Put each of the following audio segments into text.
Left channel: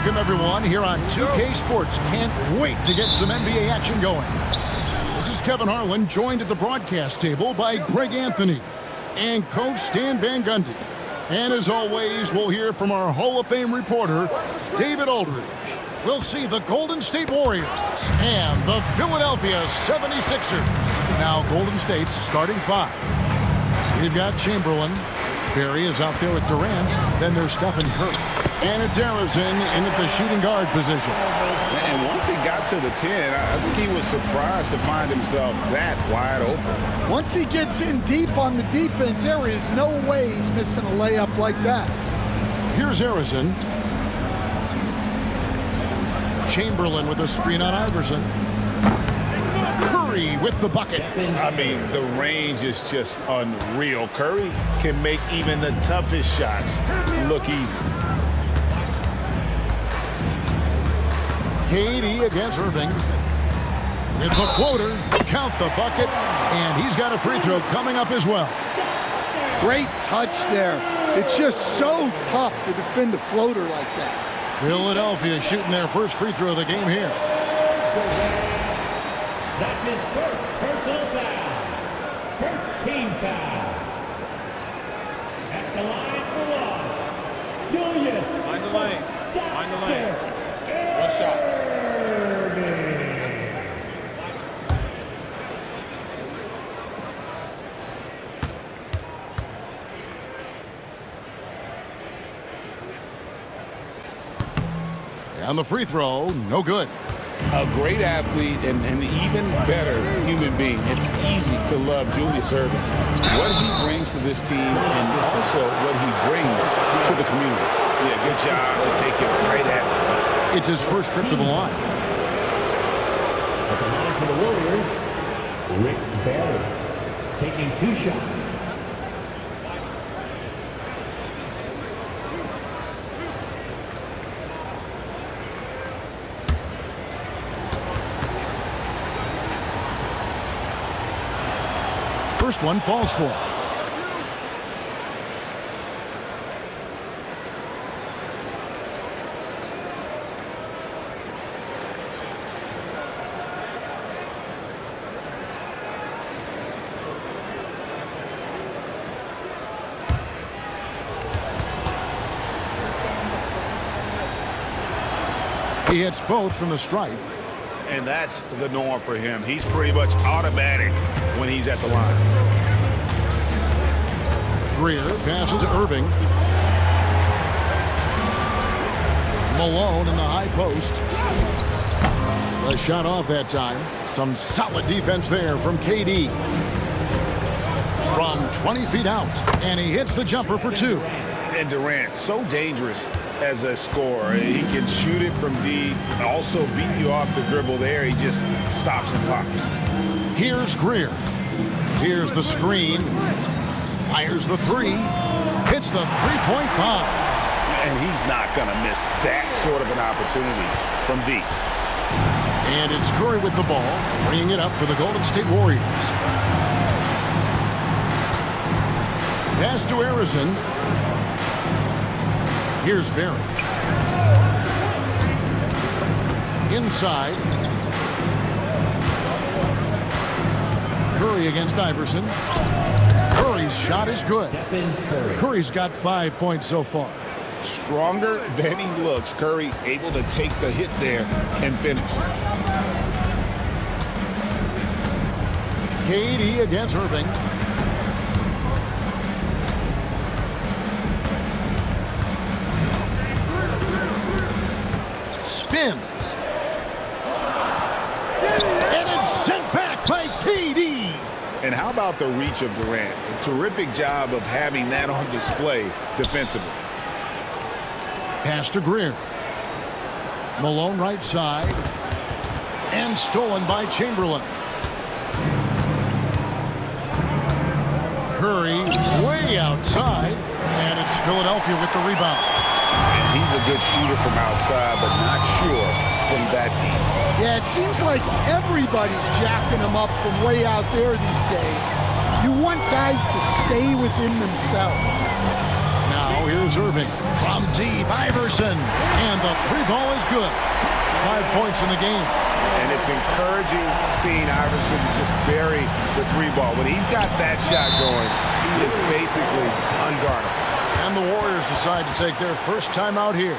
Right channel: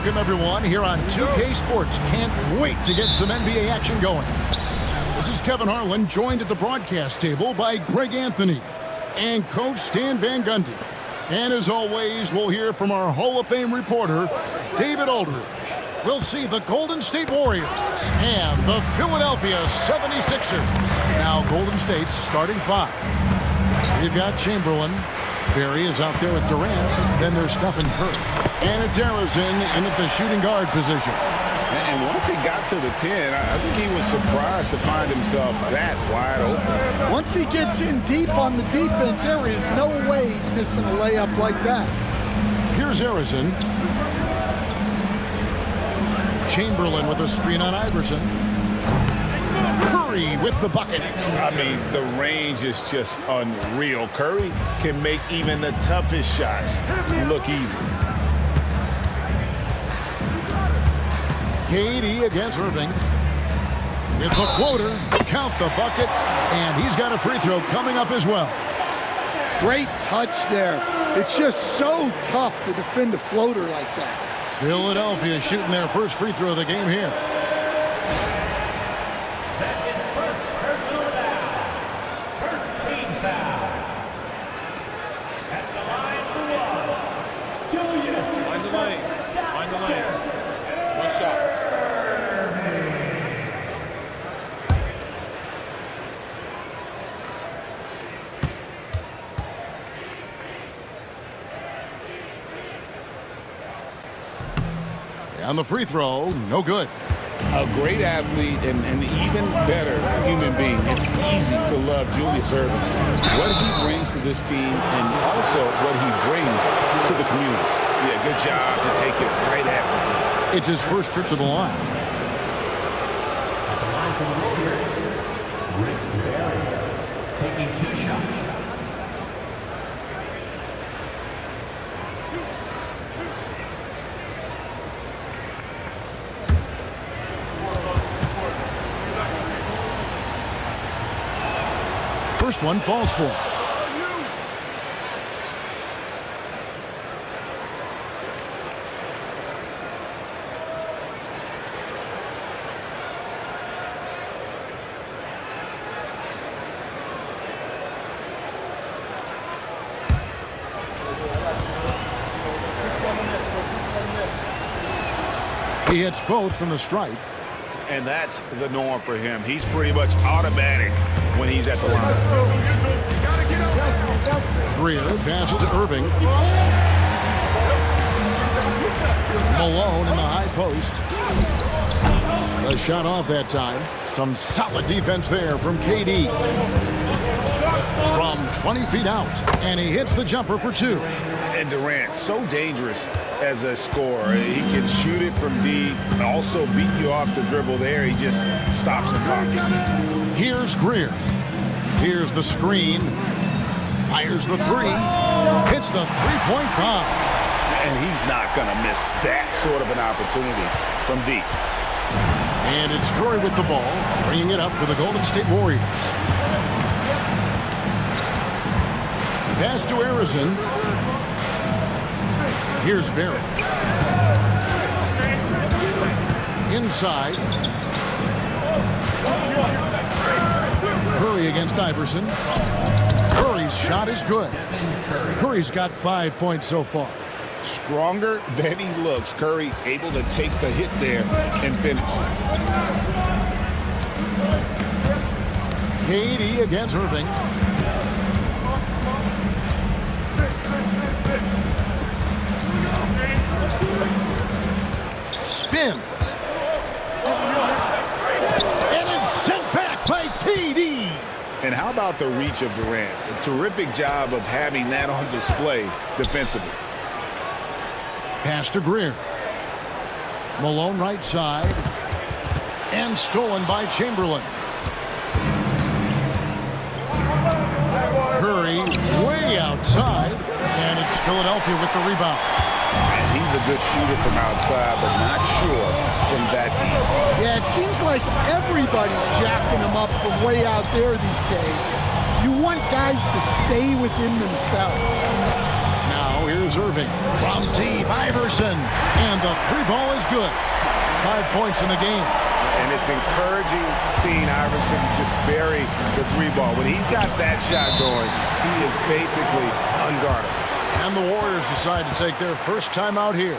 Welcome, everyone, here on 2K Sports. Can't wait to get some NBA action going. This is Kevin Harlan, joined at the broadcast table by Greg Anthony and Coach Stan Van Gundy. And as always, we'll hear from our Hall of Fame reporter, David Aldridge. We'll see the Golden State Warriors and the Philadelphia 76ers. Now, Golden State's starting five. We've got Chamberlain. Barry is out there with Durant. Then there's Stephen Curry. And it's Arizona in at the shooting guard position. And once he got to the 10, I think he was surprised to find himself that wide open. Once he gets in deep on the defense, there is no way he's missing a layup like that. Here's Arizona. Chamberlain with a screen on Iverson. Curry with the bucket. I mean, the range is just unreal. Curry can make even the toughest shots look easy. KD against Irving. With the floater, count the bucket, and he's got a free throw coming up as well. Great touch there. It's just so tough to defend a floater like that. Philadelphia shooting their first free throw of the game here. That's his first personal foul. First team foul. At the line for one. Julius. Mind the lanes. Mind the lanes. One shot. On the free throw, no good. A great athlete and an even better human being. It's easy to love Julius Erving. What he brings to this team and also what he brings to the community. Yeah, good job to take it right at the knee. It's his first trip to the line. At the line for the Warriors, Rick Barry taking two shots. First one falls for. He hits both from the stripe. And that's the norm for him. He's pretty much automatic when he's at the line. Greer passes to Irving. Malone in the high post. The shot off that time. Some solid defense there from KD. From 20 feet out. And he hits the jumper for two. And Durant, so dangerous as a scorer. He can shoot it from deep, also beat you off the dribble there. He just stops and pops. Here's Greer. Here's the screen. Fires the three. Hits the three-point bomb. And he's not going to miss that sort of an opportunity from deep. And it's Curry with the ball, bringing it up for the Golden State Warriors. Pass to Arizona. Here's Barry. Inside. Curry against Iverson. Curry's shot is good. Curry's got 5 points so far. Stronger than he looks. Curry able to take the hit there and finish. KD against Irving. Spins. And it's sent back by KD. And how about the reach of Durant? A terrific job of having that on display defensively. Pass to Greer. Malone right side. And stolen by Chamberlain. Curry way outside. And it's Philadelphia with the rebound. And he's a good shooter from outside, but not sure from that deep. Yeah, it seems like everybody's jacking him up from way out there these days. You want guys to stay within themselves. Now Now here's Irving from deep. Iverson. And the three ball is good. 5 points in the game. And it's encouraging seeing Iverson just bury the three ball. When he's got that shot going, he is basically unguardable. And the Warriors decide to take their first time out here.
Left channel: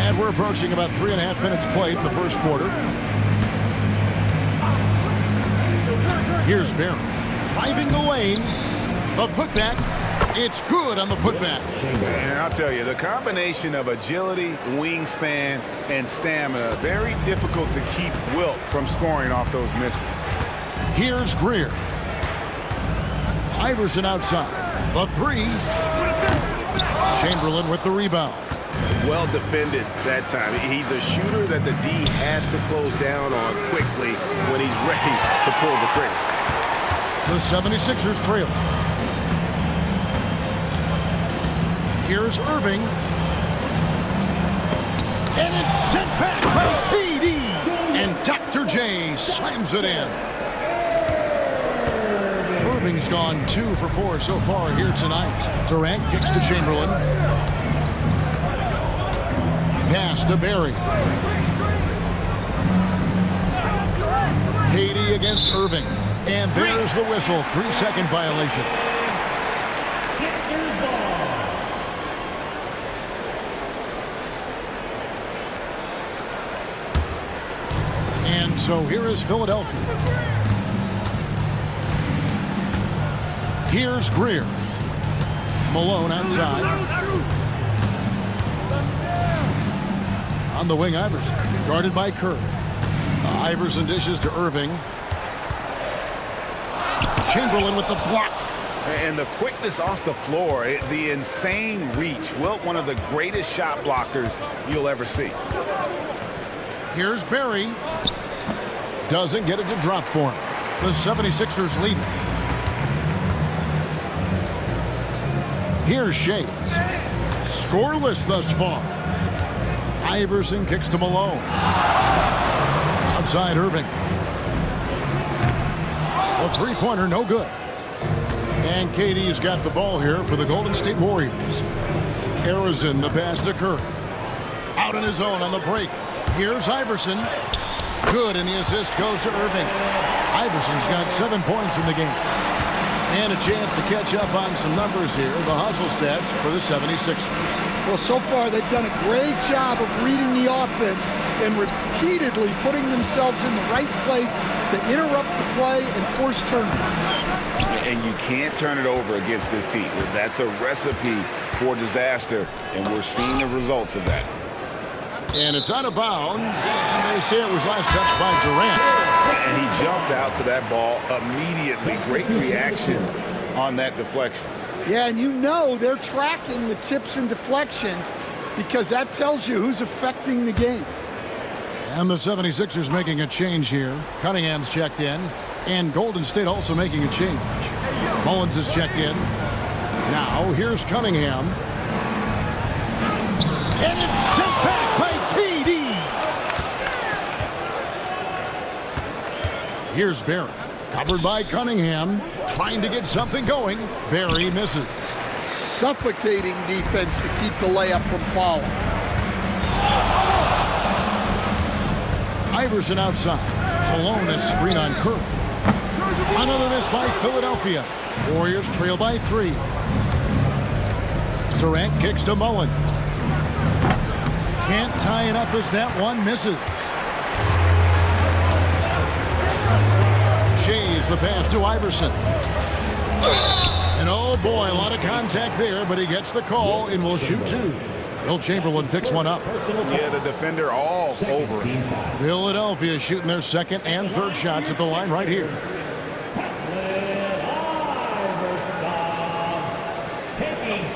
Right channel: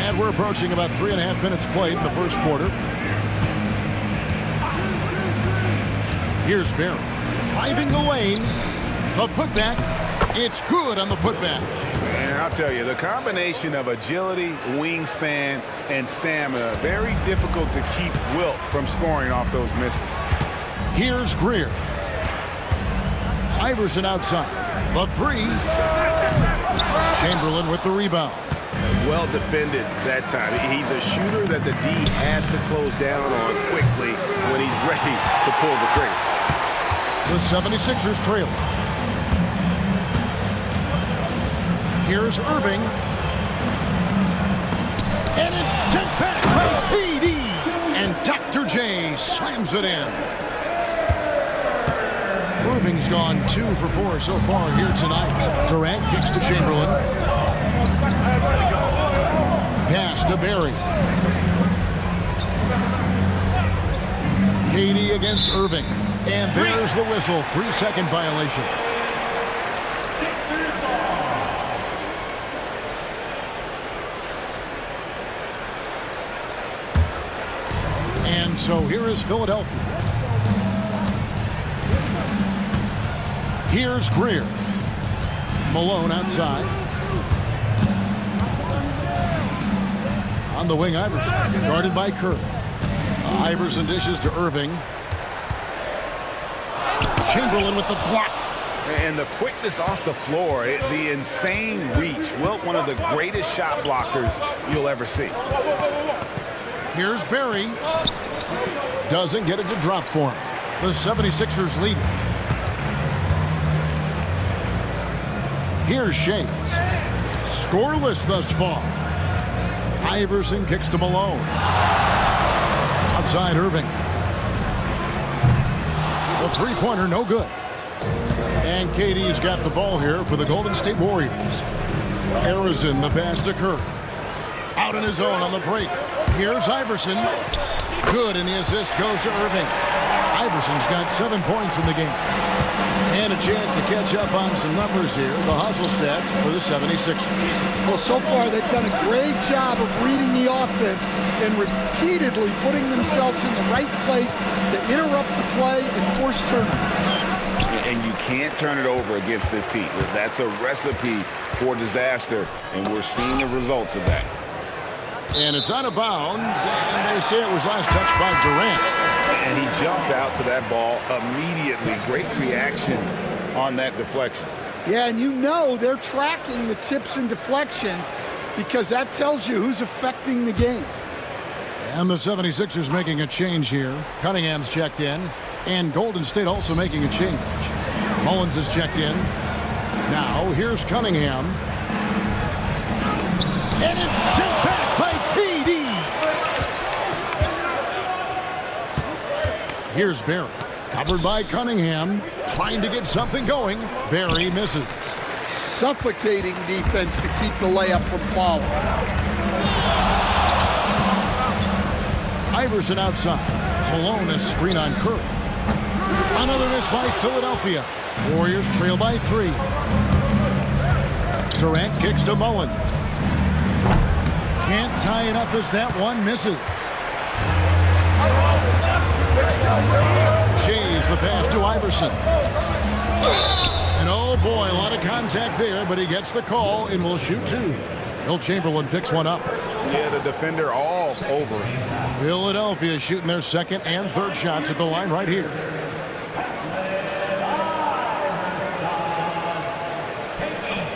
And we're approaching about 3.5 minutes played in the first quarter. Here's Barry driving the lane. The putback. It's good on the putback. And I'll tell you, the combination of agility, wingspan, and stamina, very difficult to keep Wilt from scoring off those misses. Here's Greer. Iverson outside. The three. Chamberlain with the rebound. Well defended that time. He's a shooter that the D has to close down on quickly when he's ready to pull the trigger. The 76ers trail. Here's Irving. And it's sent back by KD. And Dr. J slams it in. Irving's gone 2 for 4 so far here tonight. Durant kicks to Chamberlain. Pass to Barry. KD against Irving. And there's the whistle. 3-second violation. Sixers ball. And so here is Philadelphia. Here's Greer. Malone outside. On the wing, Iverson, guarded by Kerr. Iverson dishes to Irving. Chamberlain with the block. And the quickness off the floor, the insane reach. Wilt, one of the greatest shot blockers you'll ever see. Here's Barry. Doesn't get it to drop for him. The 76ers lead. Here's Shades. Scoreless thus far. Iverson kicks to Malone. Outside Irving. The three-pointer, no good. And KD's got the ball here for the Golden State Warriors. Arizon, the pass to Kerr. Out on his own on the break. Here's Iverson. Good, and the assist goes to Irving. Iverson's got 7 points in the game. And a chance to catch up on some numbers here. The hustle stats for the 76ers. Well, so far they've done a great job of reading the offense and repeatedly putting themselves in the right place to interrupt the play and force turnovers. And you can't turn it over against this team. That's a recipe for disaster, and we're seeing the results of that. And it's out of bounds, and they say it was last touched by Durant. And he jumped out to that ball immediately. Great reaction on that deflection. Yeah, and you know they're tracking the tips and deflections because that tells you who's affecting the game. And the 76ers making a change here. Cunningham's checked in. And Golden State also making a change. Mullins is checked in. Now, here's Cunningham. And it's sent back by KD. Here's Barry. Covered by Cunningham. Trying to get something going. Barry misses. Suffocating defense to keep the layup from falling. Iverson outside. Malone is screen on Curry. Another miss by Philadelphia. Warriors trail by 3. Durant kicks to Mullen. Can't tie it up as that one misses. Shays the pass to Iverson. And oh boy, a lot of contact there, but he gets the call and will shoot 2. Will Chamberlain picks one up. Yeah, the defender all over him. Philadelphia shooting their second and third shots at the line right here.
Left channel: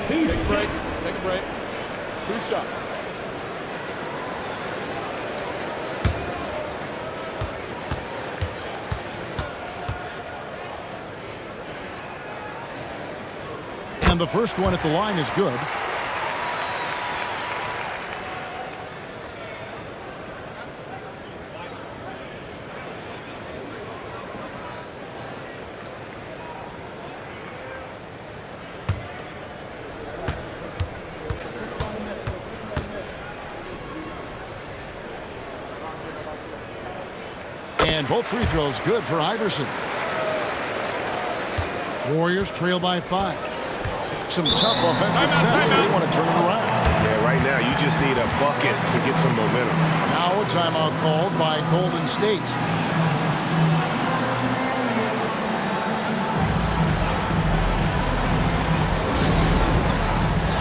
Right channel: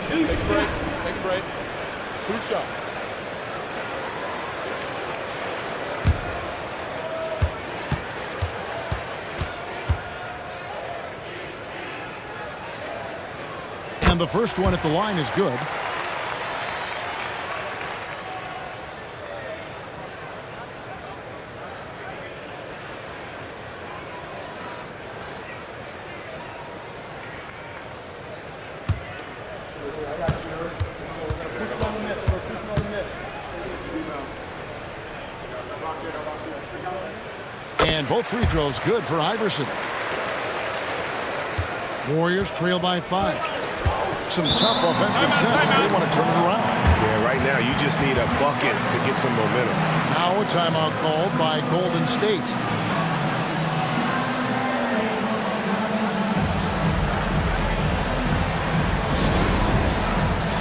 Take a break. Take a break. 2 shots. And the first one at the line is good. And both free throws good for Iverson. Warriors trail by 5. Some tough offensive sets. They want to turn it around. Yeah, right now you just need a bucket to get some momentum. Now a timeout called by Golden State.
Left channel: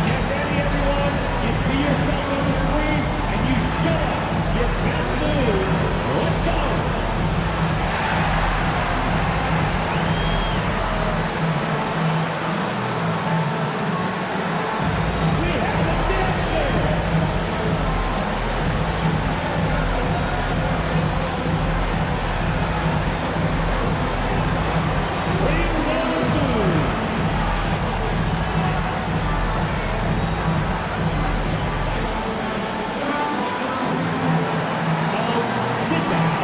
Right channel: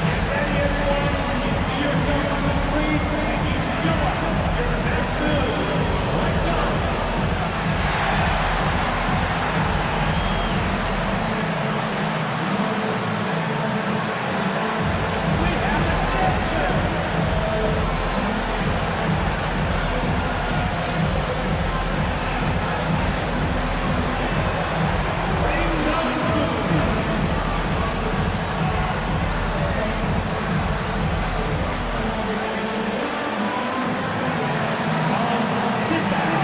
Get ready, everyone. You see yourself on the screen, and you show us your best move. Let's go. We have a dancer. Bring down food. Sit down.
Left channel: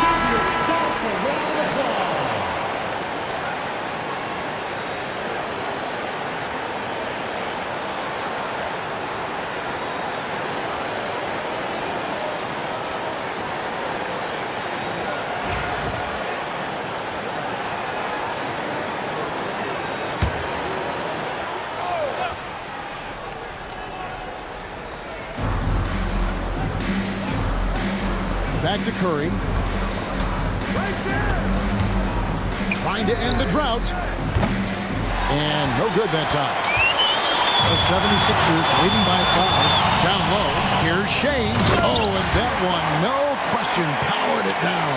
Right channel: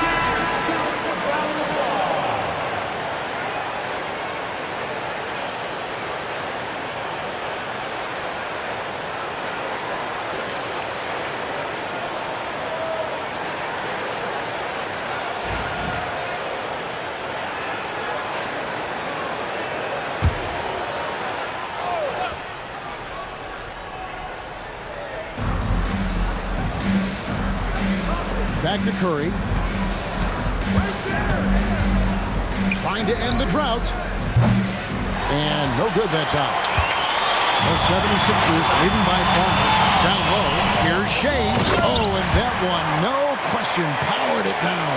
Give yourself a round of applause. Back to Curry. Trying to end the drought. And no good that time. The 76ers leading by 5. Down low. Here's Shays. Oh, and that one, no question, powered it down.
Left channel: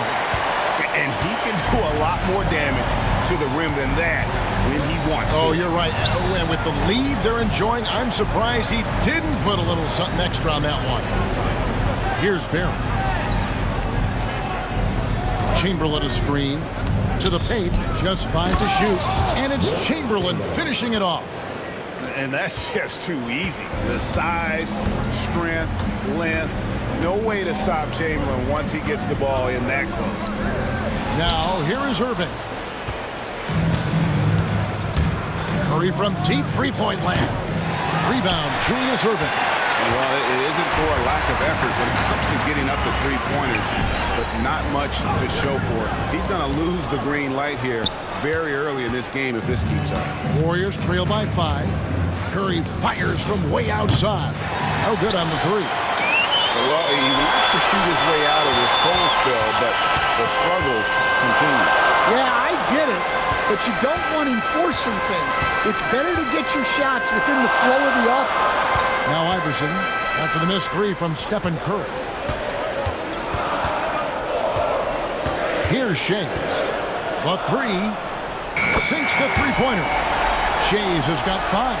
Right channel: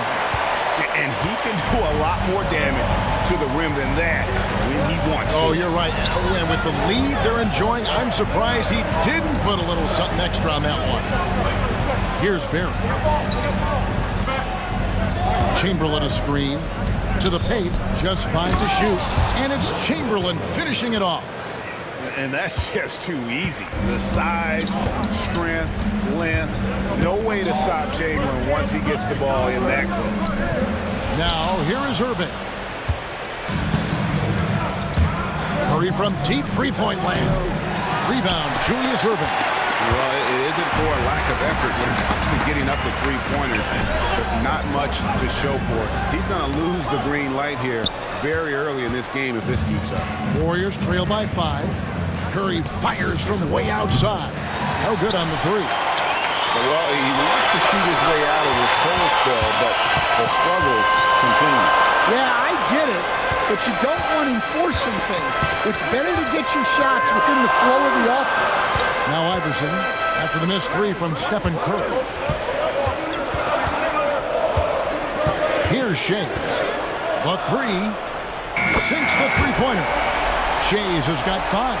And he can do a lot more damage to the rim than that when he wants to. Oh, you're right. Oh, and with the lead they're enjoying, I'm surprised he didn't put a little something extra on that one. Here's Barry. Chamberlain a screen. To the paint, just 5 to shoot. And it's Chamberlain finishing it off. And that's just too easy. The size, strength, length, no way to stop Chamberlain once he gets the ball in that close. Now, here is Irving. Curry from deep three-point land. Rebound, Julius Erving. Well, it isn't for a lack of effort when it comes to getting up the three-pointers, but not much to show for it. He's going to lose the green light here very early in this game if this keeps up. Warriors trail by 5. Curry fires from way outside. No good on the three. Well, he wants to shoot his way out of this cold spell, but the struggles continue. Yeah, I get it, but you don't want him forcing things. It's better to get your shots within the flow of the offense. Now Iverson, after the missed three from Stephen Curry. Here's Shays. The three sinks the three-pointer. Shays has got 5.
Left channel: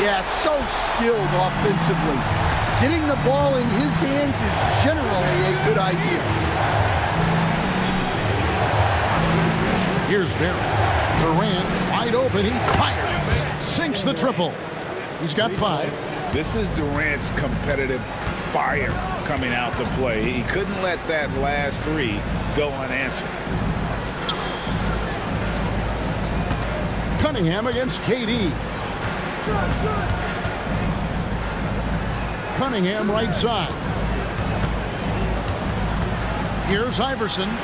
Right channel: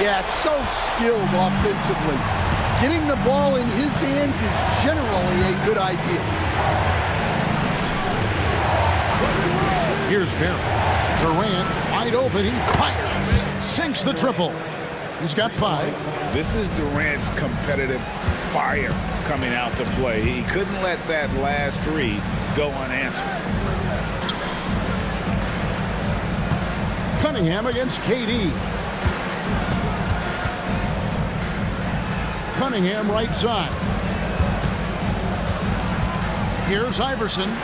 Yeah, so skilled offensively. Getting the ball in his hands is generally a good idea. Here's Barrett. Durant wide open. He fires. Sinks the triple. He's got 5. This is Durant's competitive fire coming out to play. He couldn't let that last three go unanswered. Cunningham against KD. Cunningham right side. Here's Iverson.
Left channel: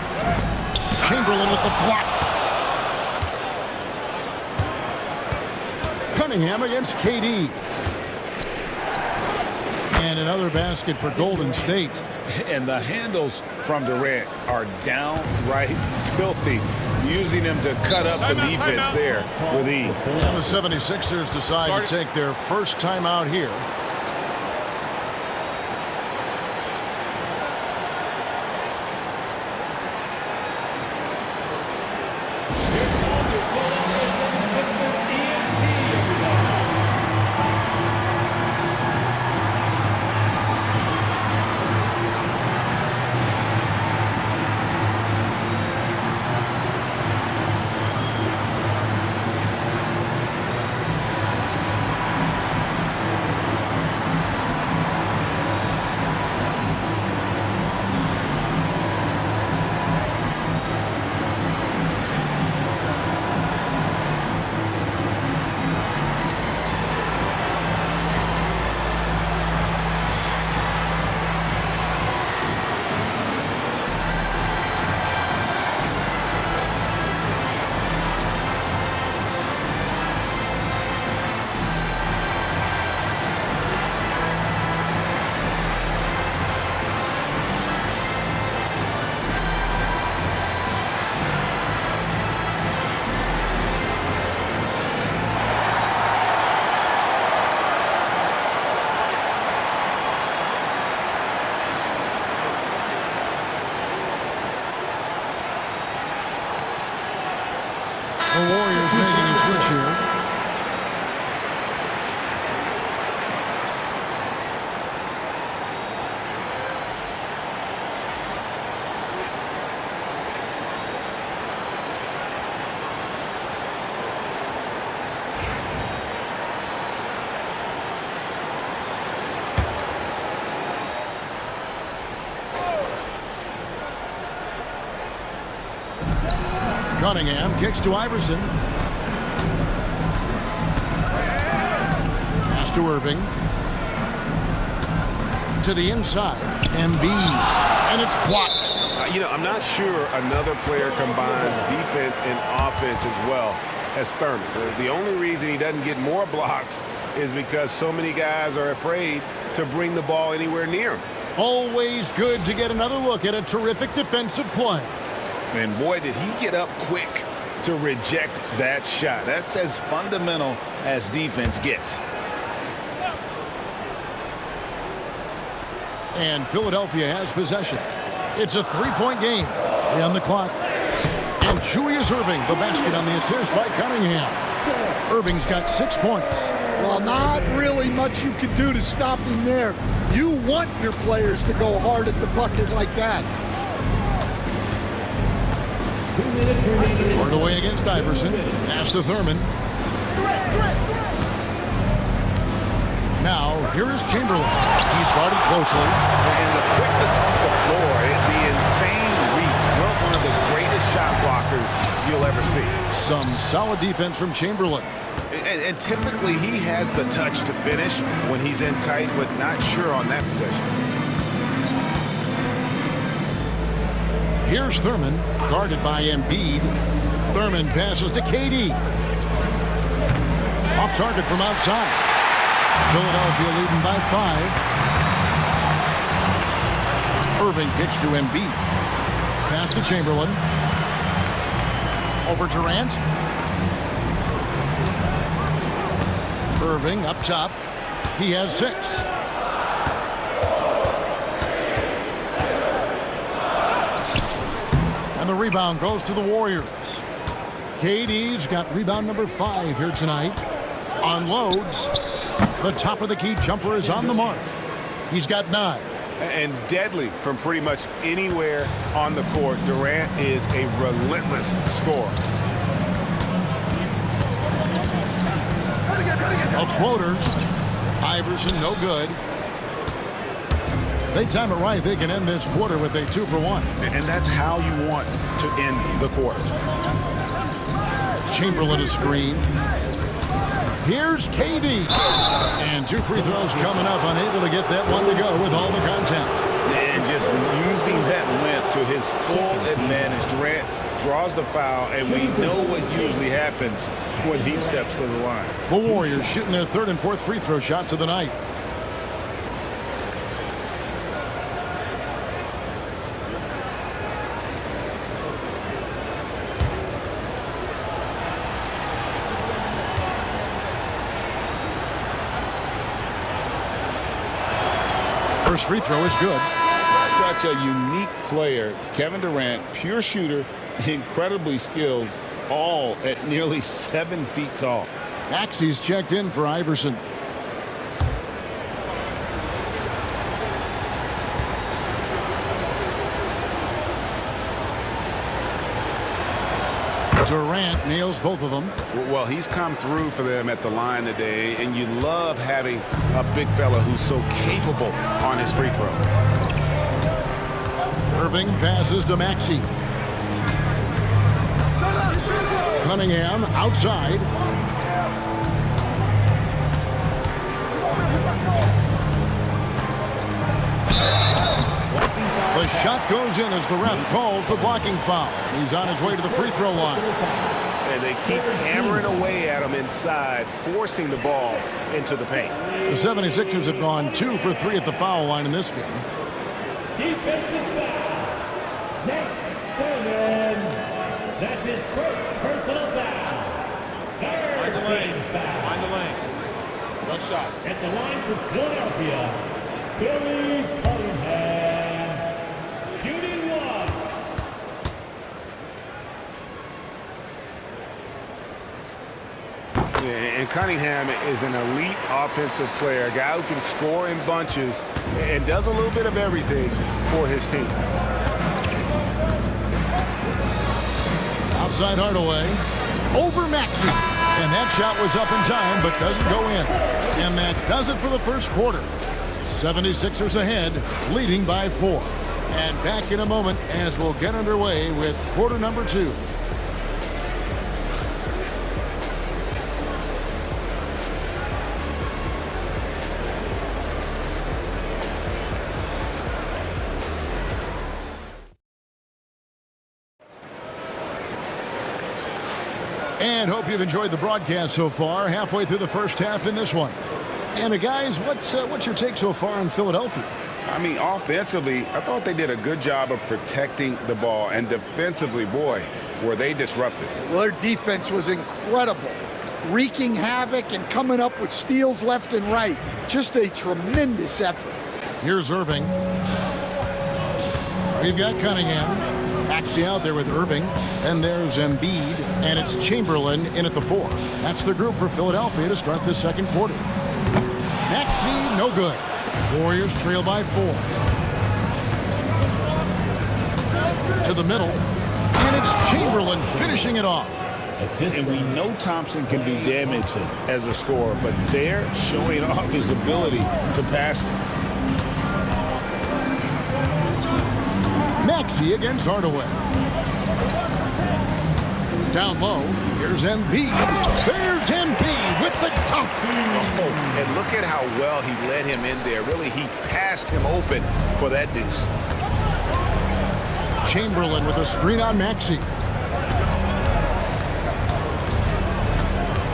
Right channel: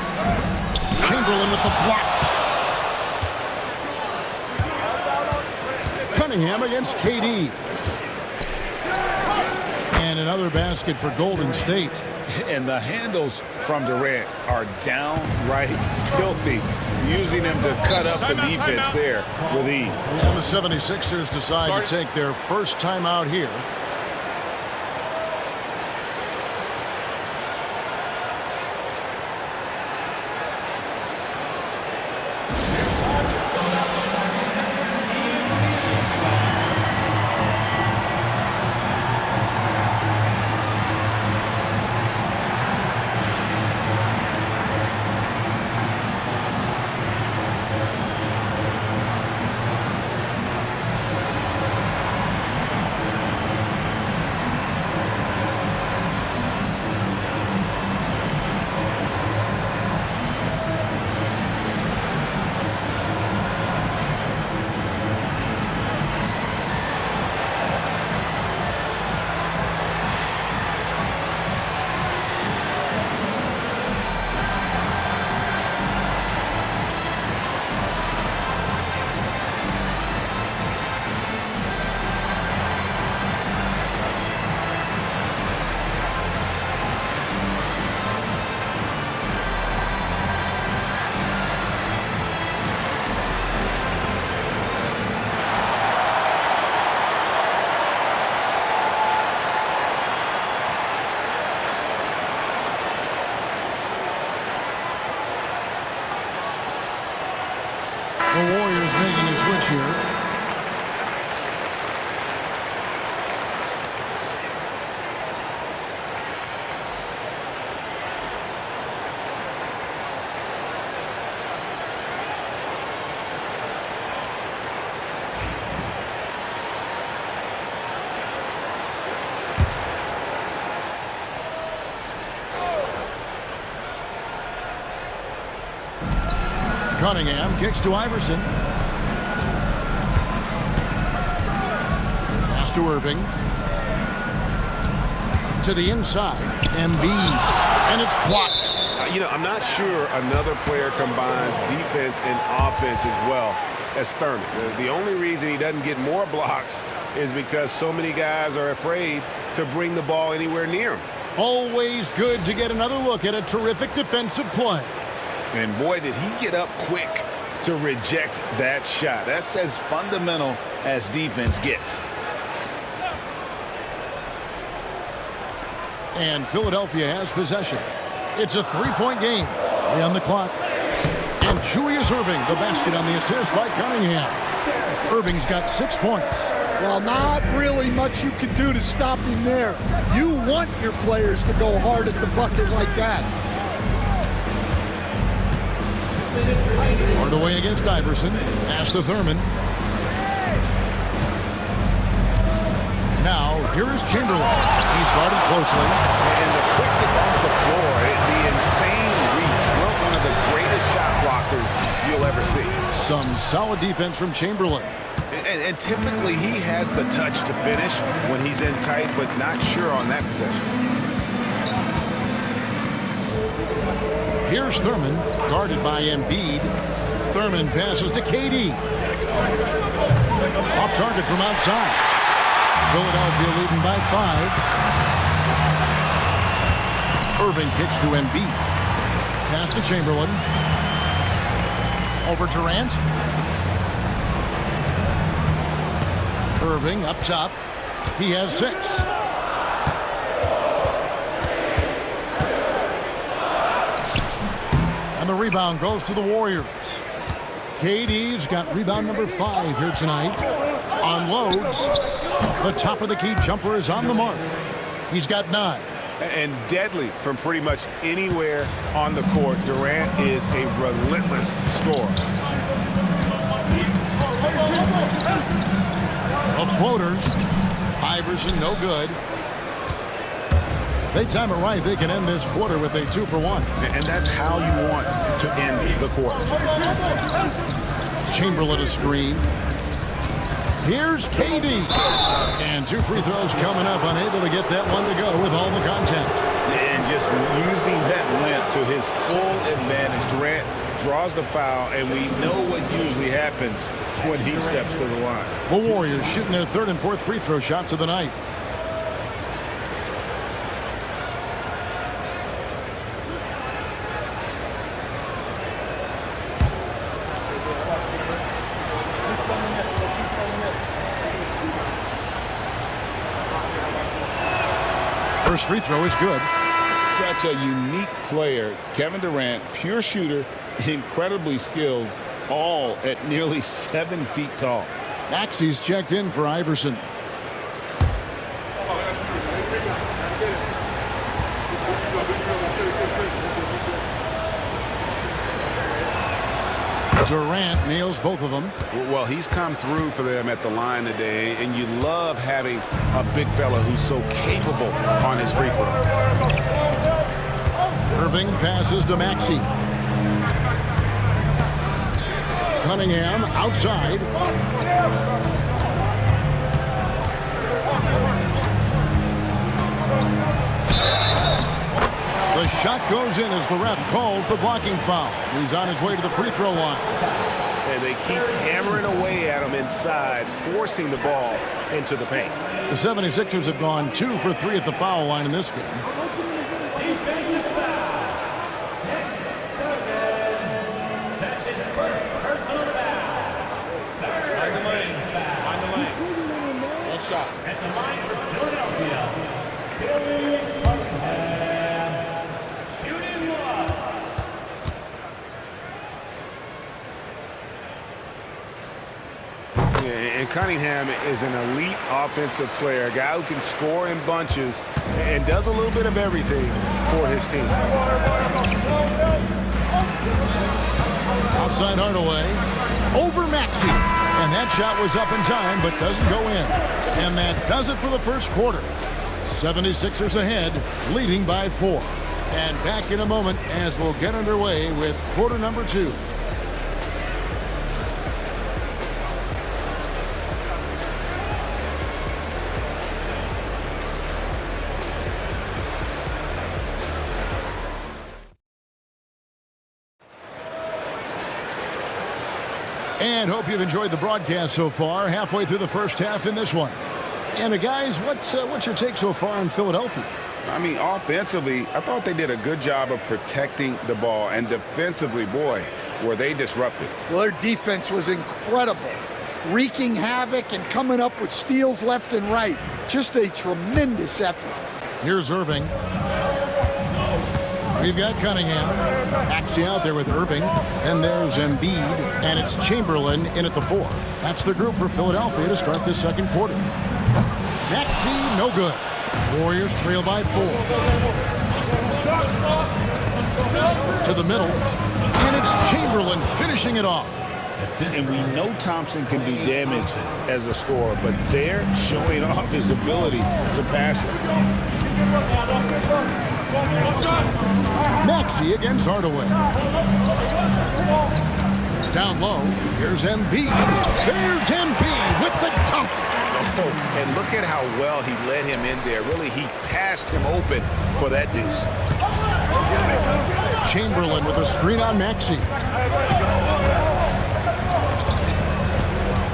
Chamberlain with the block. Cunningham against KD. And another basket for Golden State. And the handles from Durant are downright filthy, using them to cut up the defense there with ease. And the 76ers decide to take their first time out here. The Warriors making a switch here. Cunningham kicks to Iverson. Pass to Irving. To the inside. Embiid. And it's blocked. I'm not sure another player combines defense and offense as well as Thurman. The only reason he doesn't get more blocks is because so many guys are afraid to bring the ball anywhere near him. Always good to get another look at a terrific defensive play. And boy, did he get up quick to reject that shot. That's as fundamental as defense gets. And Philadelphia has possession. It's a three-point game. On the clock. And Julius Erving, the basket on the assist by Cunningham. Irving's got 6 points. Well, not really much you can do to stop him there. You want your players to go hard at the bucket like that. Hardaway against Iverson. Pass to Thurman. Now, here is Chamberlain. He's guarded closely. And the quickness off the floor, the insane reach built one of the greatest shot blockers you'll ever see. Some solid defense from Chamberlain. And typically he has the touch to finish when he's in tight, but not sure on that possession. Here's Thurman, guarded by Embiid. Thurman passes to KD. Off target from outside. Philadelphia leading by 5. Irving kicks to Embiid. Pass to Chamberlain. Over Durant. Irving up top. He has 6. And the rebound goes to the Warriors. KD's got rebound number 5 here tonight. Unloads. The top of the key jumper is on the mark. He's got 9. And deadly from pretty much anywhere on the court. Durant is a relentless scorer. A floater. Iverson no good. They time it right, they can end this quarter with a 2-for-1. And that's how you want to end the quarter. Chamberlain a screen. Here's KD. And 2 free throws coming up, unable to get that one to go with all the contact. And just using that length to his full advantage. Durant draws the foul, and we know what usually happens when he steps to the line. The Warriors shooting their 3rd and 4th free throw shots of the night. First free throw is good. Such a unique player. Kevin Durant, pure shooter, incredibly skilled, all at nearly 7 feet tall. Maxey's checked in for Iverson. Durant nails both of them. Well, he's come through for them at the line today, and you love having a big fella who's so capable on his free throw. Irving passes to Maxey. Cunningham outside. The shot goes in as the ref calls the blocking foul. He's on his way to the free throw line. And they keep hammering away at him inside, forcing the ball into the paint. The 76ers have gone 2 for 3 at the foul line in this game. Defensive foul. Nick Thurman. That's his first personal foul. Mind the lanes. Foul. Mind the lanes. No shot. At the line for Philadelphia, Billy Cunningham. Shooting 1. And Cunningham is an elite offensive player, a guy who can score in bunches and does a little bit of everything for his team. Outside Hardaway. Over Maxey. And that shot was up in time, but doesn't go in. And that does it for the first quarter. 76ers ahead, leading by 4. And back in a moment as we'll get underway with quarter number 2. And hope you've enjoyed the broadcast so far. Halfway through the first half in this one. And guys, what's your take so far on Philadelphia? I mean, offensively, I thought they did a good job of protecting the ball. And defensively, boy, were they disruptive. Well, their defense was incredible, wreaking havoc and coming up with steals left and right. Just a tremendous effort. Here's Irving. We've got Cunningham. Maxey out there with Irving. And there's Embiid. And it's Chamberlain in at the 4. That's the group for Philadelphia to start this second quarter. Maxey, no good. Warriors trail by 4. To the middle. And it's Chamberlain finishing it off. And we know Thompson can do damage as a scorer, but they're showing off his ability to pass it. Maxey against Hardaway. Down low, here's Embiid. There's Embiid with the dunk. Oh, and look at how well he led him in there. Really, he passed him open for that deuce. Chamberlain with a screen on Maxey.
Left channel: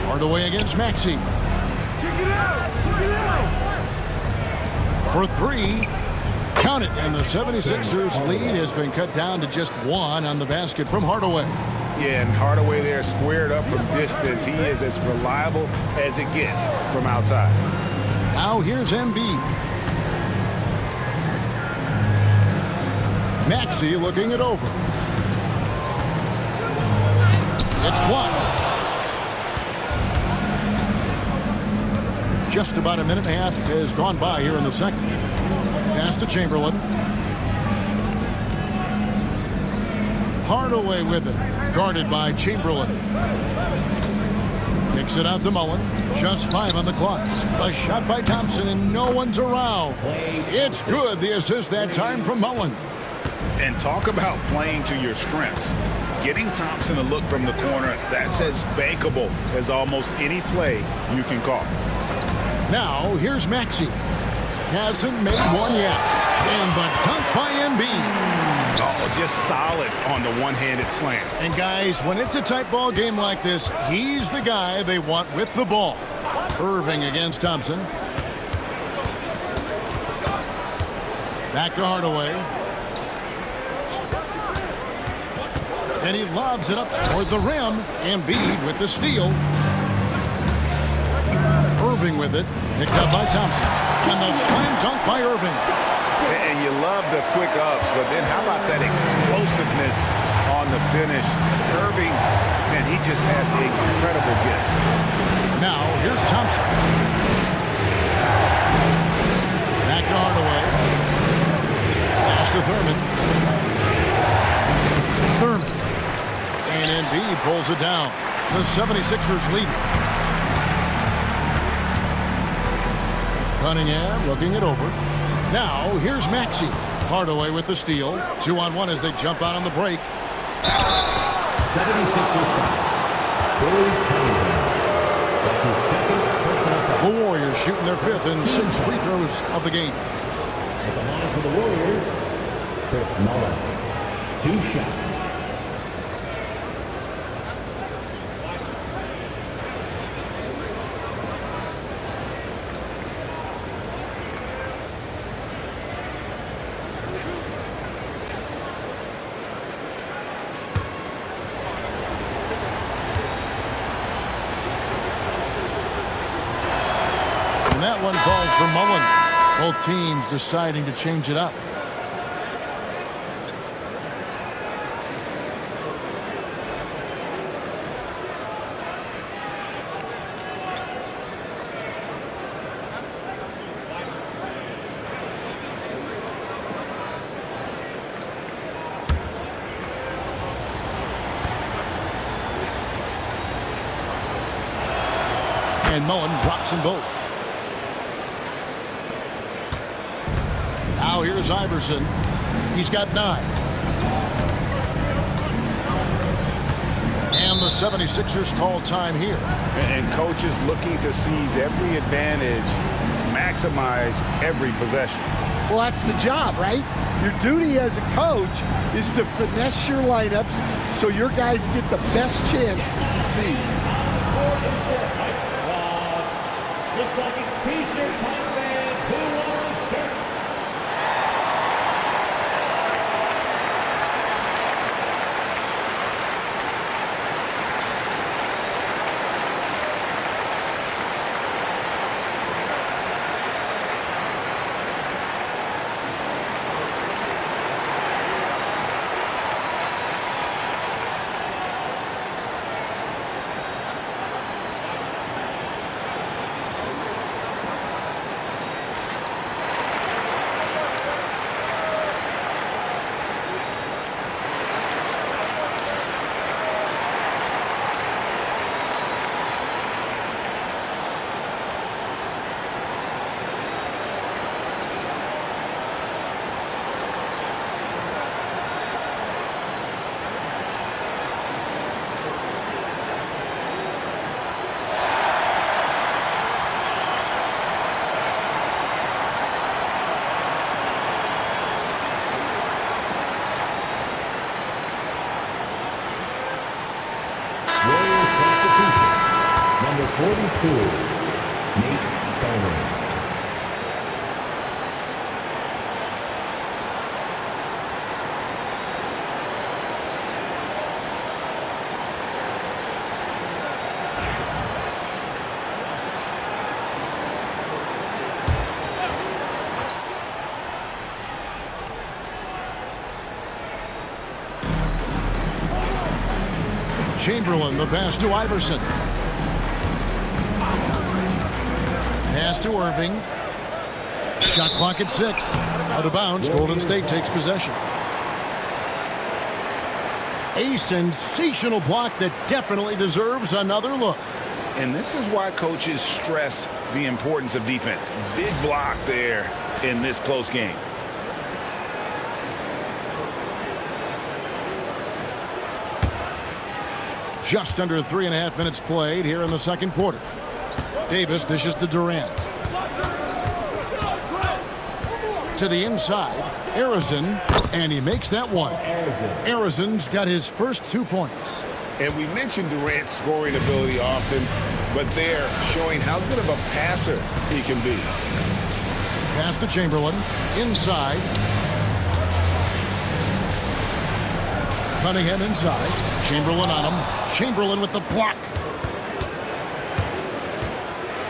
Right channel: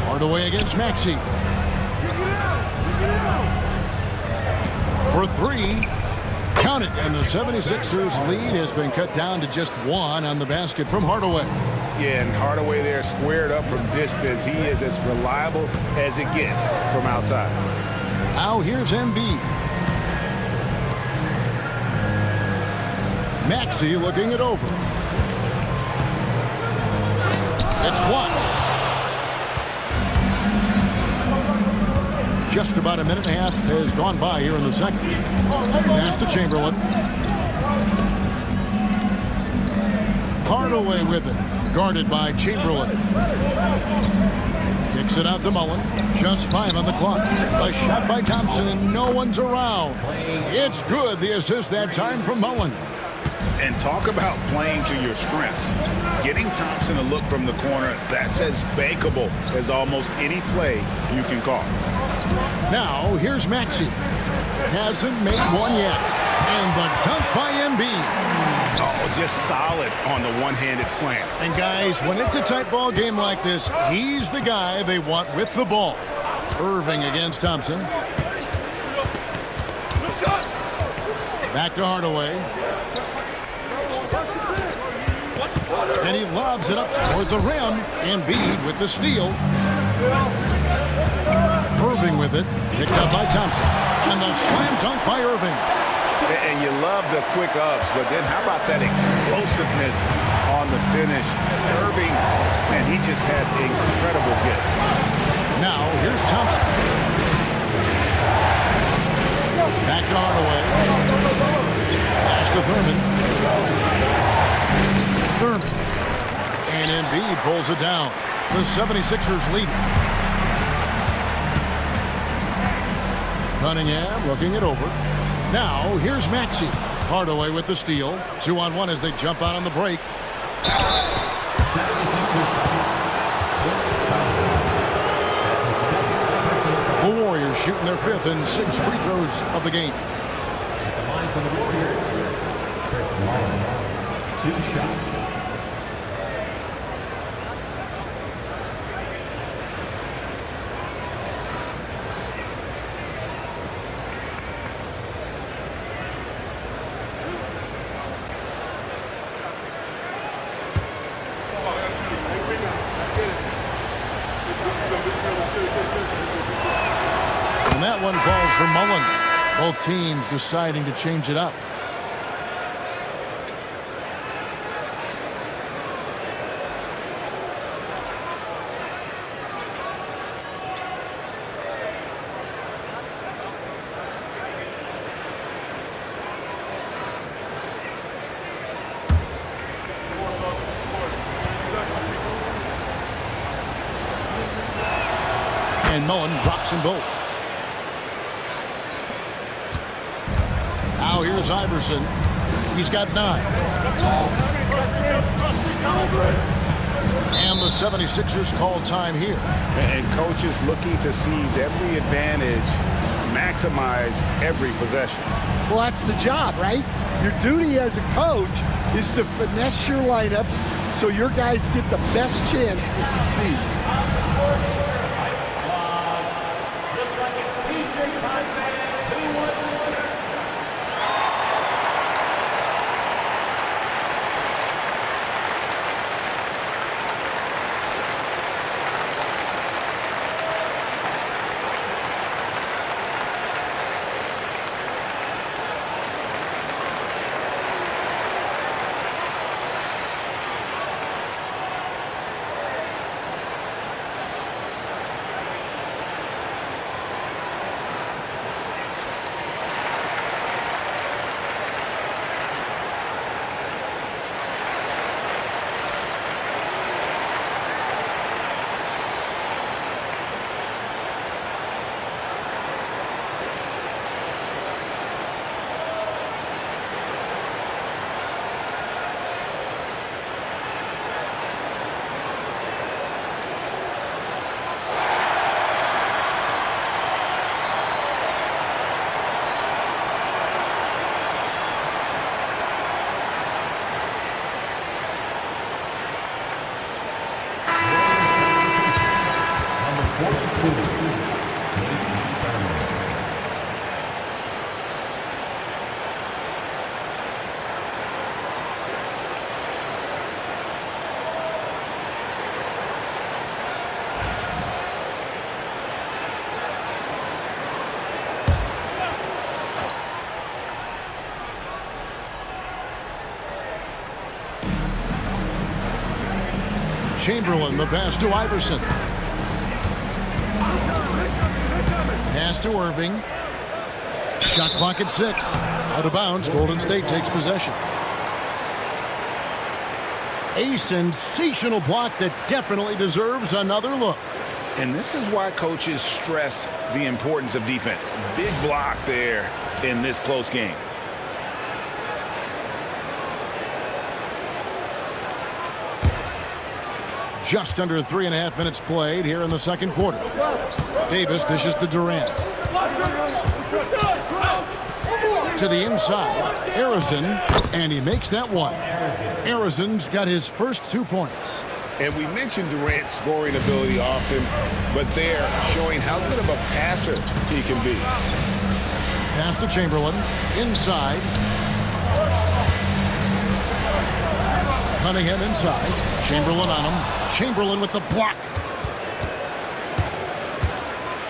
Hardaway against Maxey. For three. Count it, and the 76ers lead has been cut down to just one on the basket from Hardaway. Yeah, and Hardaway there squared up from distance. He is as reliable as it gets from outside. Now here's Embiid. Maxey looking it over. It's blocked. Just about a minute and a half has gone by here in the second. Pass to Chamberlain. Hardaway with it. Guarded by Chamberlain. Kicks it out to Mullen. Just 5 on the clock. A shot by Thompson, and no one's around. It's good. The assist that time from Mullen. And talk about playing to your strengths. Getting Thompson to look from the corner, that's as bankable as almost any play you can call. Now, here's Maxey. Hasn't made one yet. And the dunk by Embiid. Oh, just solid on the one-handed slam. And guys, when it's a tight ball game like this, he's the guy they want with the ball. Irving against Thompson. Back to Hardaway. And he lobs it up toward the rim. Embiid with the steal. Irving with it. Picked up by Thompson. And the slam dunk by Irving. And you love the quick ups, but then how about that explosiveness on the finish? Irving, man, he just has the incredible gift. Now, here's Thompson. Back to Hardaway. Pass to Thurman. And Embiid pulls it down. The 76ers lead. Cunningham looking it over. Now, here's Maxey. Hardaway with the steal. 2-on-1 as they jump out on the break. 76ers Corey Cunningham. That's his second personal foul. The Warriors shooting their 5th and 6th free throws of the game. At the line for the Warriors, Chris Mullen. 2 shots. And that one falls for Mullen. Both teams deciding to change it up. And Mullen drops them both. Now here's Iverson. He's got 9. And the 76ers call time here. And coaches looking to seize every advantage, maximize every possession. Well, that's the job, right? Your duty as a coach is to finesse your lineups so your guys get the best chance to succeed. Looks like it's T-shirt time, fans. Who wants the shirt? 42, Nate Barrow. Chamberlain, the pass to Iverson. Pass to Irving. Shot clock at 6. Out of bounds. Golden State takes possession. A sensational block that definitely deserves another look. And this is why coaches stress the importance of defense. Big block there in this close game. Just under 3.5 minutes played here in the second quarter. Davis dishes to Durant. To the inside, Arizon, and he makes that one. Arizon's got his first 2 points. And we mentioned Durant's scoring ability often, but they're showing how good of a passer he can be. Pass to Chamberlain. Inside. Cunningham inside. Chamberlain on him. Chamberlain with the block.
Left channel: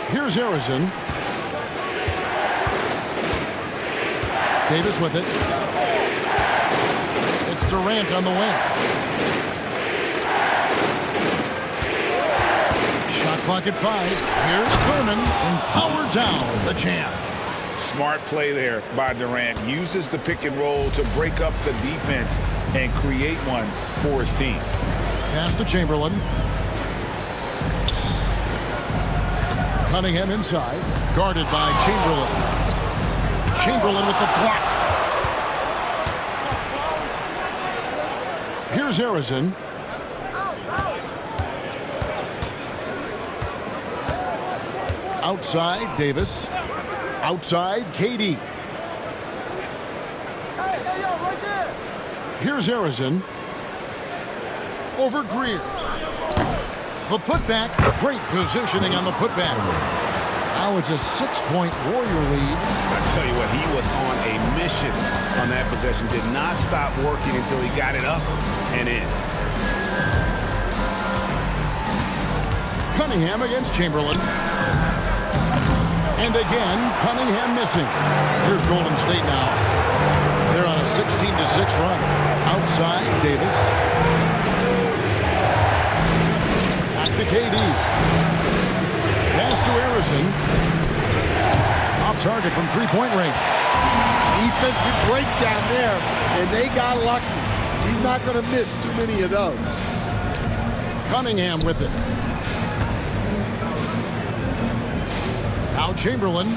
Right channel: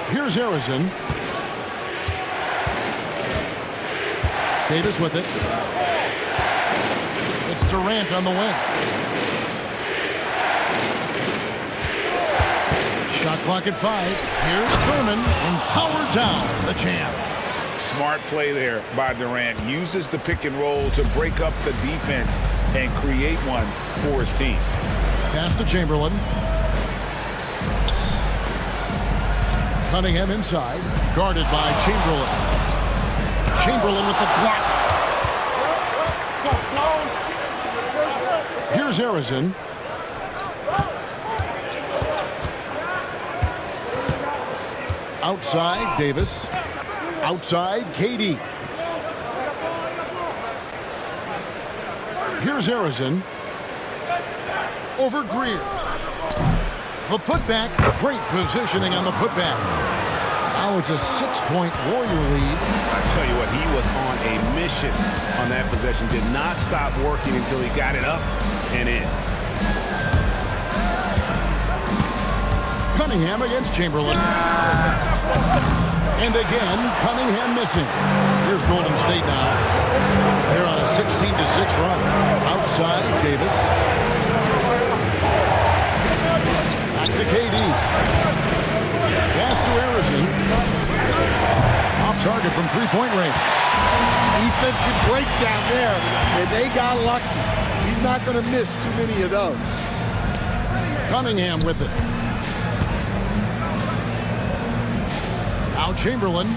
Here's Arizon. Davis with it. It's Durant on the wing. Shot clock at 5. Here's Thurman and powered down the champ. Smart play there by Durant. Uses the pick and roll to break up the defense and create one for his team. Pass to Chamberlain. Cunningham inside. Guarded by Chamberlain. Chamberlain with the block. Here's Arizon. Outside, Davis. Outside, KD. Here's Arizon. Over Greer. The putback. Great positioning on the putback. Now it's a 6-point Warrior lead. I tell you what, he was on a mission on that possession. Did not stop working until he got it up and in. Cunningham against Chamberlain. And again, Cunningham missing. Here's Golden State now. They're on a 16-6 run. Outside, Davis. Back to KD. Pass to Arizon. Off target from three-point range. Defensive breakdown there, and they got lucky. He's not going to miss too many of those. Cunningham with it. Now Chamberlain,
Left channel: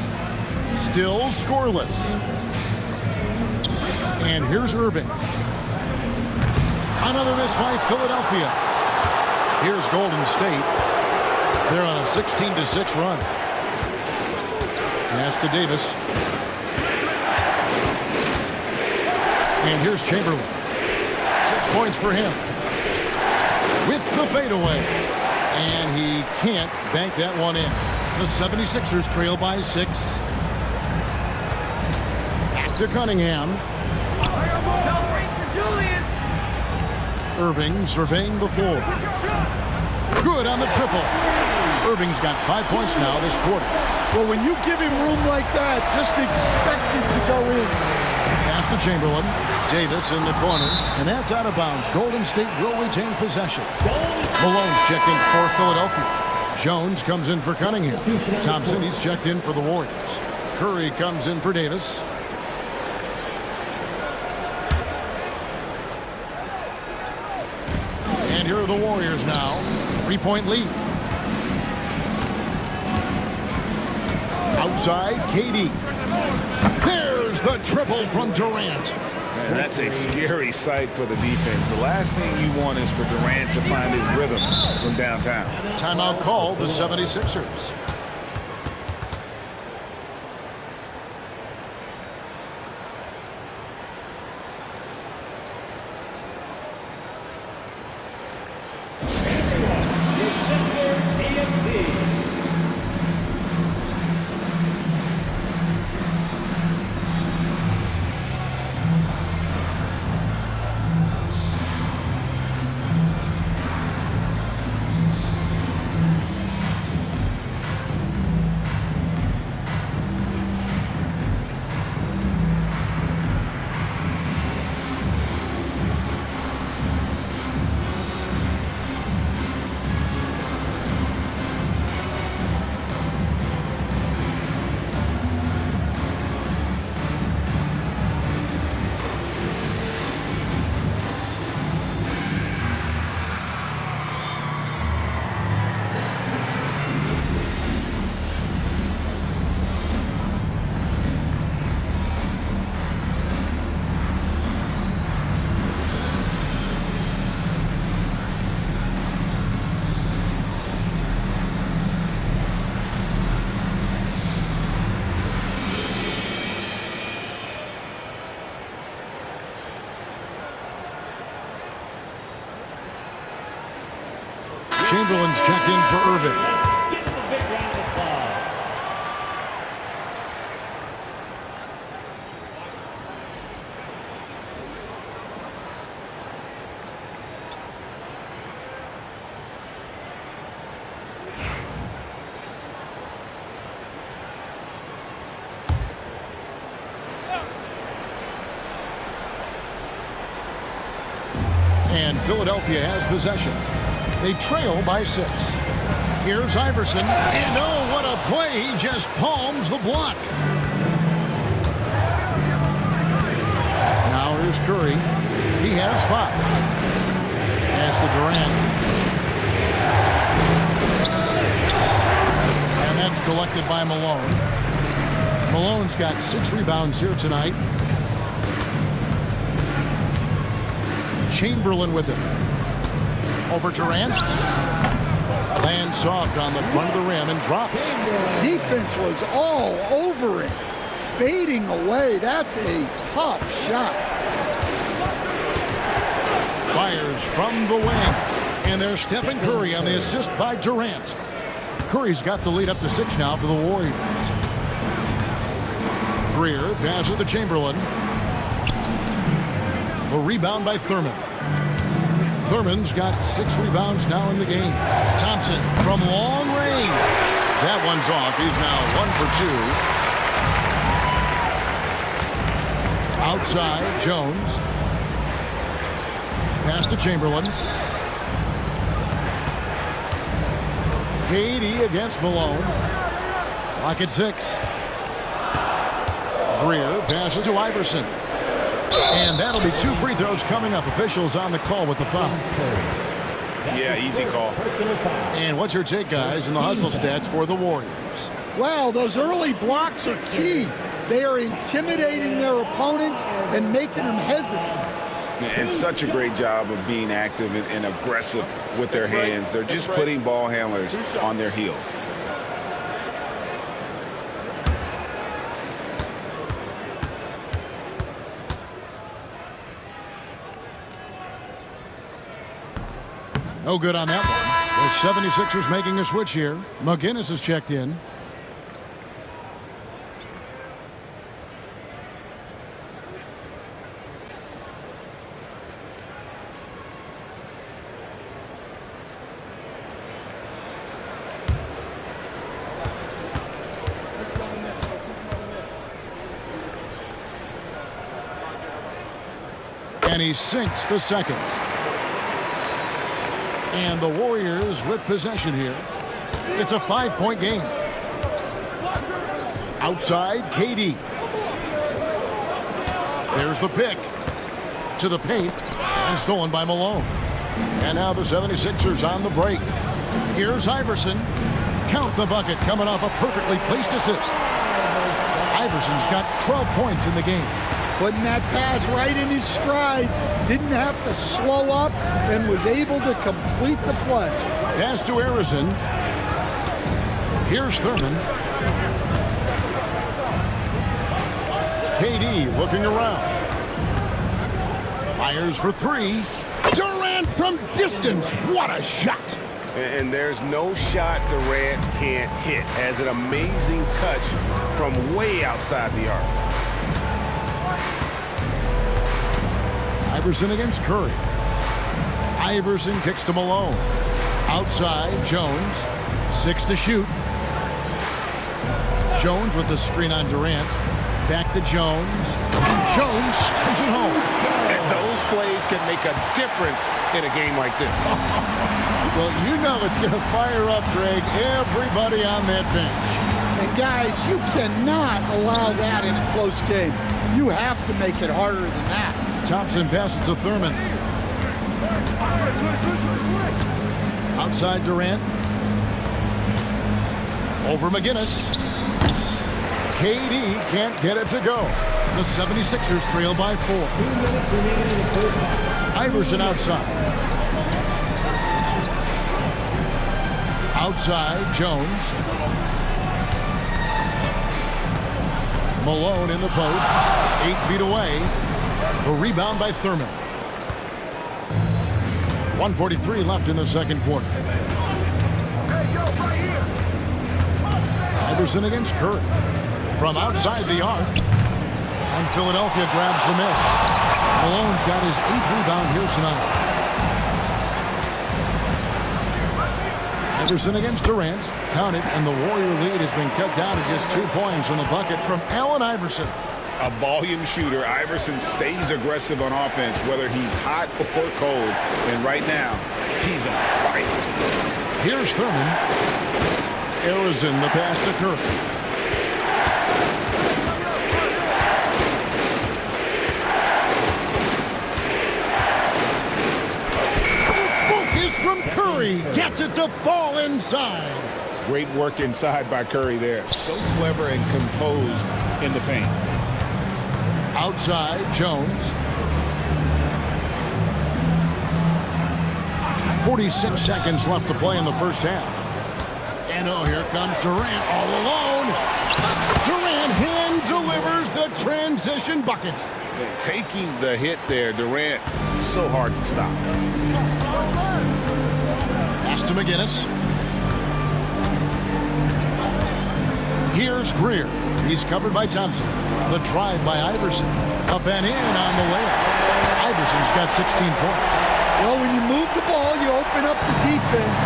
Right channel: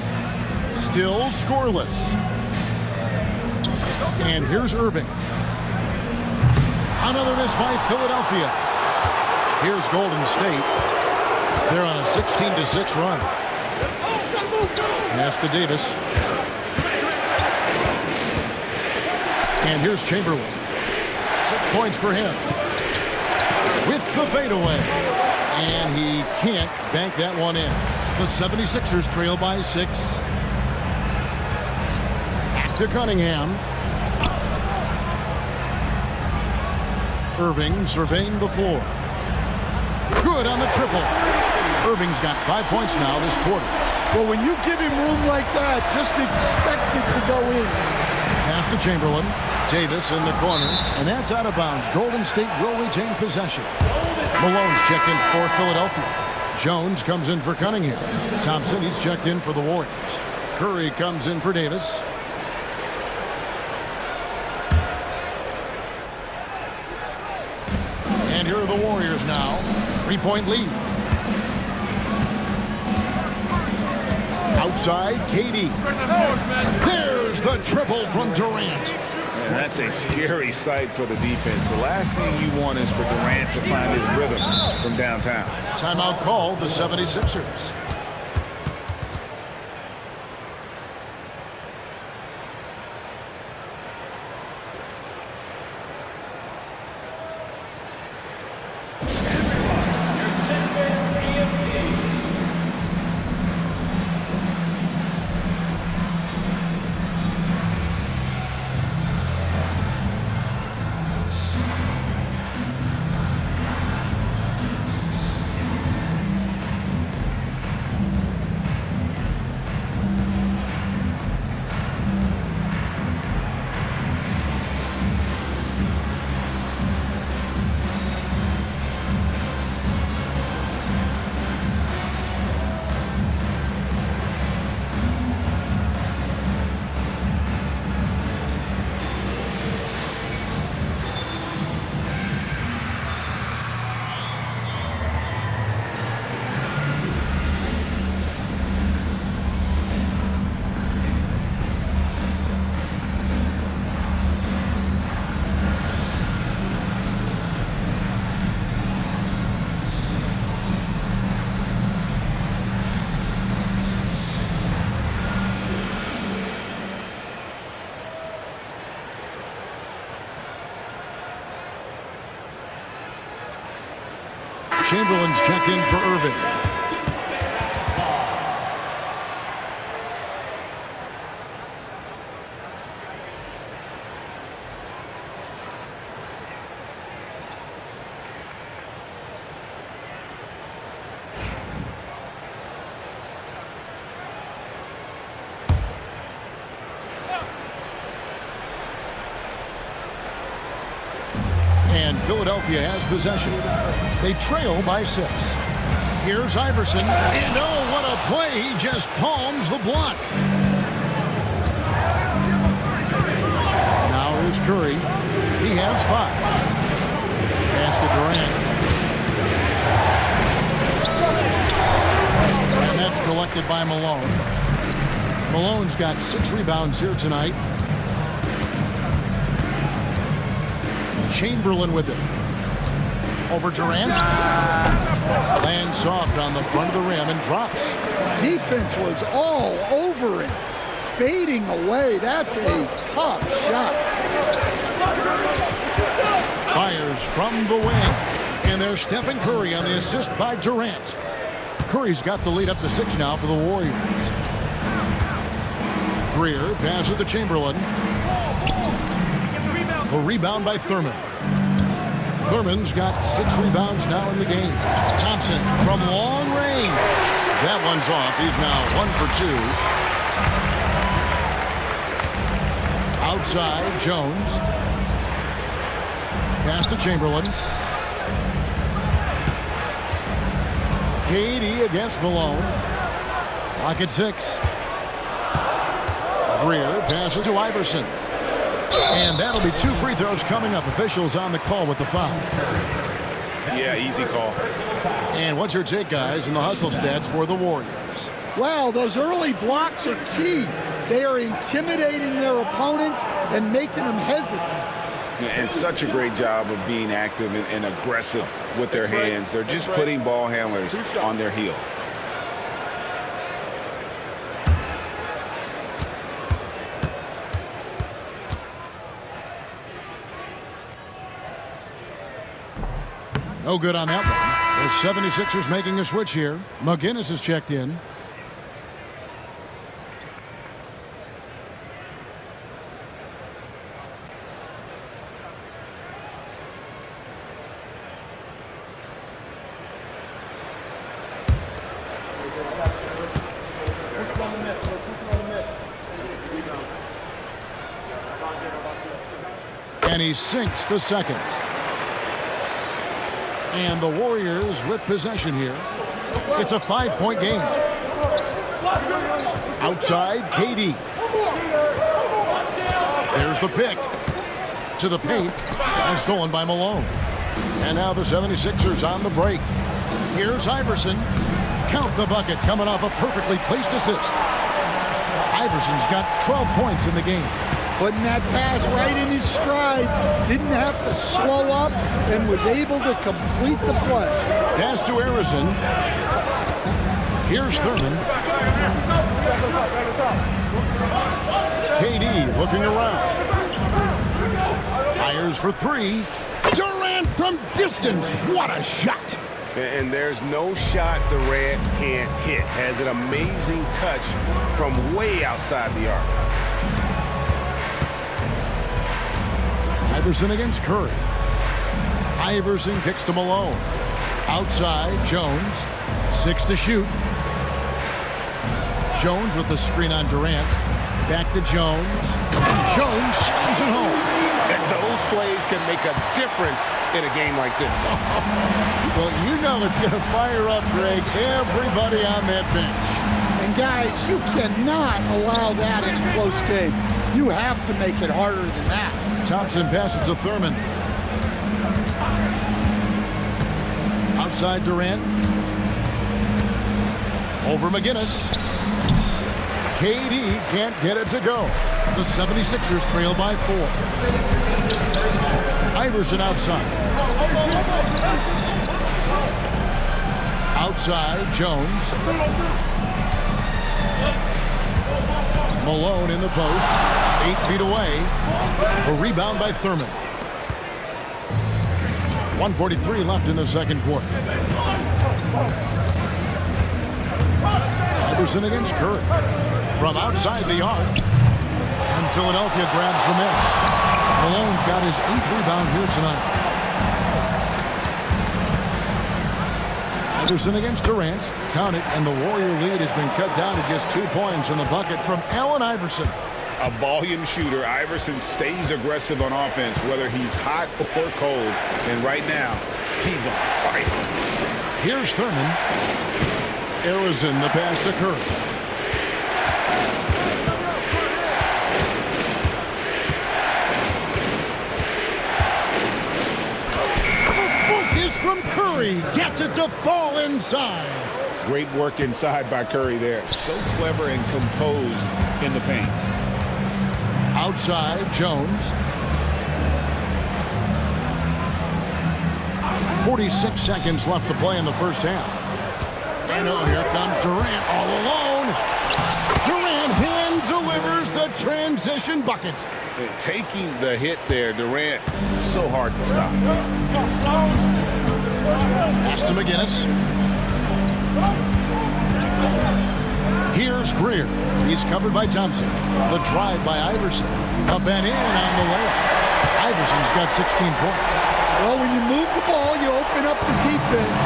still scoreless. And here's Irving. Another miss by Philadelphia. Here's Golden State. They're on a 16-6 run. Pass to Davis. And here's Chamberlain. 6 points for him. With the fadeaway. And he can't bank that one in. The 76ers trail by 6. Back to Cunningham. Irving surveying the floor. Good on the triple. Irving's got 5 points now this quarter. Well, when you give him room like that, just expect it to go in. Pass to Chamberlain. Davis in the corner, and that's out of bounds. Golden State will retain possession. Malone's checked in for Philadelphia. Jones comes in for Cunningham. Thompson, he's checked in for the Warriors. Curry comes in for Davis. And here are the Warriors now. 3-point lead. Outside, KD. There's the triple from Durant. Man, that's a scary sight for the defense. The last thing you want is for Durant to find his rhythm from downtown. Timeout called the 76ers. Chamberlain's checked in for Irving. Give him a big round of applause. And Philadelphia has possession. They trail by 6. Here's Iverson. And oh, what a play. He just palms the block. Now here's Curry. He has 5. Pass to Durant. And that's collected by Malone. Malone's got 6 rebounds here tonight. Chamberlain with it. Over Durant. Lands soft on the front of the rim and drops. Defense was all over him, fading away. That's a tough shot. Fires from the wing. And there's Stephen Curry on the assist by Durant. Curry's got the lead up to 6 now for the Warriors. Greer passes to Chamberlain. The rebound by Thurman. Thurman's got 6 rebounds now in the game. Thompson from long range. That one's off. He's now 1 for 2. Outside, Jones. Pass to Chamberlain. KD against Malone. Clock at 6. Greer passes to Iverson. And that'll be 2 free throws coming up. Officials on the call with the foul. Yeah, easy call. And what's your take, guys, in the hustle stats for the Warriors? Well, those early blocks are key. They are intimidating their opponents and making them hesitant. And such a great job of being active and aggressive with their hands. They're just putting ball handlers on their heels. No good on that one. The 76ers making a switch here. McGinnis is checked in. And he sinks the second. And the Warriors with possession here. It's a 5-point game. Outside, KD. There's the pick. To the paint. And stolen by Malone. And now the 76ers on the break. Here's Iverson. Count the bucket coming off a perfectly placed assist. Iverson's got 12 points in the game. Putting that pass right in his stride. Didn't have to slow up and was able to complete the play. Pass to Harrison. Here's Thurman. KD looking around. Fires for 3. Durant from distance. What a shot. And there's no shot Durant can't hit. Has an amazing touch from way outside the arc. Iverson against Curry. Iverson kicks to Malone. Outside, Jones. 6 to shoot. Jones with the screen on Durant. Back to Jones. And Jones slams it home. And those plays can make a difference in a game like this. Well, you know it's going to fire up, Greg, everybody on that bench. And guys, you cannot allow that in a close game. You have to make it harder than that. Thompson passes to Thurman. Outside Durant. Over McGinnis. KD can't get it to go. The 76ers trail by 4. Iverson outside. Outside, Jones. Malone in the post. 8 feet away. A rebound by Thurman. 1:43 left in the second quarter. Iverson against Curry. From outside the arc. And Philadelphia grabs the miss. Malone's got his 8th rebound here tonight. Iverson against Durant. Count it, and the Warrior lead has been cut down to just 2 points from the bucket from Allen Iverson. A volume shooter, Iverson stays aggressive on offense, whether he's hot or cold. And right now, he's on fire. Here's Thurman. Arizin, the pass to Curry. Focus from Curry. Gets it to fall inside. Great work inside by Curry there. So clever and composed in the paint. Outside, Jones. 46 seconds left to play in the first half. And oh, here comes Durant all alone. Durant hand delivers the transition bucket. And taking the hit there, Durant, so hard to stop. Pass to McGinnis. Here's Greer. He's covered by Thompson. The drive by Iverson. Up and in on the layup. Iverson's got 16 points. Well, when you move the ball, you open up the defense.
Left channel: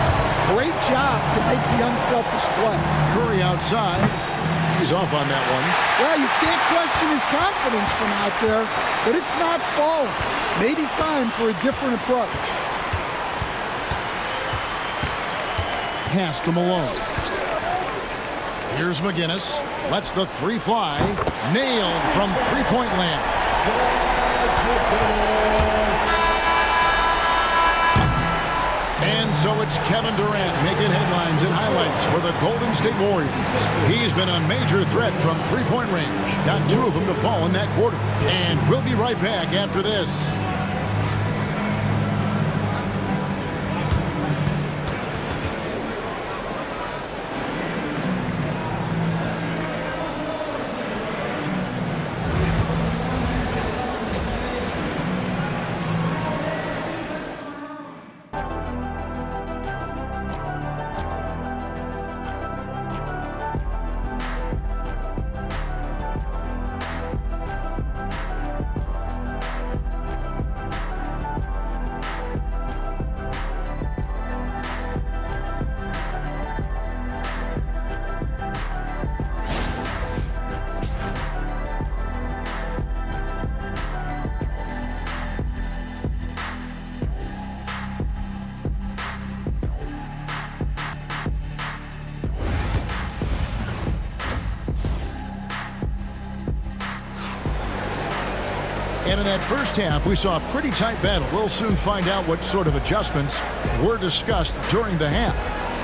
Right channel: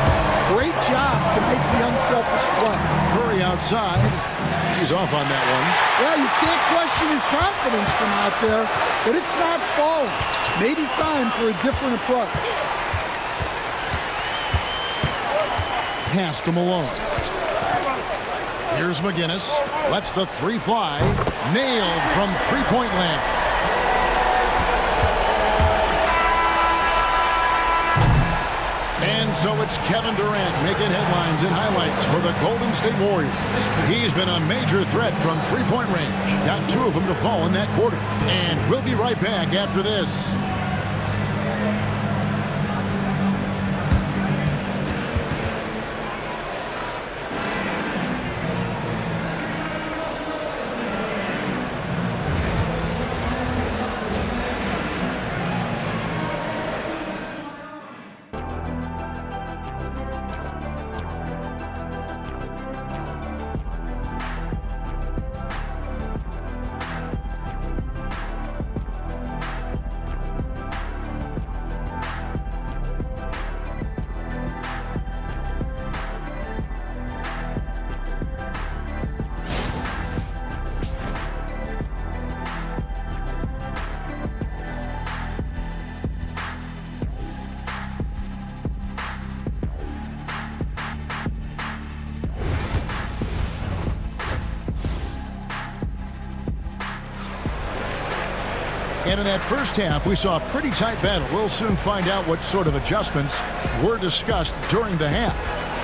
Great job to make the unselfish play. Curry outside. He's off on that one. Well, you can't question his confidence from out there, but it's not falling. Maybe time for a different approach. Pass to Malone. Here's McGinnis. Lets the three fly. Nailed from three-point land. And so it's Kevin Durant making headlines and highlights for the Golden State Warriors. He's been a major threat from three-point range. Got 2 of them to fall in that quarter. And we'll be right back after this. And in that first half, we saw a pretty tight battle. We'll soon find out what sort of adjustments were discussed during the half.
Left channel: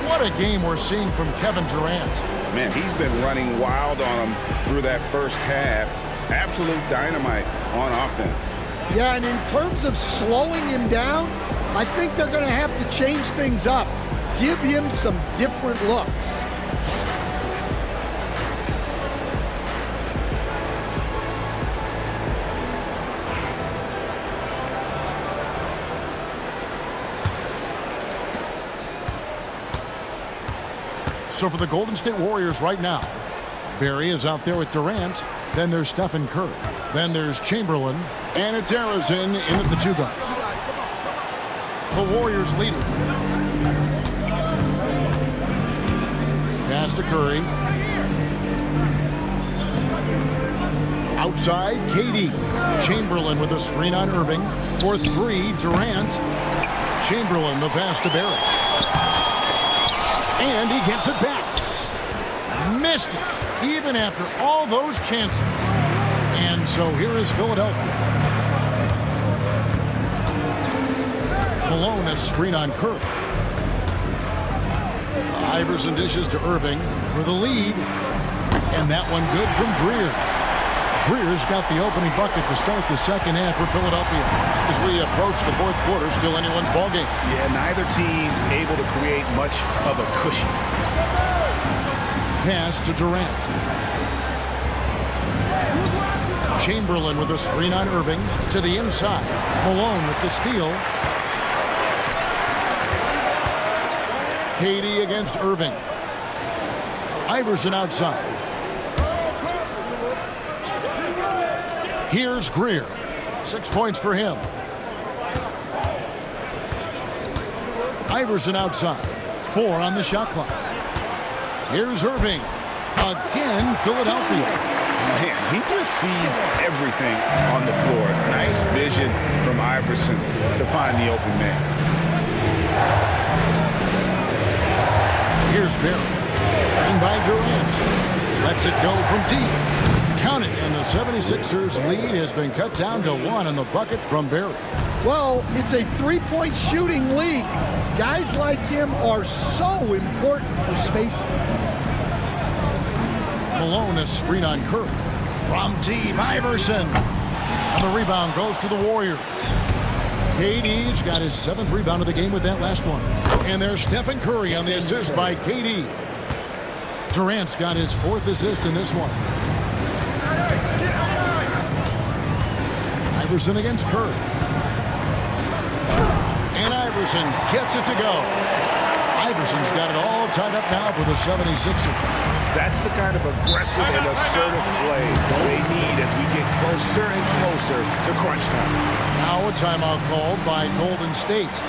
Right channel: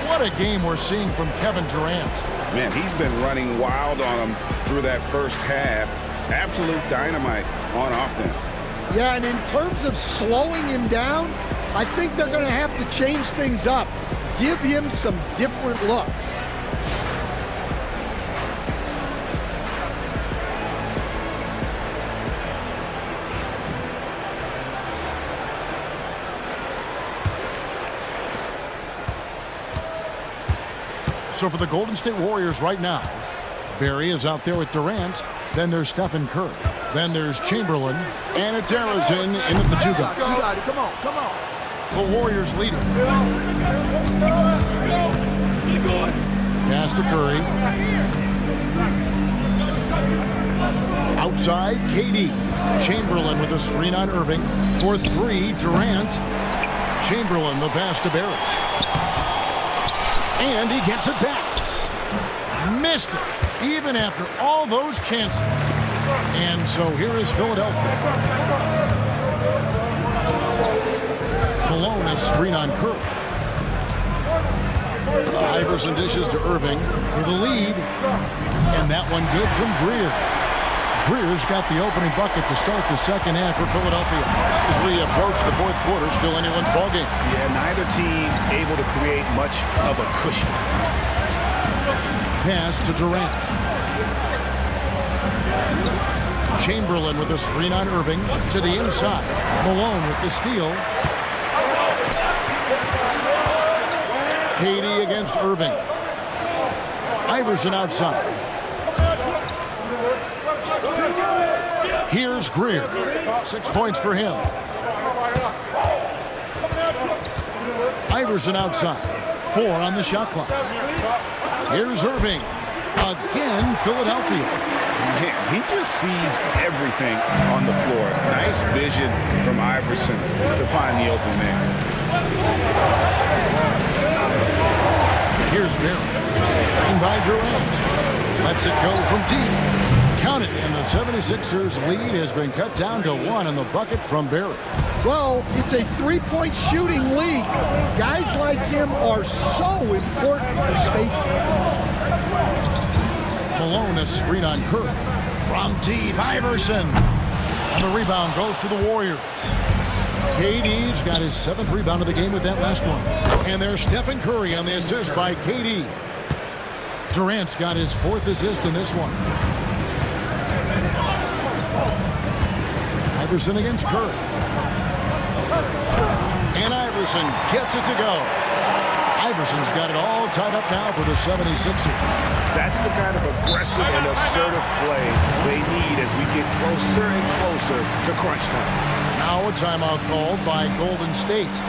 What a game we're seeing from Kevin Durant. Man, he's been running wild on him through that first half. Absolute dynamite on offense. Yeah, and in terms of slowing him down, I think they're going to have to change things up. Give him some different looks. So for the Golden State Warriors right now, Barry is out there with Durant. Then there's Stephen Curry. Then there's Chamberlain. And it's Arizin in at the 2 guard. Come on. The Warriors leading. Pass to Curry. Outside, KD. Chamberlain with a screen on Irving. For 3, Durant. Chamberlain, the pass to Barry. And he gets it back. Missed it, even after all those chances. And so here is Philadelphia. Malone, a screen on Curry. Iverson dishes to Irving for the lead. And that one good from Greer. Greer's got the opening bucket to start the second half for Philadelphia. As we approach the fourth quarter, still anyone's ballgame. Yeah, neither team able to create much of a cushion. Pass to Durant. Chamberlain with a screen on Irving to the inside. Malone with the steal. KD against Irving. Iverson outside. Here's Greer. 6 points for him. Iverson outside. 4 on the shot clock. Here's Irving. Again, Philadelphia. Man, he just sees everything on the floor. Nice vision from Iverson to find the open man. Here's Barry. Screen by Durant. Lets it go from deep. Count it, and the 76ers lead has been cut down to 1 on the bucket from Barry. Well, it's a three-point shooting league. Guys like him are so important for spacing. Malone, a screen on Curry. From deep, Iverson. And the rebound goes to the Warriors. KD's got his 7th rebound of the game with that last one. And there's Stephen Curry on the assist by KD. Durant's got his 4th assist in this one. Iverson against Curry. And Iverson gets it to go. Iverson's got it all tied up now for the 76ers. That's the kind of aggressive and assertive play they need as we get closer and closer to crunch time. Now a timeout called by Golden State.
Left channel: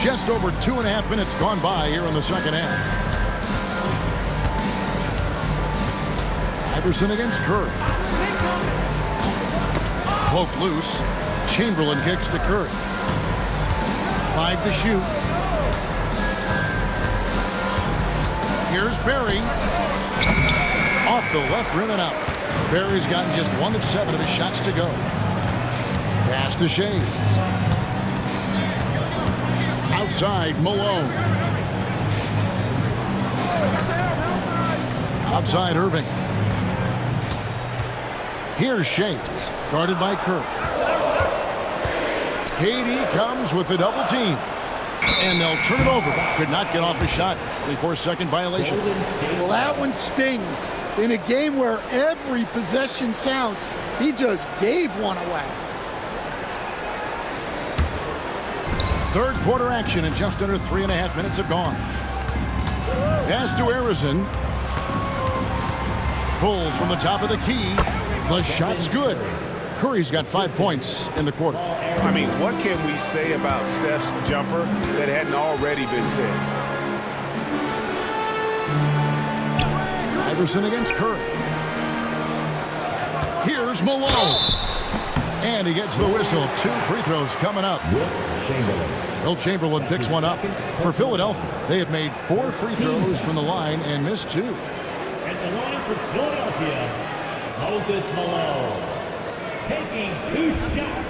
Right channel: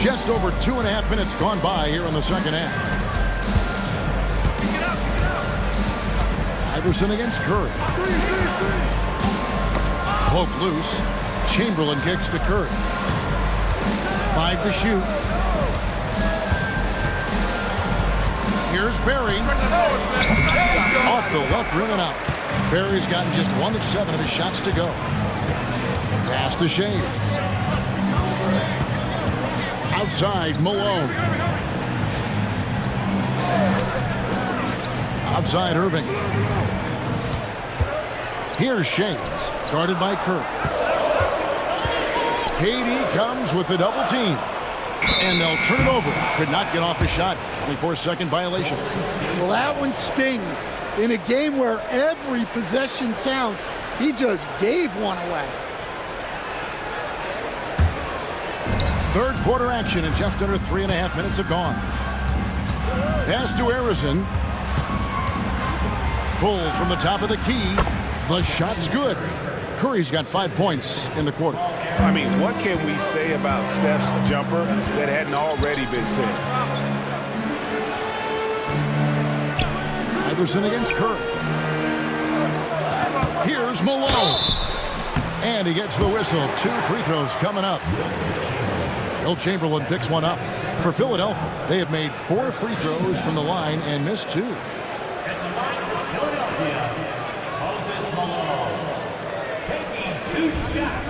Just over 2.5 minutes gone by here in the second half. Iverson against Curry. Poke loose. Chamberlain kicks to Curry. 5 to shoot. Here's Barry. Off the left rim and out. Barry's gotten just 1 of 7 of his shots to go. Pass to Shea. Outside, Malone. Outside, Irving. Here's Shays, guarded by Curry. KD comes with the double team. And they'll turn it over. Could not get off a shot. 24-second violation. Well, that one stings. In a game where every possession counts, he just gave one away. Third quarter action, and just under 3.5 minutes have gone. Pass to Harrison. Pulls from the top of the key. The shot's good. Curry's got 5 points in the quarter. I mean, what can we say about Steph's jumper that hadn't already been said? Iverson against Curry. Here's Malone. And he gets the whistle. 2 free throws coming up. Will Chamberlain picks one up. For Philadelphia, they have made 4 free throws from the line and missed 2. At the line for Philadelphia, Moses Malone taking 2 shots.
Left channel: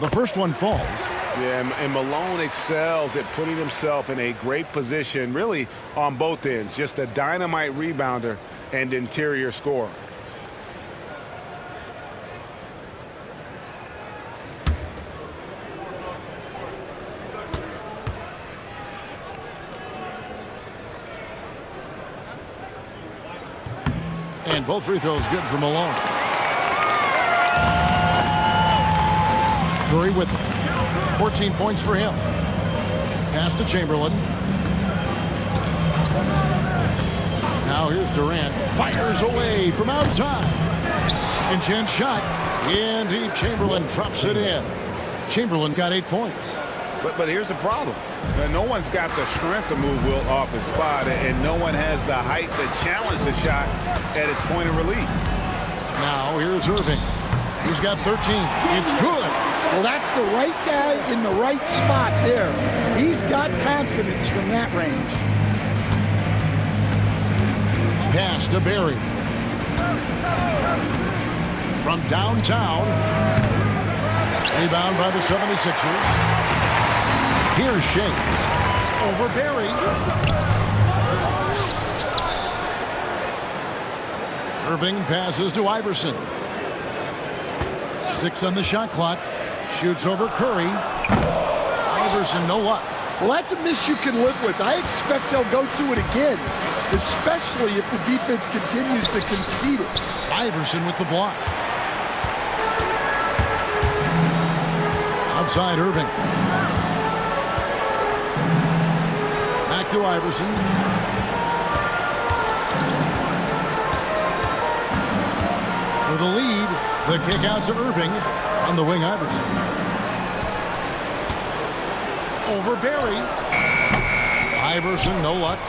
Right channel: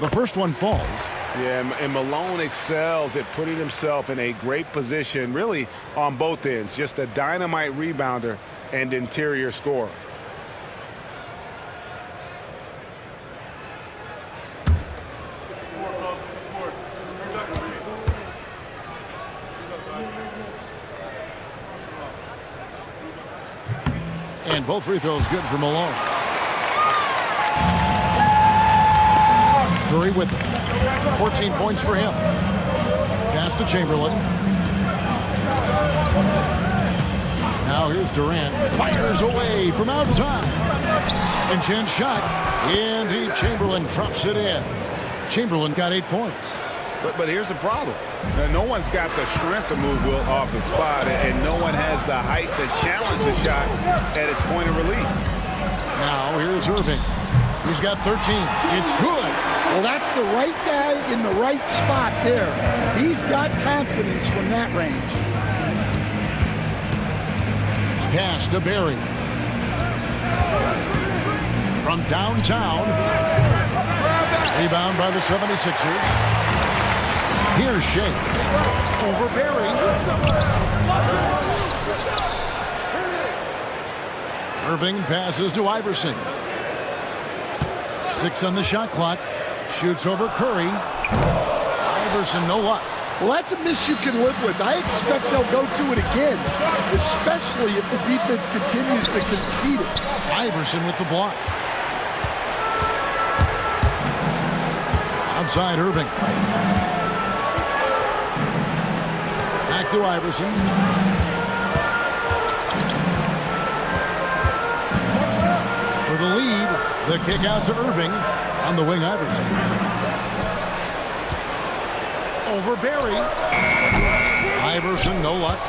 The first one falls. Yeah, and Malone excels at putting himself in a great position, really on both ends. Just a dynamite rebounder and interior scorer. And both free throws good for Malone. Curry with him. 14 points for him. Pass to Chamberlain. Now here's Durant. Fires away from outside. Second chance shot. In deep. Chamberlain drops it in. Chamberlain got 8 points. But here's the problem. No one's got the strength to move Wilt off his spot, and no one has the height to challenge the shot at its point of release. Now here's Irving. He's got 13. It's good. Well, that's the right guy in the right spot there. He's got confidence from that range. Pass to Barry. From downtown. Rebound by the 76ers. Here's Shades. Over Barry. Irving passes to Iverson. 6 on the shot clock. Shoots over Curry. Iverson, no luck. Well, that's a miss you can live with. I expect they'll go to it again, especially if the defense continues to concede it. Iverson with the block. Outside Irving. Back to Iverson. For the lead, the kick out to Irving. On the wing, Iverson. Over Barry. Iverson, no luck.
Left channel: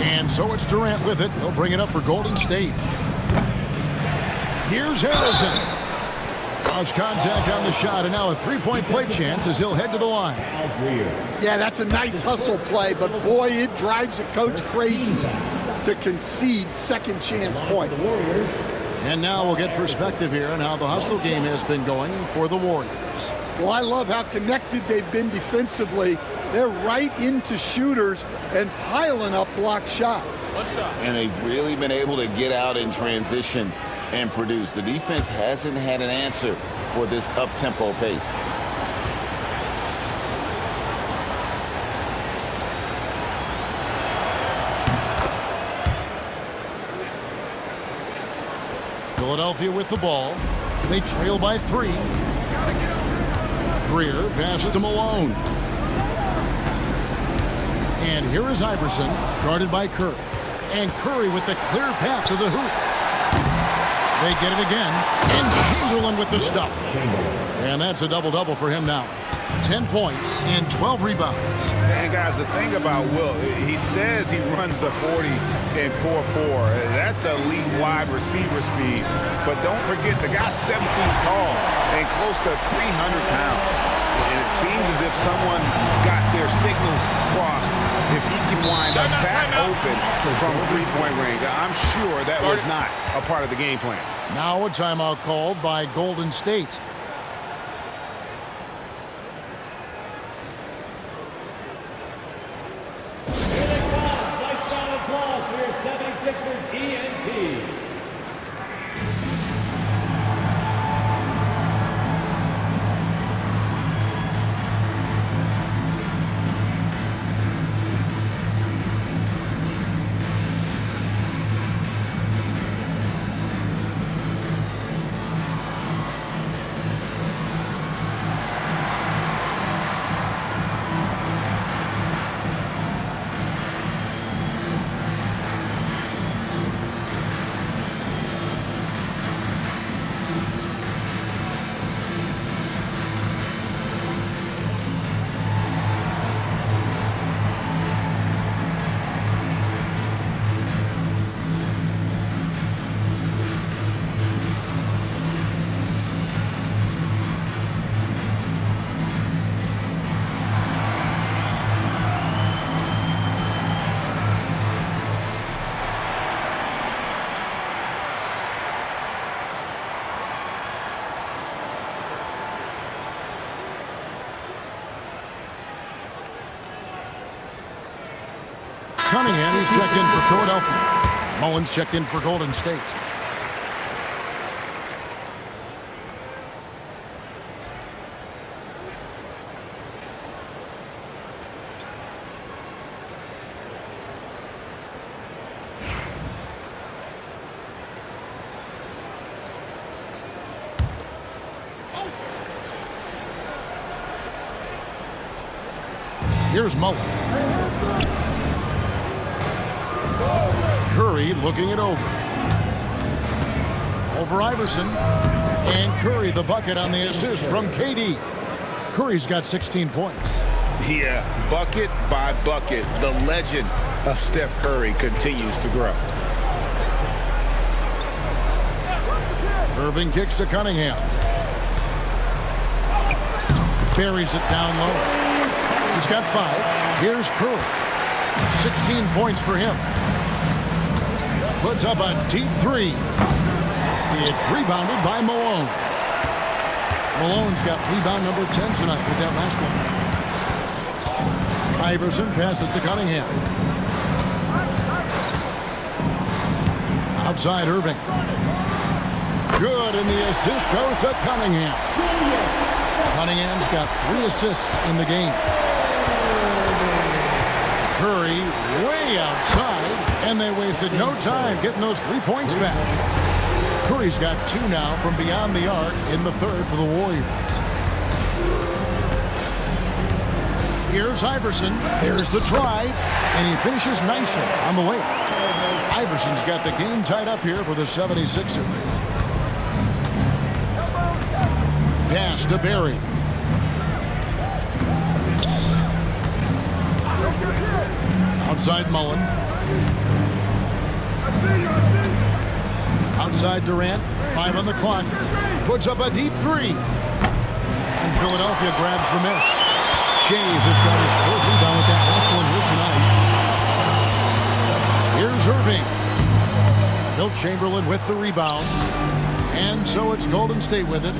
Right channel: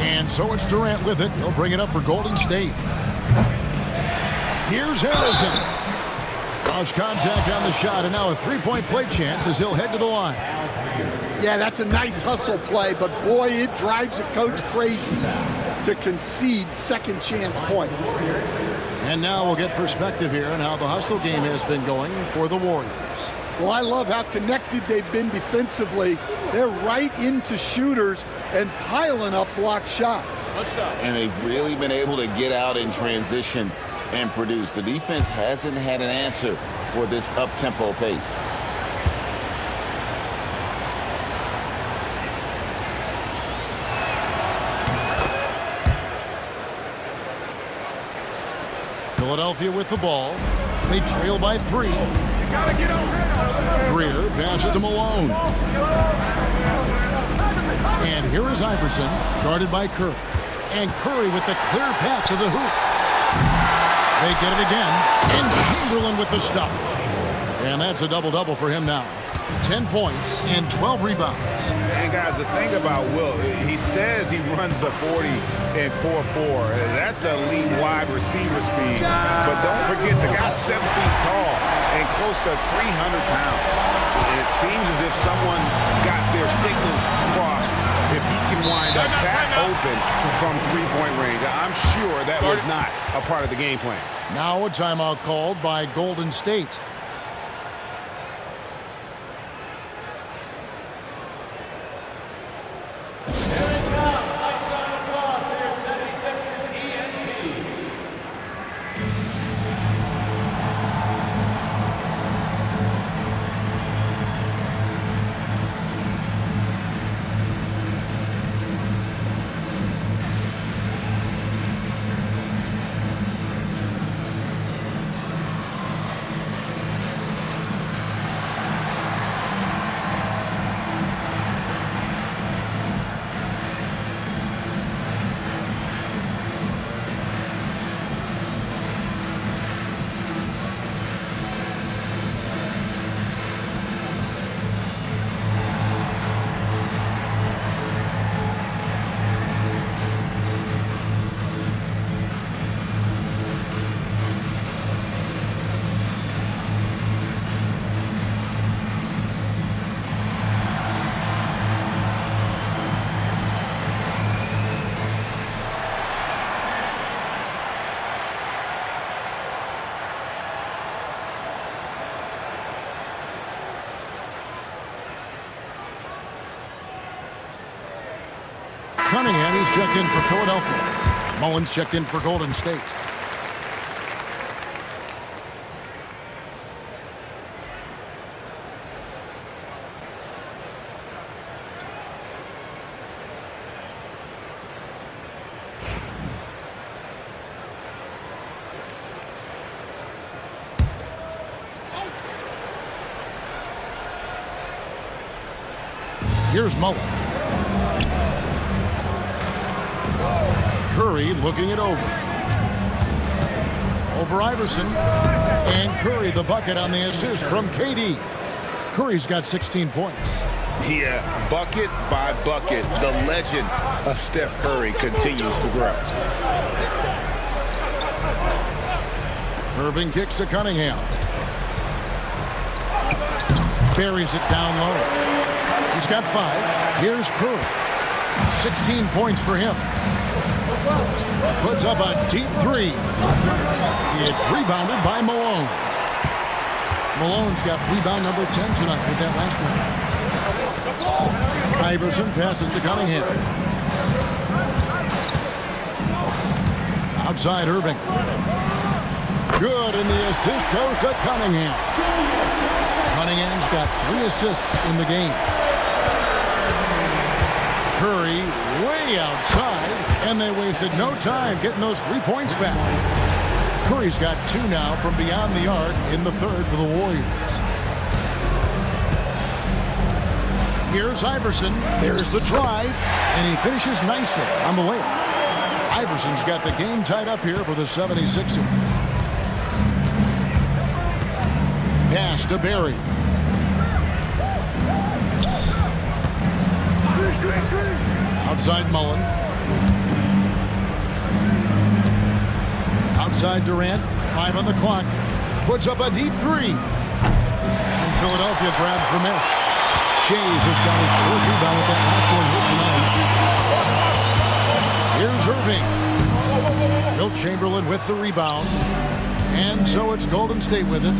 And so it's Durant with it. He'll bring it up for Golden State. Here's Harrison. Draws contact on the shot, and now a three-point play chance as he'll head to the line. Yeah, that's a nice hustle play, but boy, it drives a coach crazy to concede second chance points. And now we'll get perspective here on how the hustle game has been going for the Warriors. Well, I love how connected they've been defensively. They're right into shooters and piling up block shots. One shot. And they've really been able to get out in transition and produce. The defense hasn't had an answer for this up-tempo pace. Philadelphia with the ball. They trail by 3. Greer passes to Malone. And here is Iverson, guarded by Curry. And Curry with the clear path to the hoop. They get it again. And Chamberlain with the stuff. And that's a double-double for him now. 10 points and 12 rebounds. And guys, the thing about Wilt, he says he runs the 40 and 4.4. That's elite wide receiver speed. But don't forget, the guy's 7 feet tall and close to 300 pounds. And it seems as if someone got their signals crossed if he can wind up that open from three-point range. I'm sure that was not a part of the game plan. Now a timeout called by Golden State. Cunningham. He's checked in for Philadelphia. Mullins checked in for Golden State. Here's Mullen. Curry looking it over. Over Iverson. And Curry the bucket on the assist from KD. Curry's got 16 points. Yeah, bucket by bucket, the legend of Steph Curry continues to grow. Irving kicks to Cunningham. Buries it down low. He's got 5. Here's Curry. 16 points for him. Puts up a deep 3. It's rebounded by Malone. Malone's got rebound number 10 tonight with that last one. Iverson passes to Cunningham. Outside Irving. Good, and the assist goes to Cunningham. Cunningham's got 3 assists in the game. Curry way outside, and they wasted no time getting those 3 points back. Curry's got 2 now from beyond the arc in the third for the Warriors. Here's Iverson. There's the drive, and he finishes nicely on the layup. Iverson's got the game tied up here for the 76ers. Pass to Barry. Outside Mullen. Outside Durant. 5 on the clock. Puts up a deep 3. And Philadelphia grabs the miss. Shays has got his 4th rebound with that last one here tonight. Here's Irving. Wilt Chamberlain with the rebound. And so it's Golden State with it.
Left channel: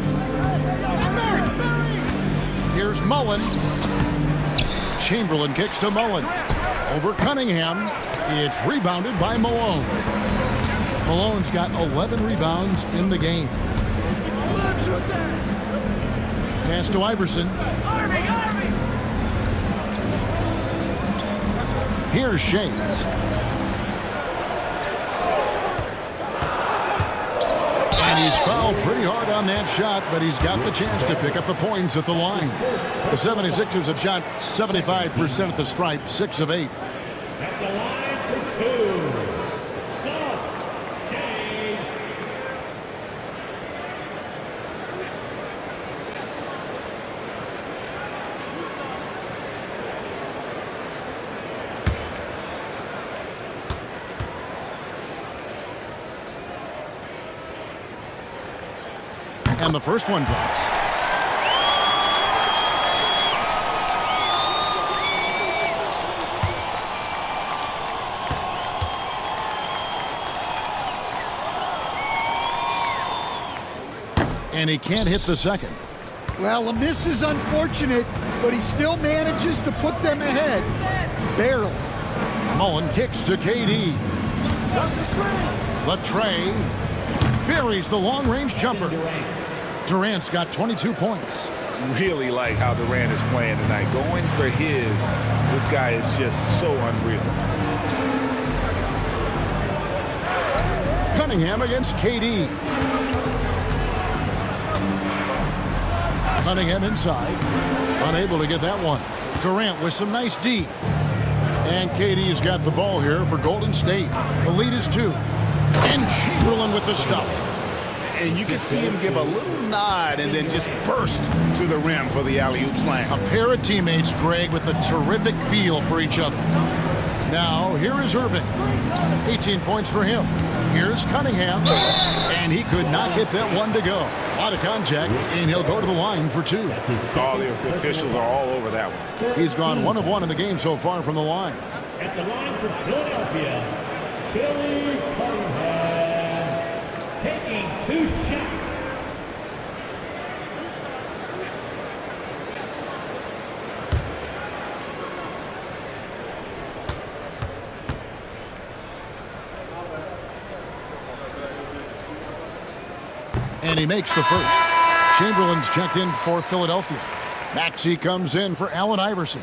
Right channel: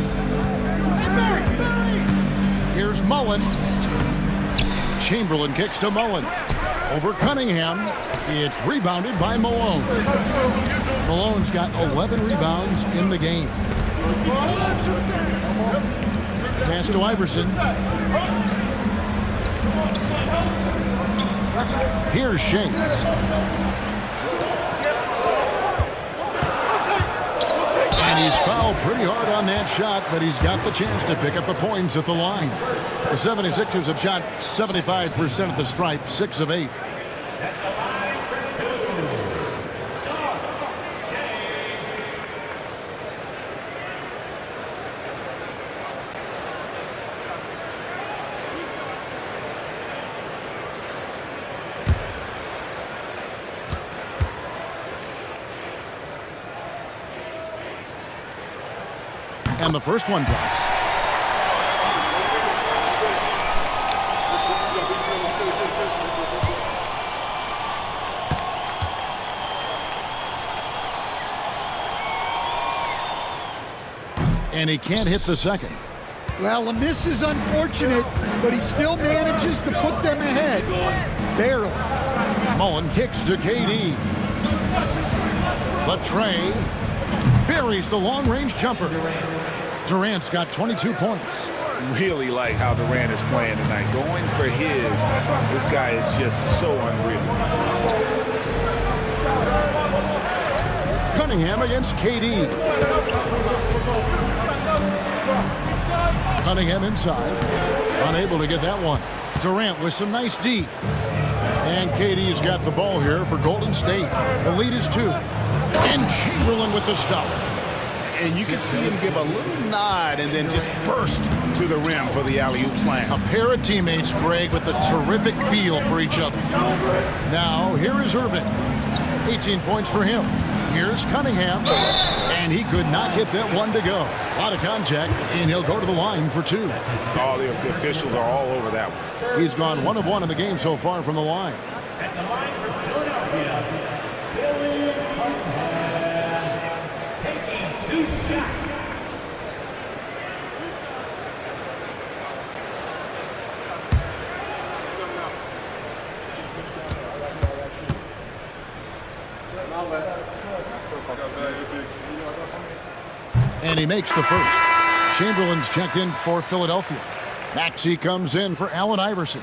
Here's Mullen. Chamberlain kicks to Mullen. Over Cunningham. It's rebounded by Malone. Malone's got 11 rebounds in the game. Pass to Iverson. Here's Shays. And he's fouled pretty hard on that shot, but he's got the chance to pick up the points at the line. The 76ers have shot 75% at the stripe, 6 of 8. At the line for 2, Steph Shays. And the first one drops. And he can't hit the second. Well, the miss is unfortunate, but he still manages to put them ahead. Barely. Mullen kicks to KD. The tray buries the long-range jumper. Durant's got 22 points. Really like how Durant is playing tonight. Going for his, this guy is just so unreal. Cunningham against KD. Cunningham inside. Unable to get that one. Durant with some nice D. And KD's got the ball here for Golden State. The lead is 2. And Chamberlain with the stuff. And you can see him give a little nod and then just burst to the rim for the alley-oop slam. A pair of teammates, Greg, with a terrific feel for each other. Now, here is Irving. 18 points for him. Here's Cunningham. And he could not get that one to go. A lot of contact, and he'll go to the line for 2. All the officials are all over that one. He's gone 1 of 1 in the game so far from the line. At the line for Philadelphia, Billy Cunningham, taking 2 shots. And he makes the first. Chamberlain's checked in for Philadelphia. Maxey comes in for Allen Iverson.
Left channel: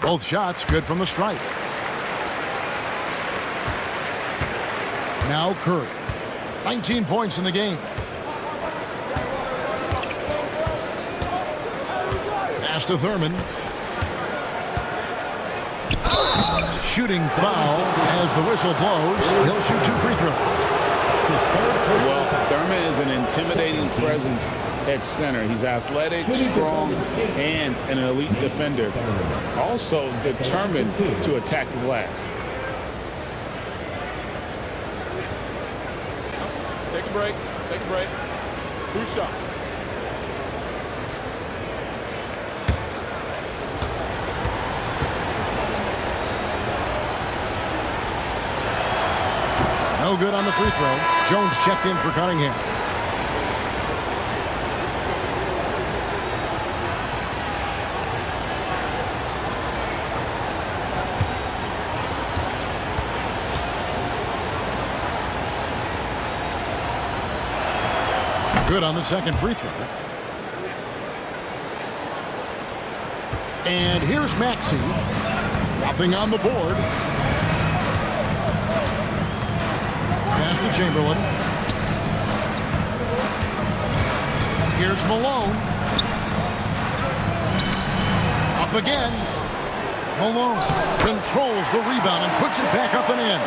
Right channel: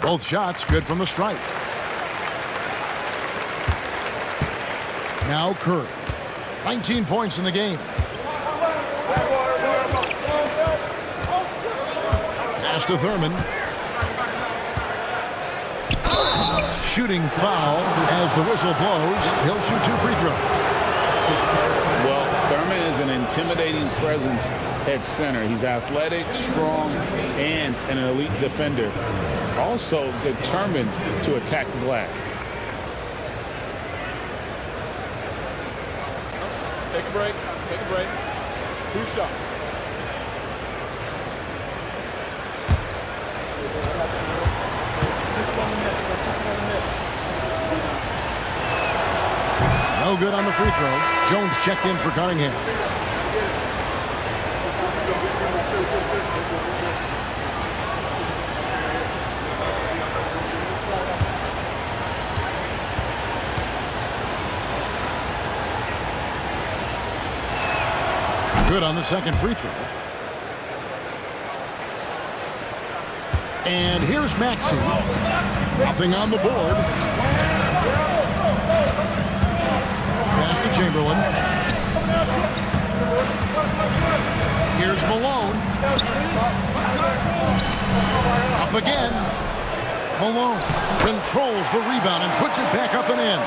Both shots good from the stripe. Now Curry. 19 points in the game. Pass to Thurman. Shooting foul as the whistle blows. He'll shoot 2 free throws. Well, Thurman is an intimidating presence at center. He's athletic, strong, and an elite defender. Also determined to attack the glass. Take a break. Take a break. 2 shots. No good on the free throw. Jones checked in for Cunningham. Good on the second free throw. And here's Maxey. Nothing on the board. Pass to Chamberlain. Here's Malone. Up again. Malone controls the rebound and puts it back up and in.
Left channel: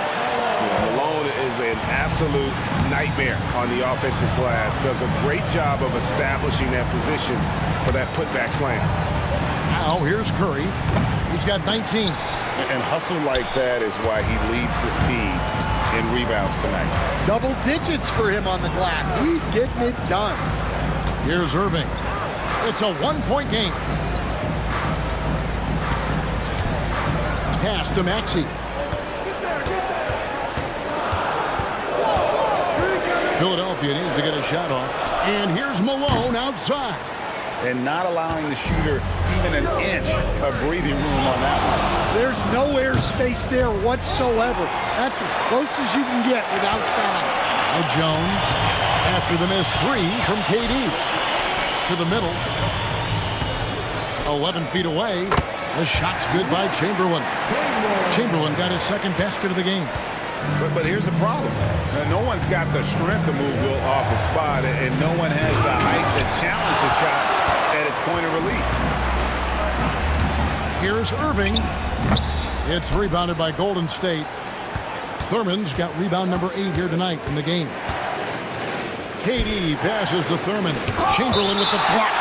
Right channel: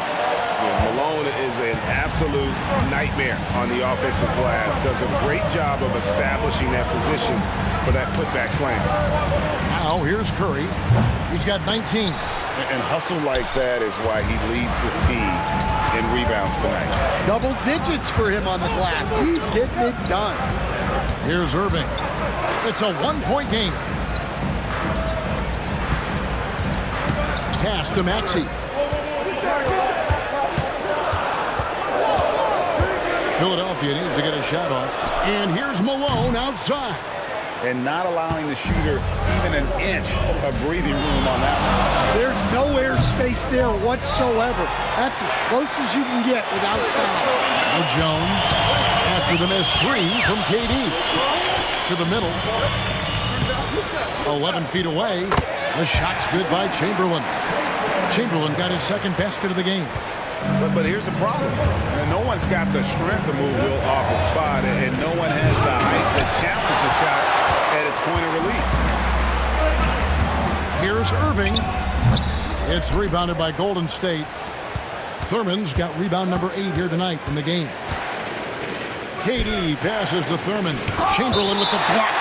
Yeah, Malone is an absolute nightmare on the offensive glass. Does a great job of establishing that position for that putback slam. Now here's Curry. He's got 19. And hustle like that is why he leads this team in rebounds tonight. Double digits for him on the glass. He's getting it done. Here's Irving. It's a 1-point game. Pass to Maxey. Philadelphia needs to get a shot off. And here's Malone outside. And not allowing the shooter even an inch of breathing room on that one. There's no air space there whatsoever. That's as close as you can get without foul. Now Jones, after the missed 3 from KD. To the middle. 11 feet away. The shot's good by Chamberlain. Chamberlain got his second basket of the game. But here's the problem. No one's got the strength to move Will off his spot, and no one has the height to challenge the shot at its point of release. Here's Irving. It's rebounded by Golden State. Thurman's got rebound number 8 here tonight in the game. KD passes to Thurman. Chamberlain with the block.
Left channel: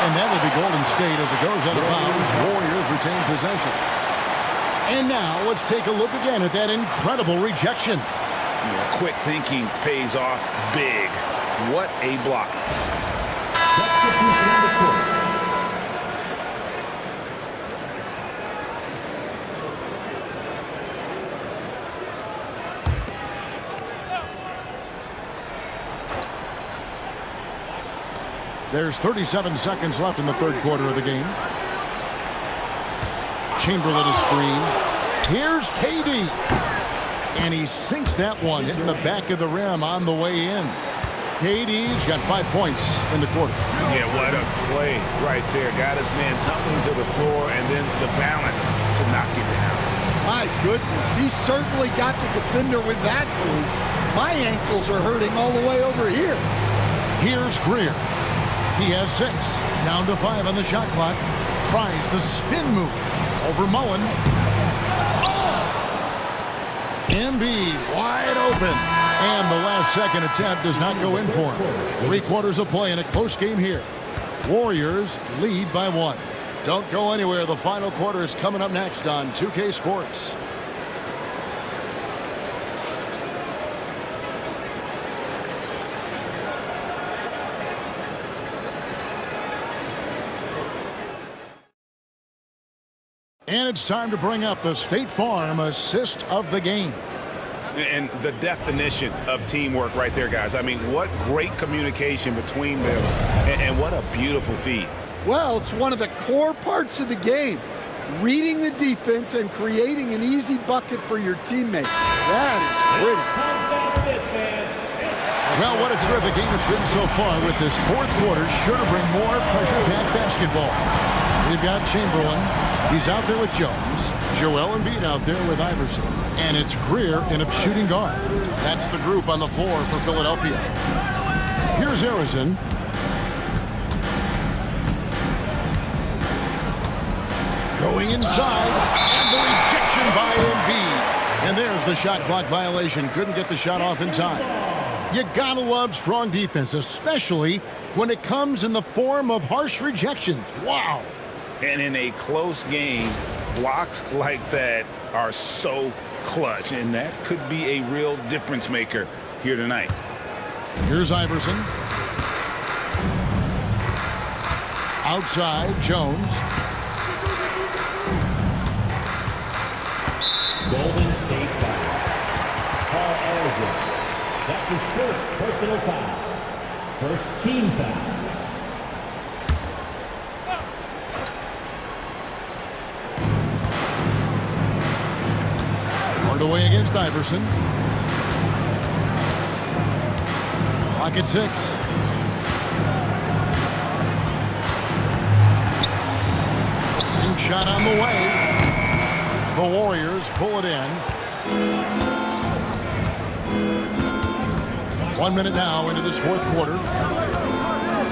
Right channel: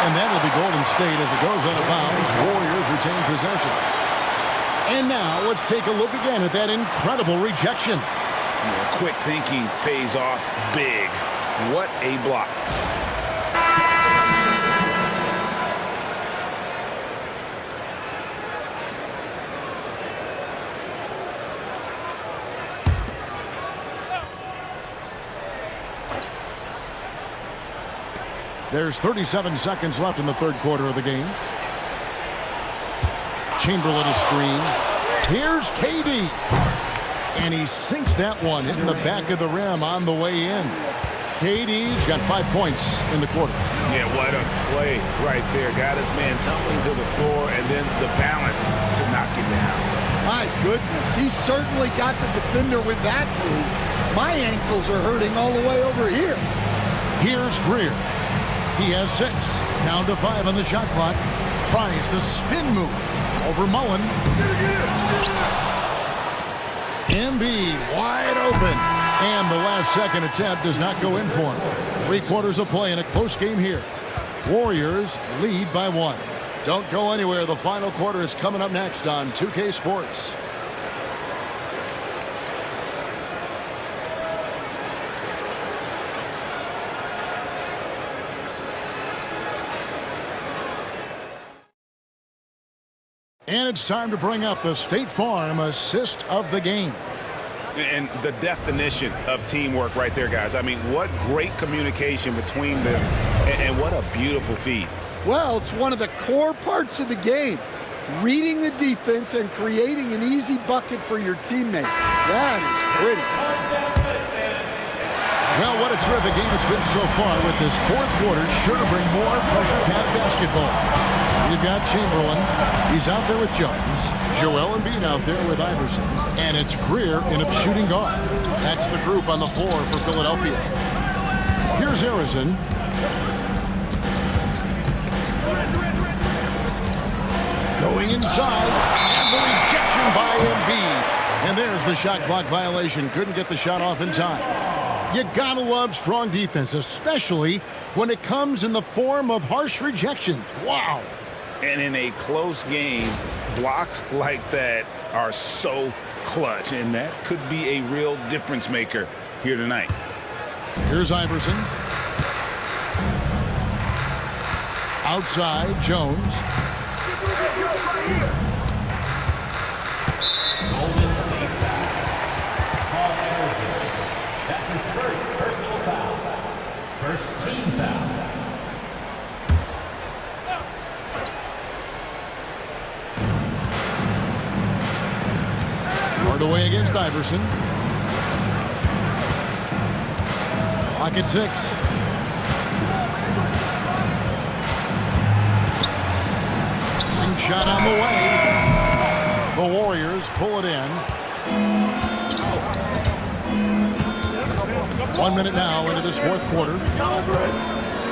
And that'll be Golden State as it goes out of bounds. Warriors retain possession. And now let's take a look again at that incredible rejection. Yeah, quick thinking pays off big. What a block. There's 37 seconds left in the third quarter of the game. Chamberlain a screen. Here's KD. And he sinks that one, hitting the back of the rim on the way in. KD's got 5 points in the quarter. Yeah, what a play right there. Got his man tumbling to the floor and then the balance to knock it down. My goodness, he certainly got the defender with that move. My ankles are hurting all the way over here. Here's Greer. He has 6. Down to 5 on the shot clock. Tries the spin move. Over Mullen. Embiid wide open. And the last second attempt does not go in for him. 3 quarters of play in a close game here. Warriors lead by 1. Don't go anywhere. The final quarter is coming up next on 2K Sports. And it's time to bring up the State Farm assist of the game. And the definition of teamwork right there, guys. I mean, what great communication between them, and what a beautiful feed. Well, it's one of the core parts of the game. Reading the defense and creating an easy bucket for your teammate. That is pretty. Well, what a terrific game it's been so far, with this fourth quarter sure to bring more pressure-packed basketball. We've got Chamberlain. He's out there with Jones. Joel Embiid out there with Iverson. And it's Greer in a shooting guard. That's the group on the floor for Philadelphia. Here's Arizin. Going inside, and the rejection by Embiid. And there's the shot clock violation. Couldn't get the shot off in time. You gotta love strong defense, especially when it comes in the form of harsh rejections. Wow. And in a close game, blocks like that are so clutch, and that could be a real difference maker here tonight. Here's Iverson. Outside, Jones. Golden State foul. Paul Anderson. That's his first personal foul. First team foul. Hardaway against Iverson. Clock at 6. Ring shot on the way. The Warriors pull it in. 1 minute now into this fourth quarter.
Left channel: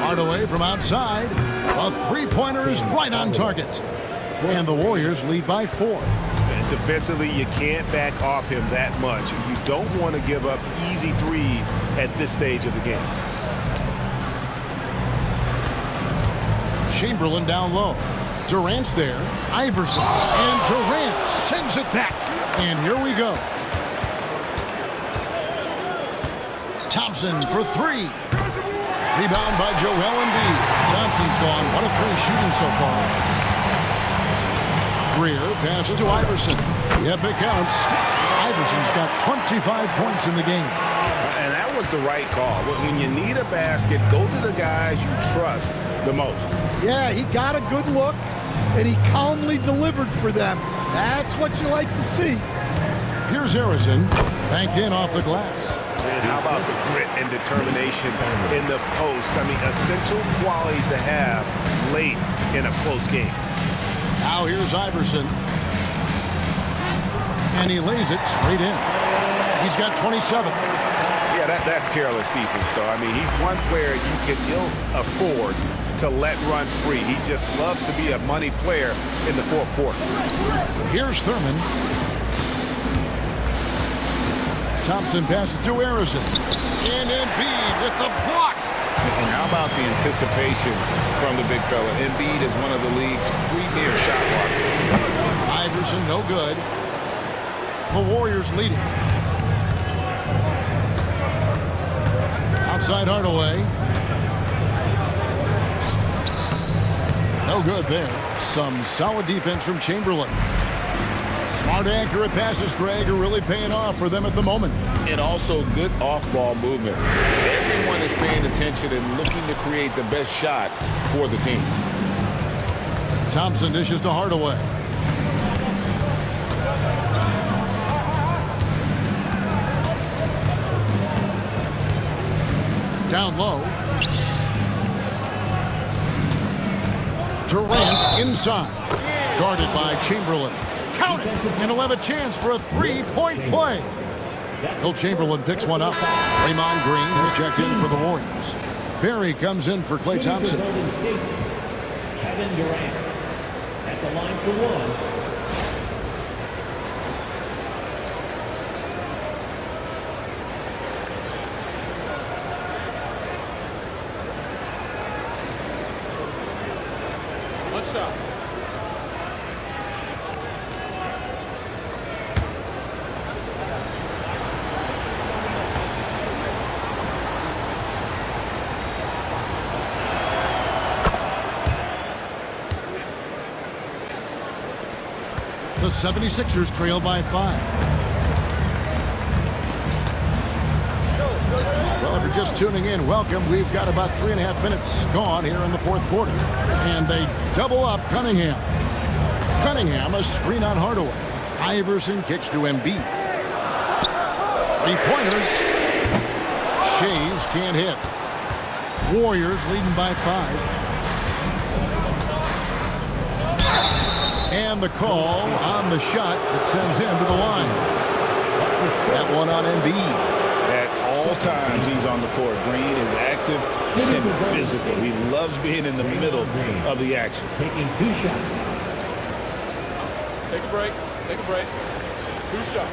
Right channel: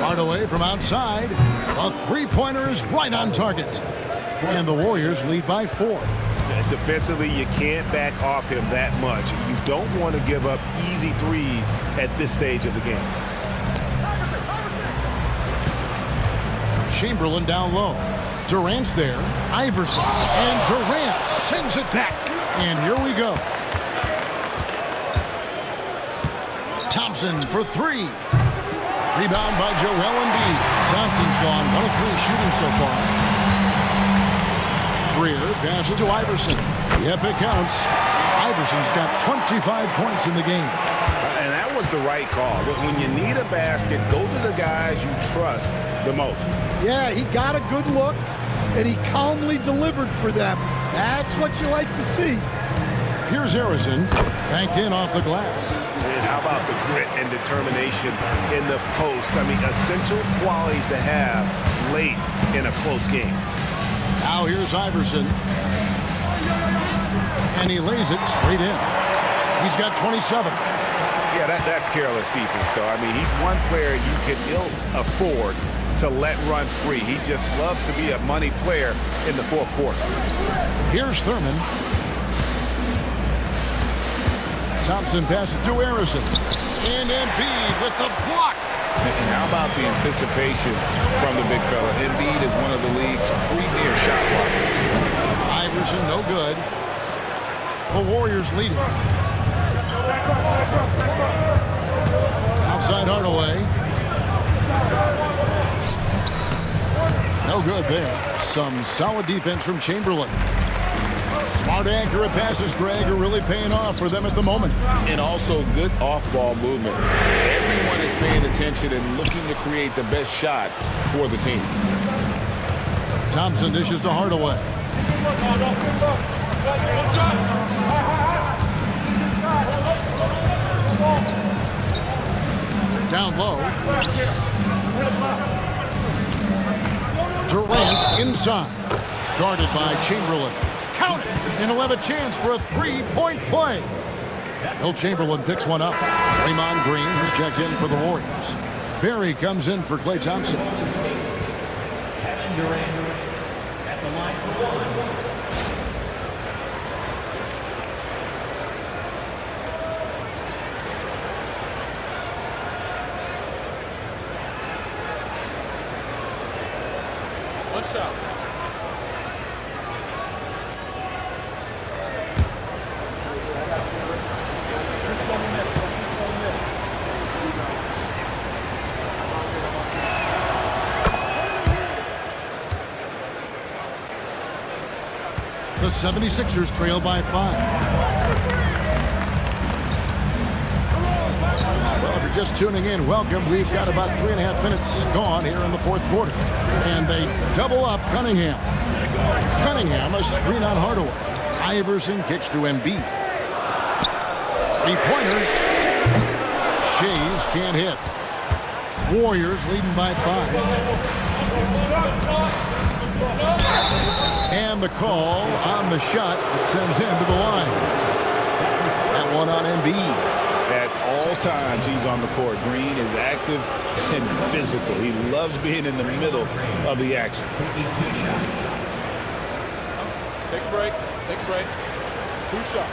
Hardaway from outside. A three-pointer is right on target. And the Warriors lead by 4. Defensively, you can't back off him that much. You don't want to give up easy threes at this stage of the game. Chamberlain down low. Durant's there. Iverson. And Durant sends it back. And here we go. Thompson for 3. Rebound by Joel Embiid. Thompson's gone 1 of 3 shooting so far. Greer passes to Iverson. Yep, it counts. Iverson's got 25 points in the game. And that was the right call. When you need a basket, go to the guys you trust the most. Yeah, he got a good look, and he calmly delivered for them. That's what you like to see. Here's Arizin, banked in off the glass. And how about the grit and determination in the post? I mean, essential qualities to have late in a close game. Now here's Iverson. And he lays it straight in. He's got 27. Yeah, that's careless defense, though. I mean, he's one player you can ill afford to let run free. He just loves to be a money player in the fourth quarter. Here's Thurman. Thompson passes to Arizin. And Embiid with the block. And how about the anticipation from the big fella? Embiid is one of the league's premier shot blockers. Iverson, no good. The Warriors leading. Outside Hardaway. No good there. Some solid defense from Chamberlain. Smart, accurate passes, Greg, are really paying off for them at the moment. And also good off-ball movement. Everyone is paying attention and looking to create the best shot for the team. Thompson dishes to Hardaway. Down low. Durant inside. Guarded by Chamberlain. Count it, and he'll have a chance for a three-point play. Will Chamberlain picks one up. Draymond Green has checked in for the Warriors. Barry comes in for Klay Thompson. Kevin Durant at the line for 1. One shot. The 76ers trail by 5. just tuning in, welcome. We've got about 3.5 minutes gone here in the fourth quarter. And they double up Cunningham. Cunningham, a screen on Hardaway. Iverson kicks to Embiid. Three-pointer. Shays can't hit. Warriors leading by 5. And the call on the shot that sends him to the line. That one on Embiid. At all times he's on the court. Green is active and physical. He loves being in the middle of the action. Taking 2 shots. Take a break. Take a break. 2 shots.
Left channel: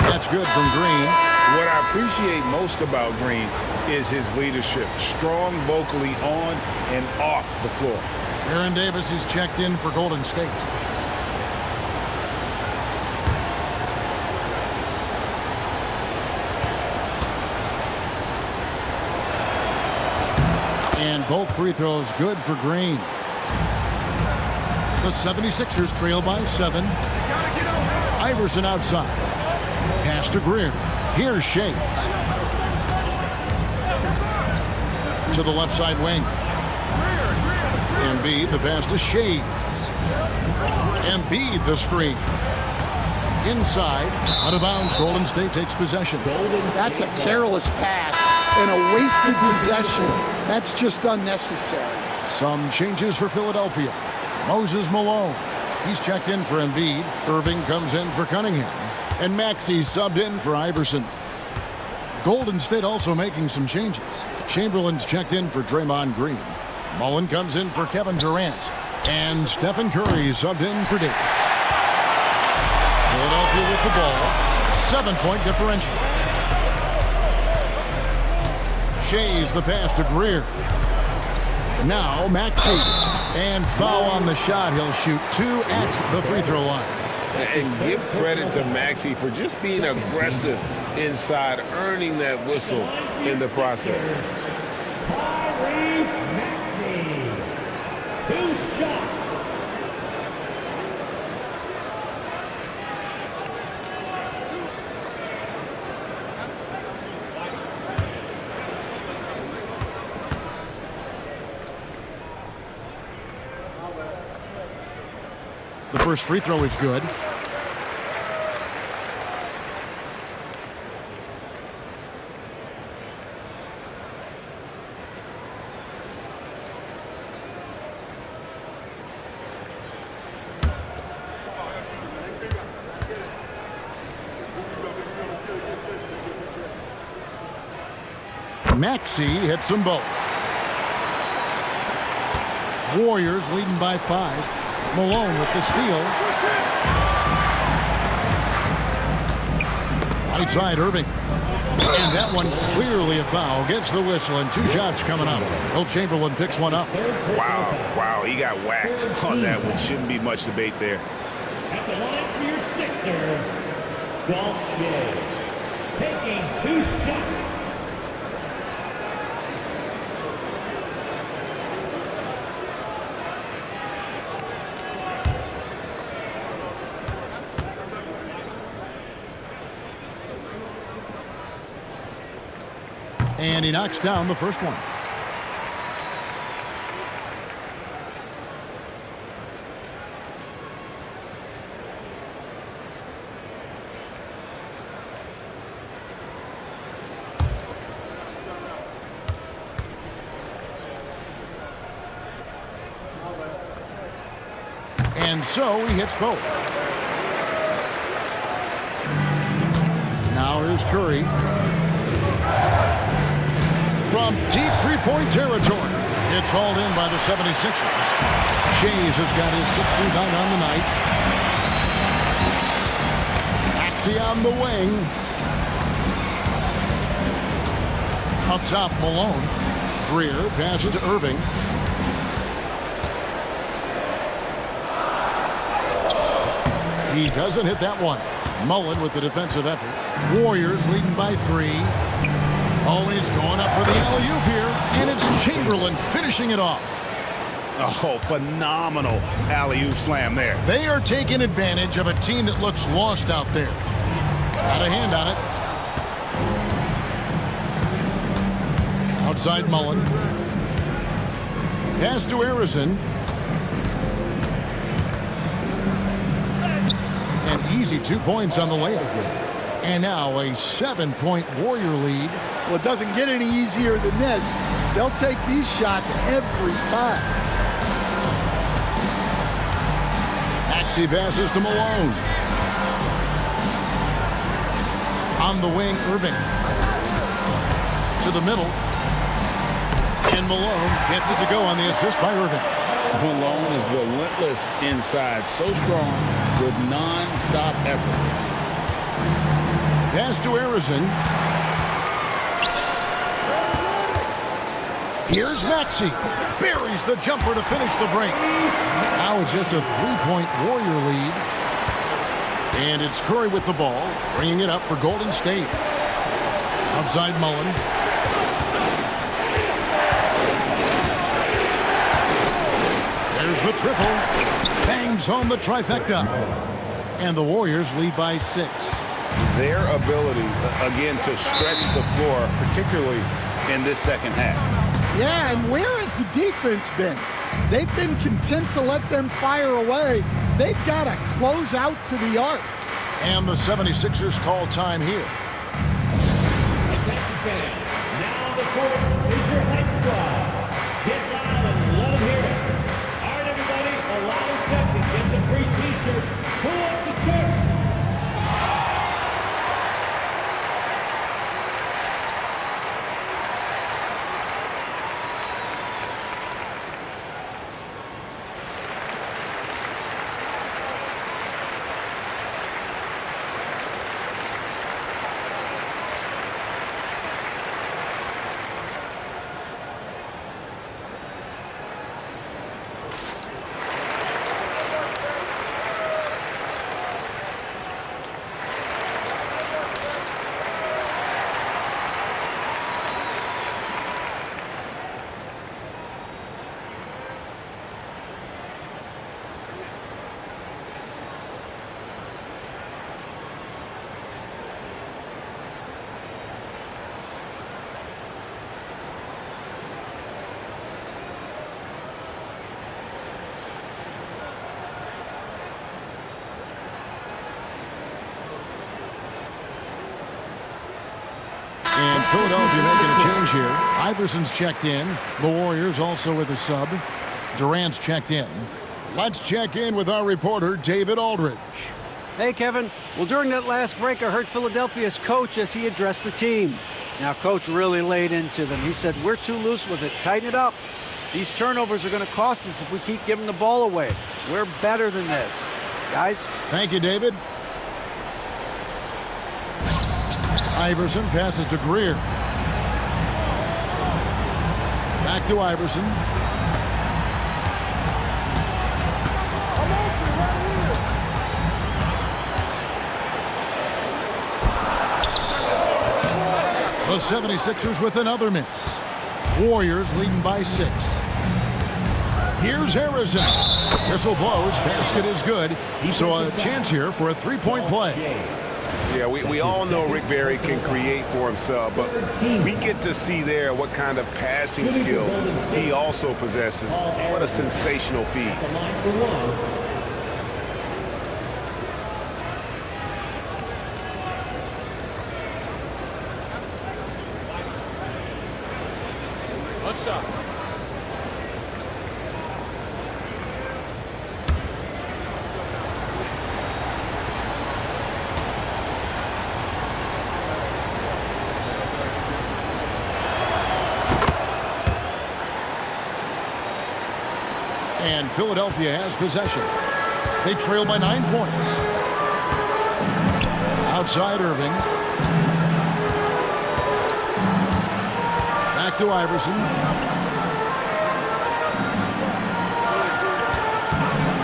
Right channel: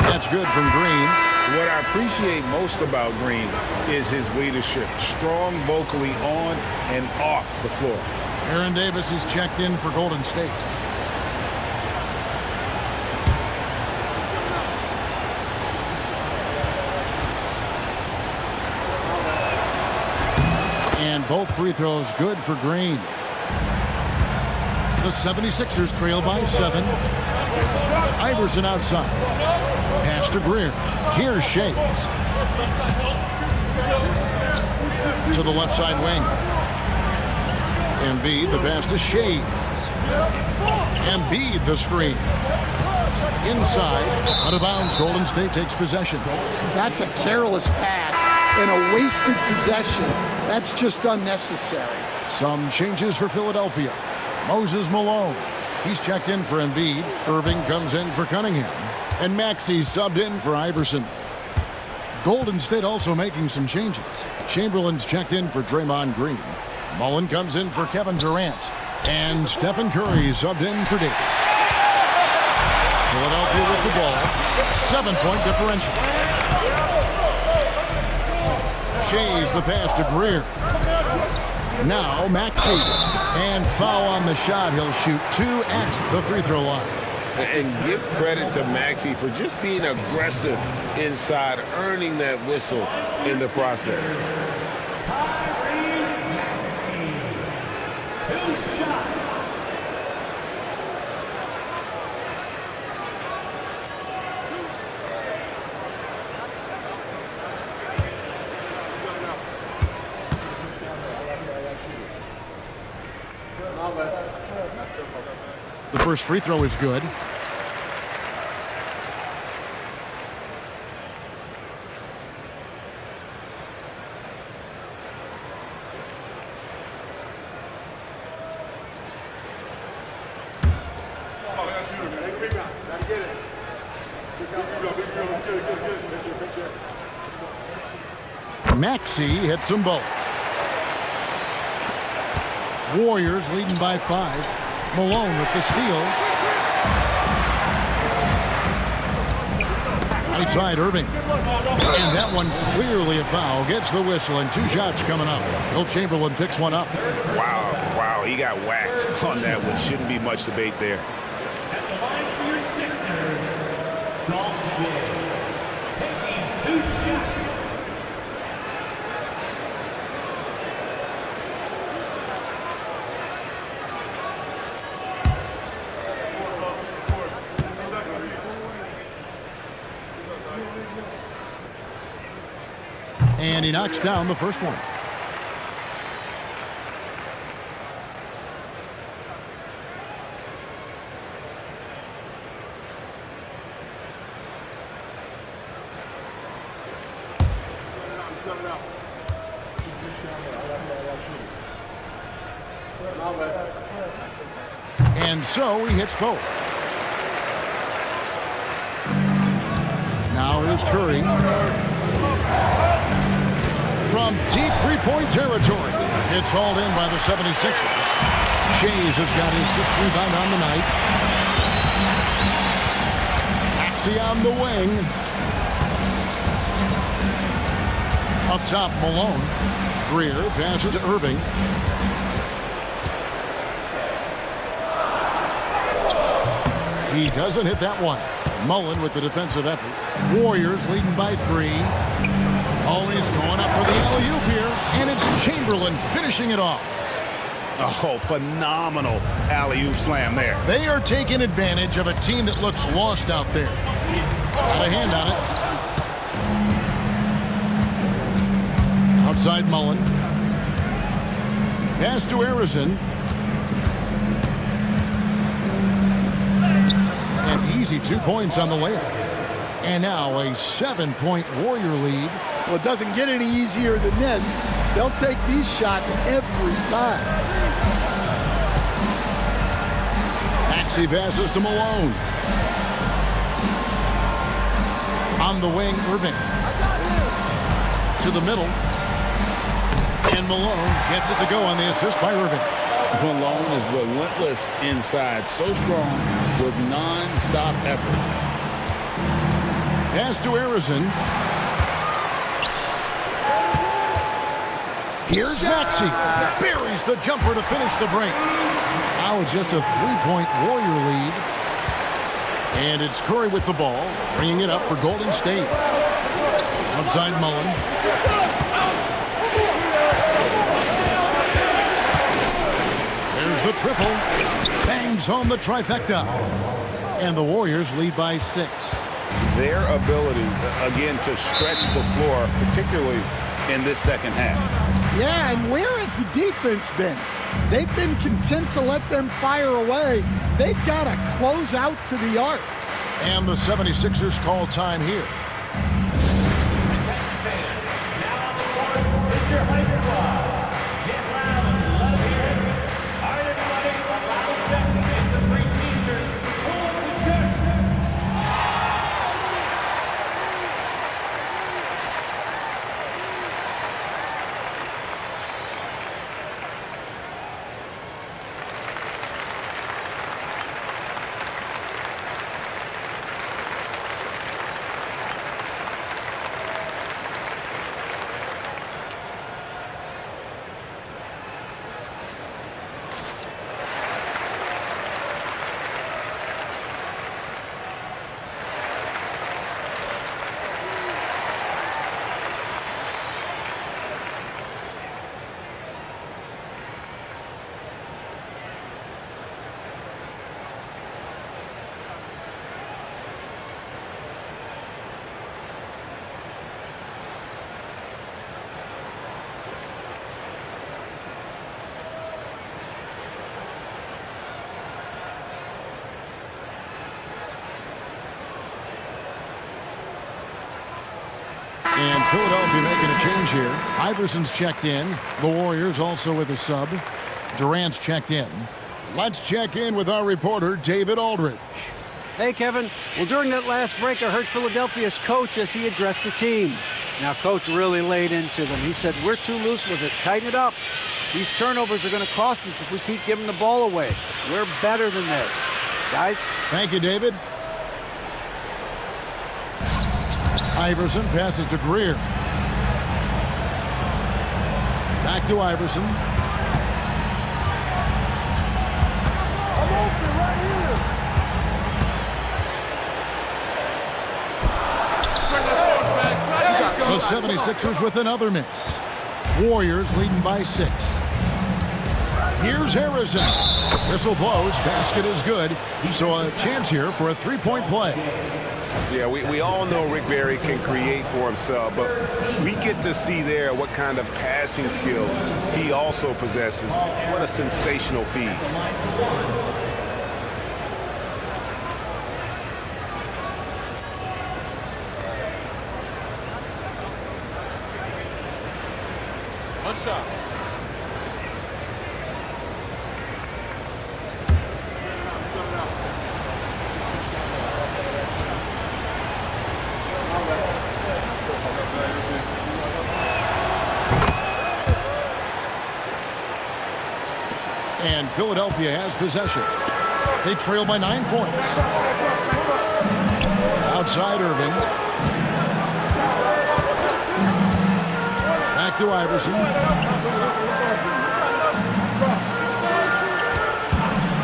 That's good from Green. What I appreciate most about Green is his leadership. Strong vocally on and off the floor. Aaron Davis is checked in for Golden State. And both free throws good for Green. The 76ers trail by 7. Iverson outside. Pass to Greer. Here's Shays. To the left side wing. Embiid, the pass to Shays. Embiid, the screen. Inside, out of bounds, Golden State takes possession. That's a careless pass and a wasted possession. That's just unnecessary. Some changes for Philadelphia. Moses Malone. He's checked in for Embiid. Irving comes in for Cunningham. And Maxey subbed in for Iverson. Golden State also making some changes. Chamberlain's checked in for Draymond Green. Mullen comes in for Kevin Durant. And Stephen Curry subbed in for Davis. Philadelphia with the ball. 7-point differential. Shays the pass to Greer. Now Maxey. And foul on the shot. He'll shoot 2 at the free throw line. And give credit to Maxey for just being aggressive inside, earning that whistle in the process. Tyrese Maxey. 2 shots. The first free throw is good. Maxey hits them both. Warriors leading by 5. Malone with the steal. Right side, Irving. And that one clearly a foul. Gets the whistle and 2 shots coming up. Will Chamberlain picks one up. Wow, he got whacked on that one. Shouldn't be much debate there. At the line for your Sixers, Dolph Shea. Taking 2 shots. And he knocks down the first one. And so he hits both. Now here's Curry. From deep three-point territory. It's hauled in by the 76ers. Shays has got his 6th rebound on the night. Maxey on the wing. Up top, Malone. Greer passes to Irving. He doesn't hit that one. Mullen with the defensive effort. Warriors leading by 3. Oh, he's going up for the alley-oop here, and it's Chamberlain finishing it off. Oh, phenomenal alley-oop slam there. They are taking advantage of a team that looks lost out there. Got a hand on it. Outside Mullen. Pass to Harrison. An easy 2 points on the layup. And now a 7-point Warrior lead. Well, it doesn't get any easier than this. They'll take these shots every time. Maxey passes to Malone. On the wing, Irving. To the middle. And Malone gets it to go on the assist by Irving. Malone is relentless inside, so strong with non-stop effort. Pass to Harrison. Here's Maxey. Buries the jumper to finish the break. Now it's just a 3-point Warrior lead. And it's Curry with the ball, bringing it up for Golden State. Outside Mullen. There's the triple. Bangs home the trifecta. And the Warriors lead by 6. Their ability, again, to stretch the floor, particularly in this second half. Yeah, and where has the defense been? They've been content to let them fire away. They've got to close out to the arc. And the 76ers call time here. Now on the court is your Heights squad. Get loud and let them hear it. All right, everybody, a loud section. It's a free t-shirt. Pull up the shirt. And Philadelphia making a change here. Iverson's checked in. The Warriors also with a sub. Durant's checked in. Let's check in with our reporter, David Aldridge. Hey, Kevin. Well, during that last break, I heard Philadelphia's coach as he addressed the team. Now, Coach really laid into them. He said, we're too loose with it. Tighten it up. These turnovers are going to cost us if we keep giving the ball away. We're better than this. Guys? Thank you, David. Iverson passes to Greer. Back to Iverson. I'm open right here. The 76ers with another miss. Warriors leading by 6. Here's Harrison. Whistle blows. Basket is good. So a chance here for a 3-point play. Yeah, we all know Rick Barry can create for himself, but we get to see there what kind of passing skills he also possesses. What a sensational feed. One shot. And Philadelphia has possession. They trail by 9 points. Outside Irving. Back to Iverson.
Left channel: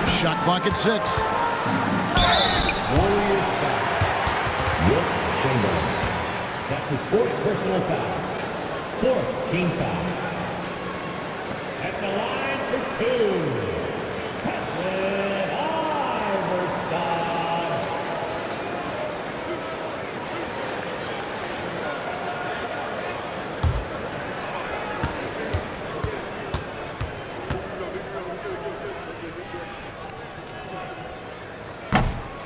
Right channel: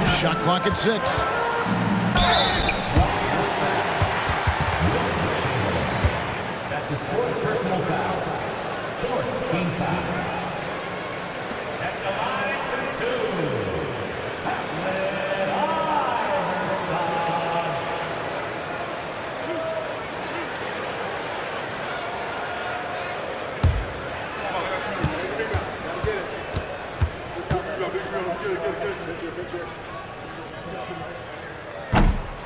Shot clock at 6. Warriors foul. Wilt Chamberlain. That's his 4th personal foul. 4th team foul. At the line for Allen Iverson.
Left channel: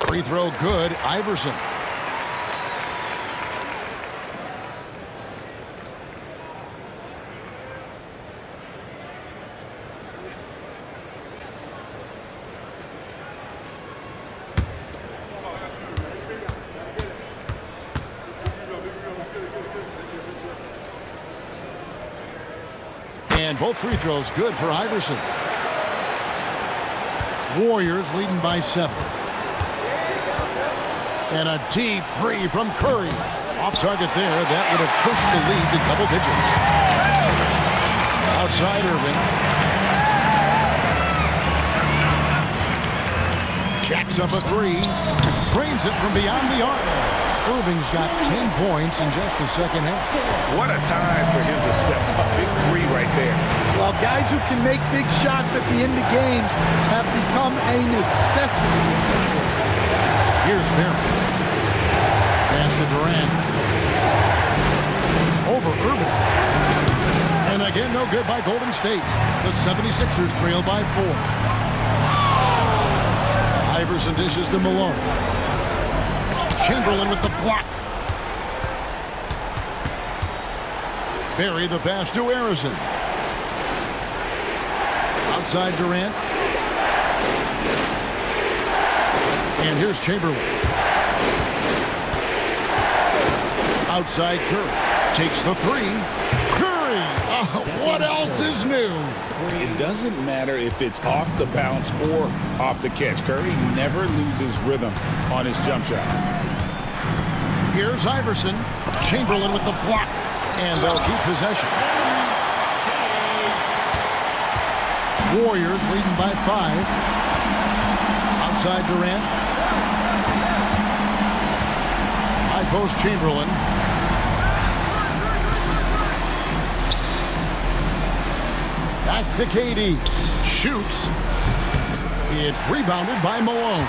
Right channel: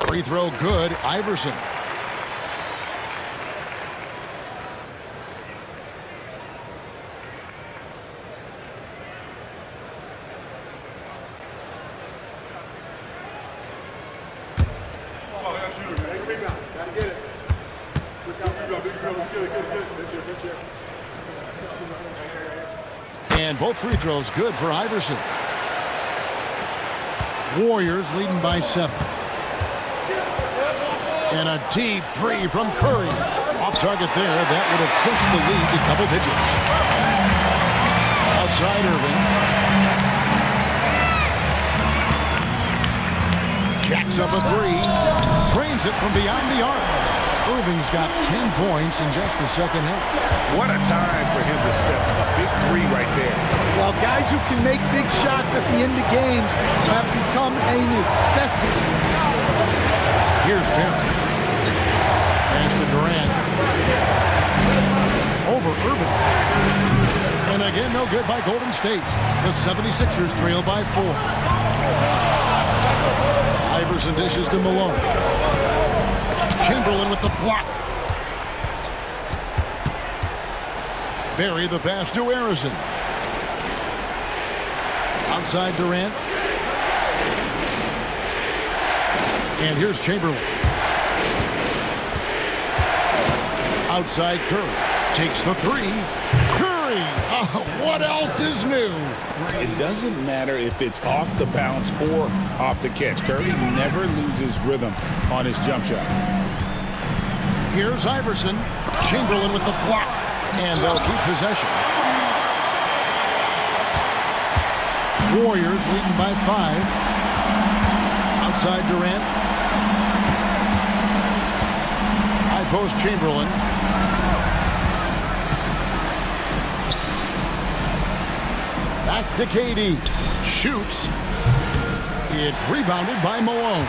Free throw good. Iverson. And both free throws good for Iverson. Warriors leading by 7. And a deep three from Curry. Off target there. That would have pushed the lead to double digits. Outside Irving. Jacks up a three. Drains it from beyond the arc. Irving's got 10 points in just the second half. What a time for him to step up. Big three right there. Well, guys who can make big shots at the end of games have become a necessity in this league. Here's Barry. Pass to Durant. Over Irving. And again, no good by Golden State. The 76ers trail by 4. Iverson dishes to Malone. Chamberlain with the block. Barry the pass to Harrison. Outside Durant. And here's Chamberlain. Outside Curry. Takes the three. Curry! Oh, what else is new? It doesn't matter if it's off the bounce or off the catch. Curry never loses rhythm on his jump shot. Here's Iverson. Chamberlain with the block. And they'll keep possession. Warriors leading by 5. Outside Durant. High post Chamberlain. Back to KD. Shoots. It's rebounded by Malone.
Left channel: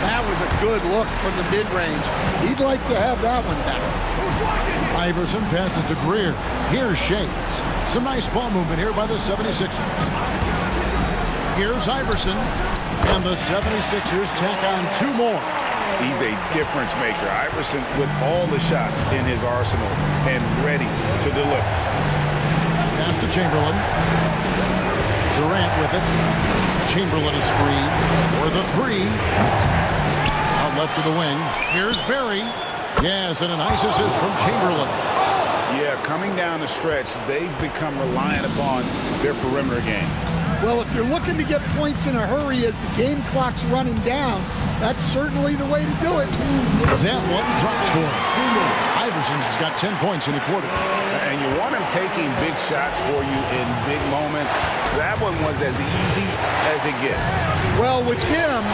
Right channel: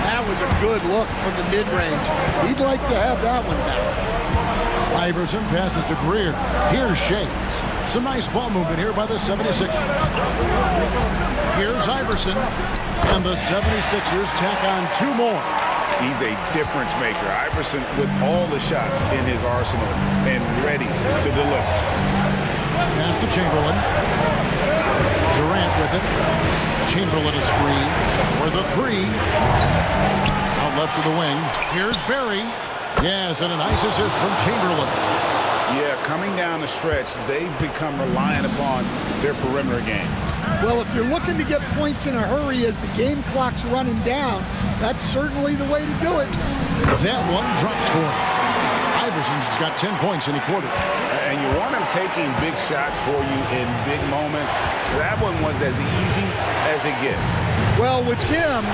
That was a good look from the mid-range. He'd like to have that one back. Iverson passes to Greer. Here's Shades. Some nice ball movement here by the 76ers. Here's Iverson. And the 76ers tack on 2 more. He's a difference maker. Iverson with all the shots in his arsenal and ready to deliver. Pass to Chamberlain. Durant with it. Chamberlain a screen. Or the 3. Out left to the wing. Here's Barry. Yes, and a nice assist from Chamberlain. Yeah, coming down the stretch, they've become reliant upon their perimeter game. Well, if you're looking to get points in a hurry as the game clock's running down, that's certainly the way to do it. That one drops for him. Iverson's got 10 points in the quarter. And you want him taking big shots for you in big moments. That one was as easy as it gets. Well, with him,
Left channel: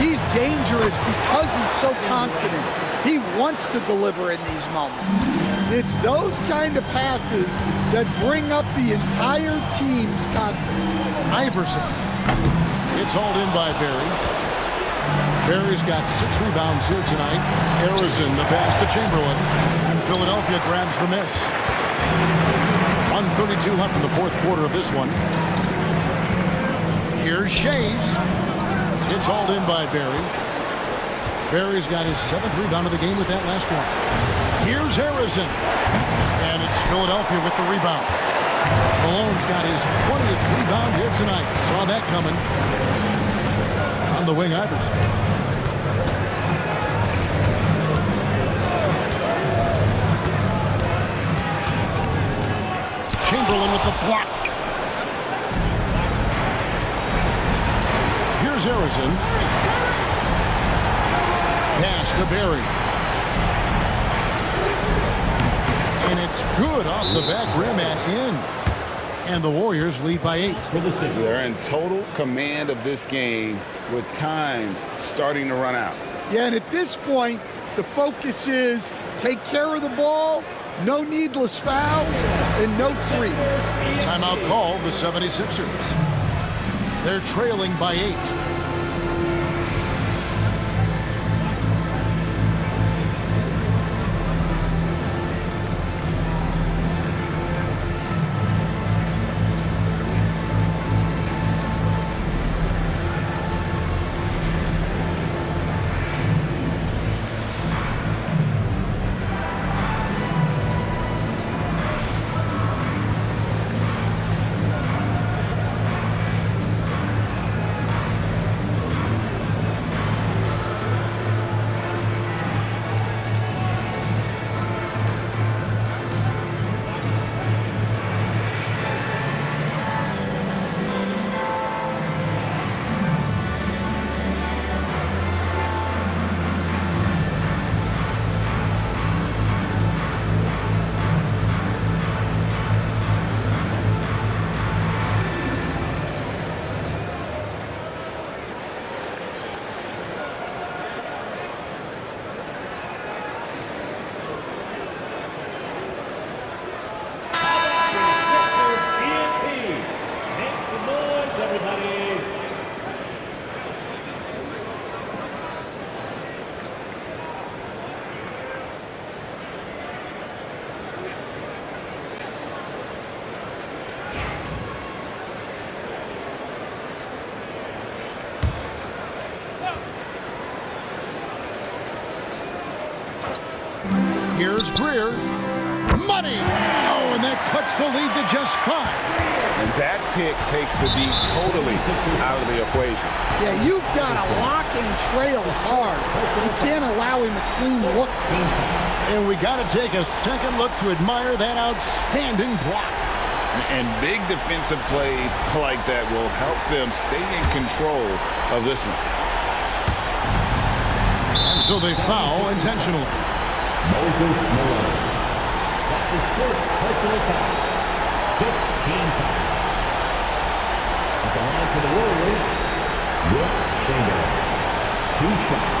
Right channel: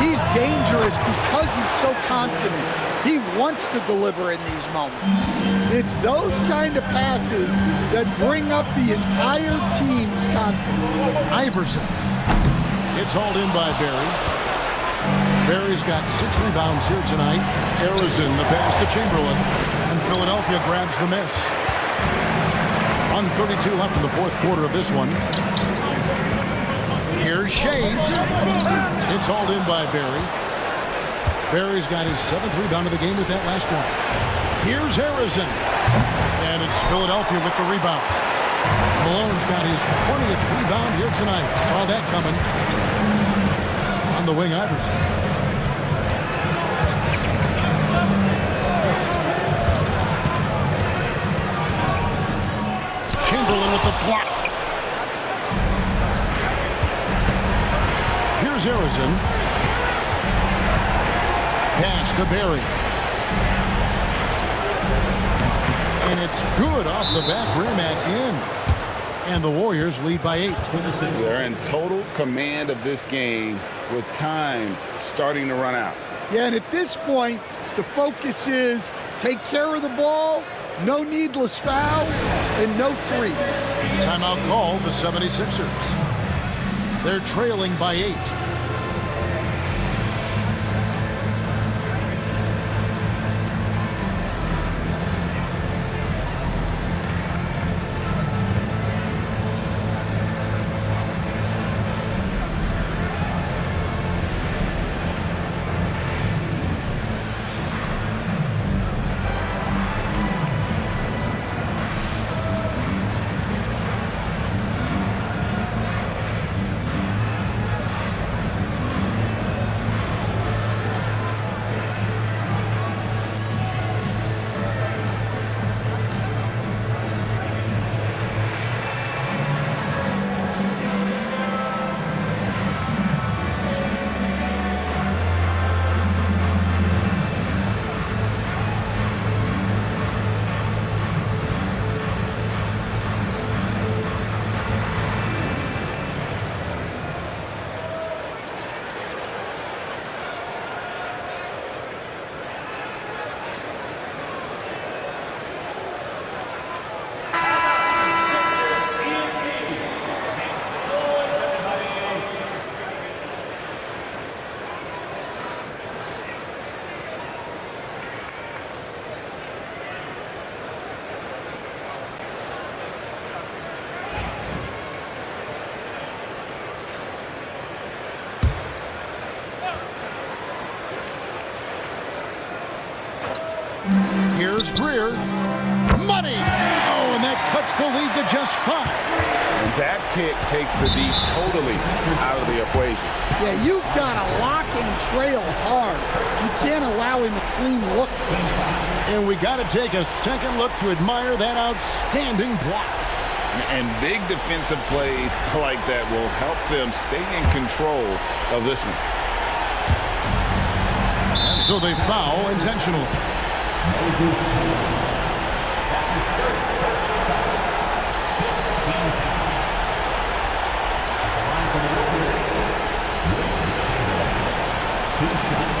he's dangerous because he's so confident. He wants to deliver in these moments. It's those kind of passes that bring up the entire team's confidence. Iverson. It's hauled in by Barry. Barry's got 6 rebounds here tonight. Harrison, the pass to Chamberlain. And Philadelphia grabs the miss. 1:32 left in the fourth quarter of this one. Here's Shades. It's hauled in by Barry. Barry's got his 7th rebound of the game with that last one. Here's Harrison. And it's Philadelphia with the rebound. Malone's got his 20th rebound here tonight. Saw that coming. On the wing, Iverson. Chamberlain with the block. Here's Harrison. Pass to Barry. And it's good off the back rim and in. And the Warriors lead by 8. They're in total command of this game with time starting to run out. Yeah, and at this point, the focus is take care of the ball, no needless fouls, and no threes. Timeout called the 76ers. They're trailing by 8. Here's Greer. Money! Oh, and that cuts the lead to just 5. And that pick takes the D totally out of the equation. Yeah, you've got to lock and trail hard. You can't allow him a clean look. And we got to take a second look to admire that outstanding block. And big defensive plays like that will help them stay in control of this one. And so they foul intentionally. Moses Malone. That's his first personal foul. 15 fouls. At the line for the Warriors, Wilt Chamberlain. 2 shots.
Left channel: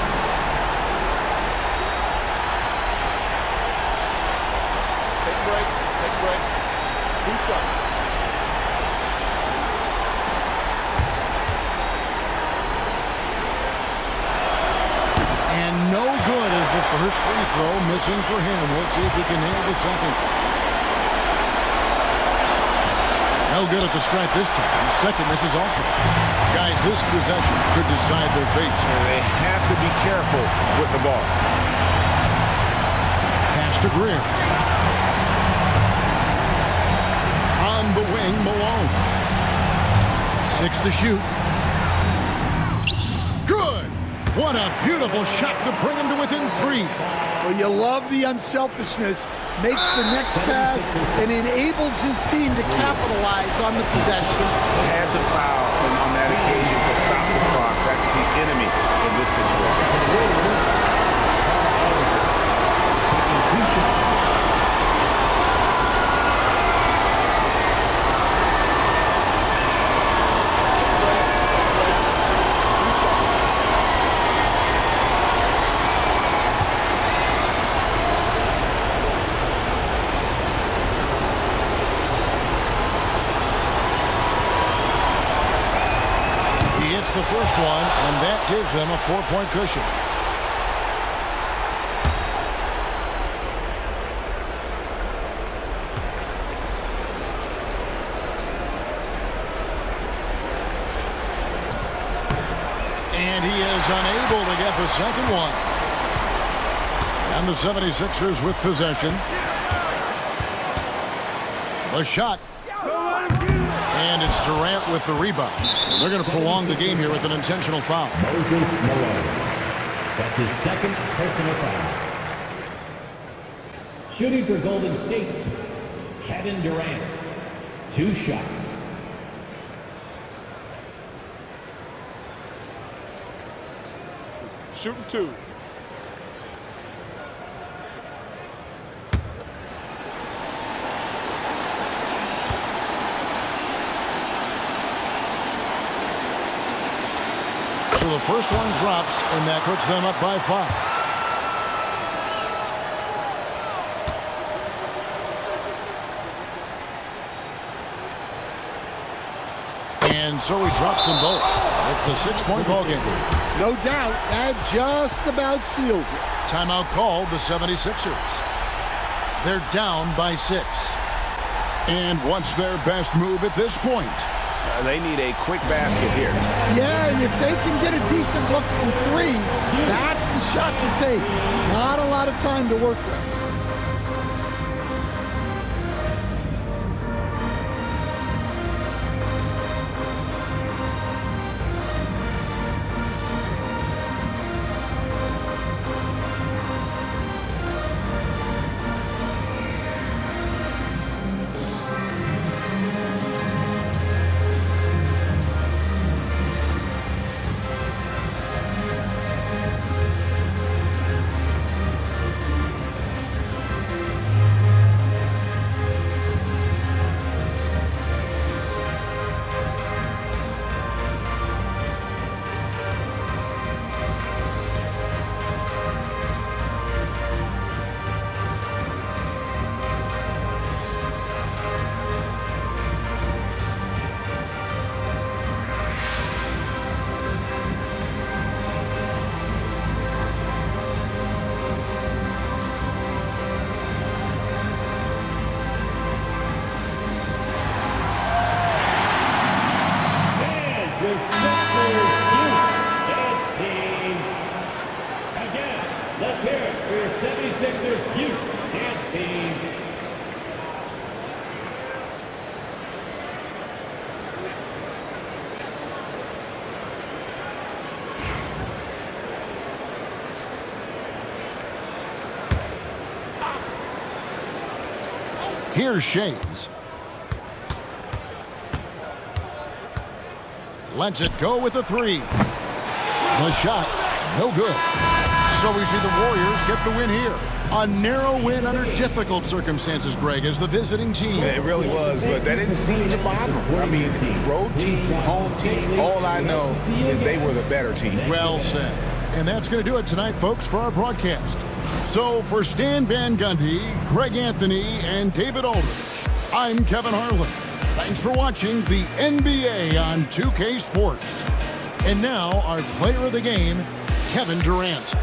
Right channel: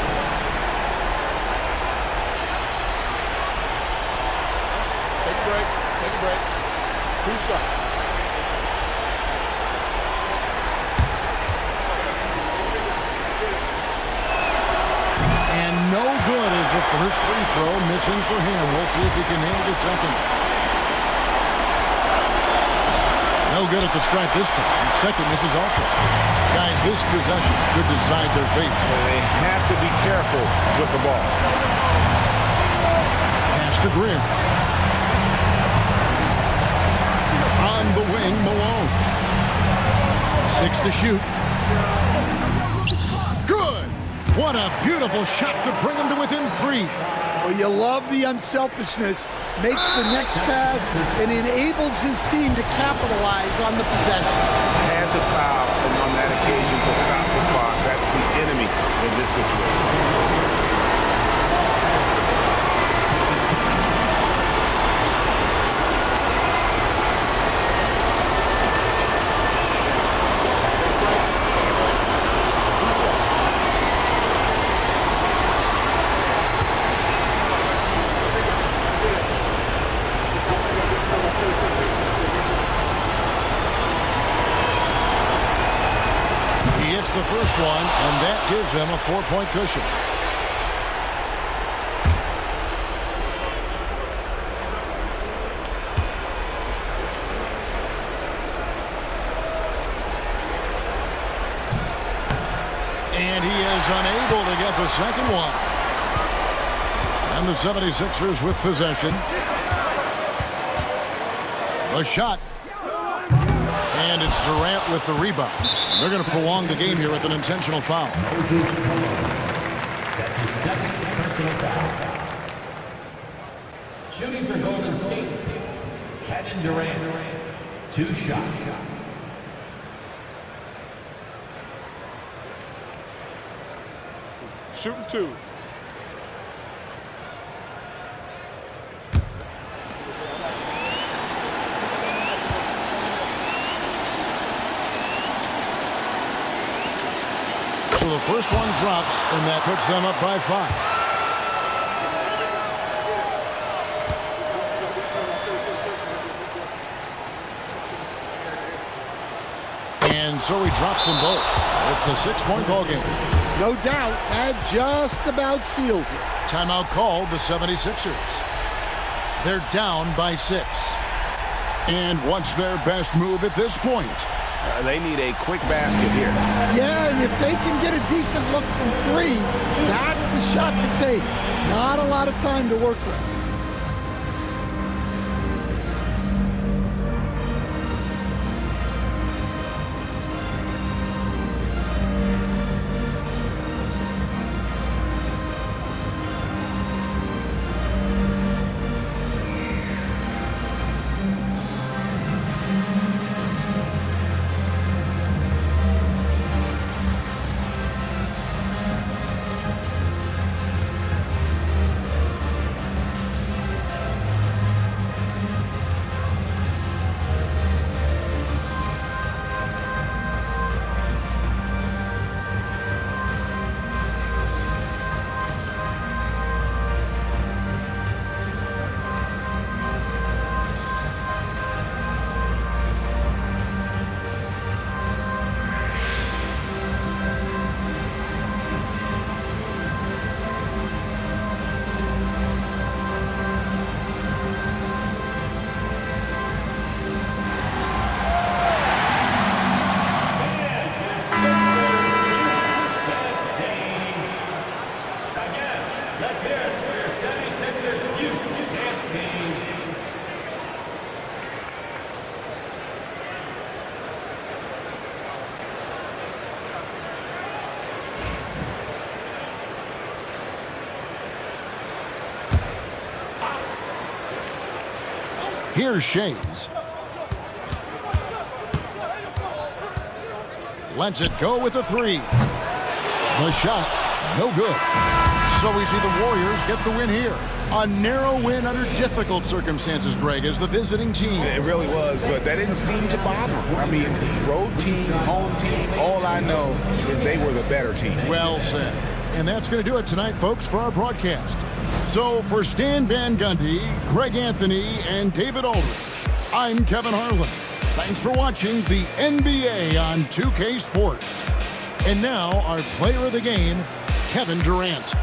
Take a break. Take a break. 2 shots. And no good as the first free throw missing for him. We'll see if he can nail the second. No good at the stripe this time. Second misses also. Guys, this possession could decide their fate. They have to be careful with the ball. Pass to Greer. On the wing, Malone. 6 to shoot. Good! What a beautiful shot to bring him to within 3. Well, you love the unselfishness. Makes the next pass and enables his team to capitalize on the possession. Had to foul on that occasion to stop the clock. That's the enemy in this situation. He hits the first one, and that gives them a 4-point cushion. And he is unable to get the second one. And the 76ers with possession. The shot. And it's Durant with the rebound. And they're going to prolong the game here with an intentional foul. Moses Malone. That's his second personal foul. Shooting for Golden State, Kevin Durant. 2 shots. Shooting 2. So the first one drops, and that puts them up by 5. And And so he drops them both. It's a 6-point ball game. No doubt, that just about seals it. Timeout called the 76ers. They're down by 6. And what's their best move at this point? They need a quick basket here. Yeah, and if they can get a decent look from 3, that's the shot to take. Not a lot of time to work with. Let's hear it for your 76ers youth dance team. Here's Shays. Lets it go with a 3. The shot, no good. So we see the Warriors get the win here. A narrow win under difficult circumstances, Greg, as the visiting team. It really was, but that didn't seem to bother them. I mean, road team, home team, all I know is they were the better team. Well said. And that's going to do it tonight, folks, for our broadcast. So for Stan Van Gundy, Greg Anthony, and David Aldridge, I'm Kevin Harlan. Thanks for watching the NBA on 2K Sports. And now our player of the game, Kevin Durant.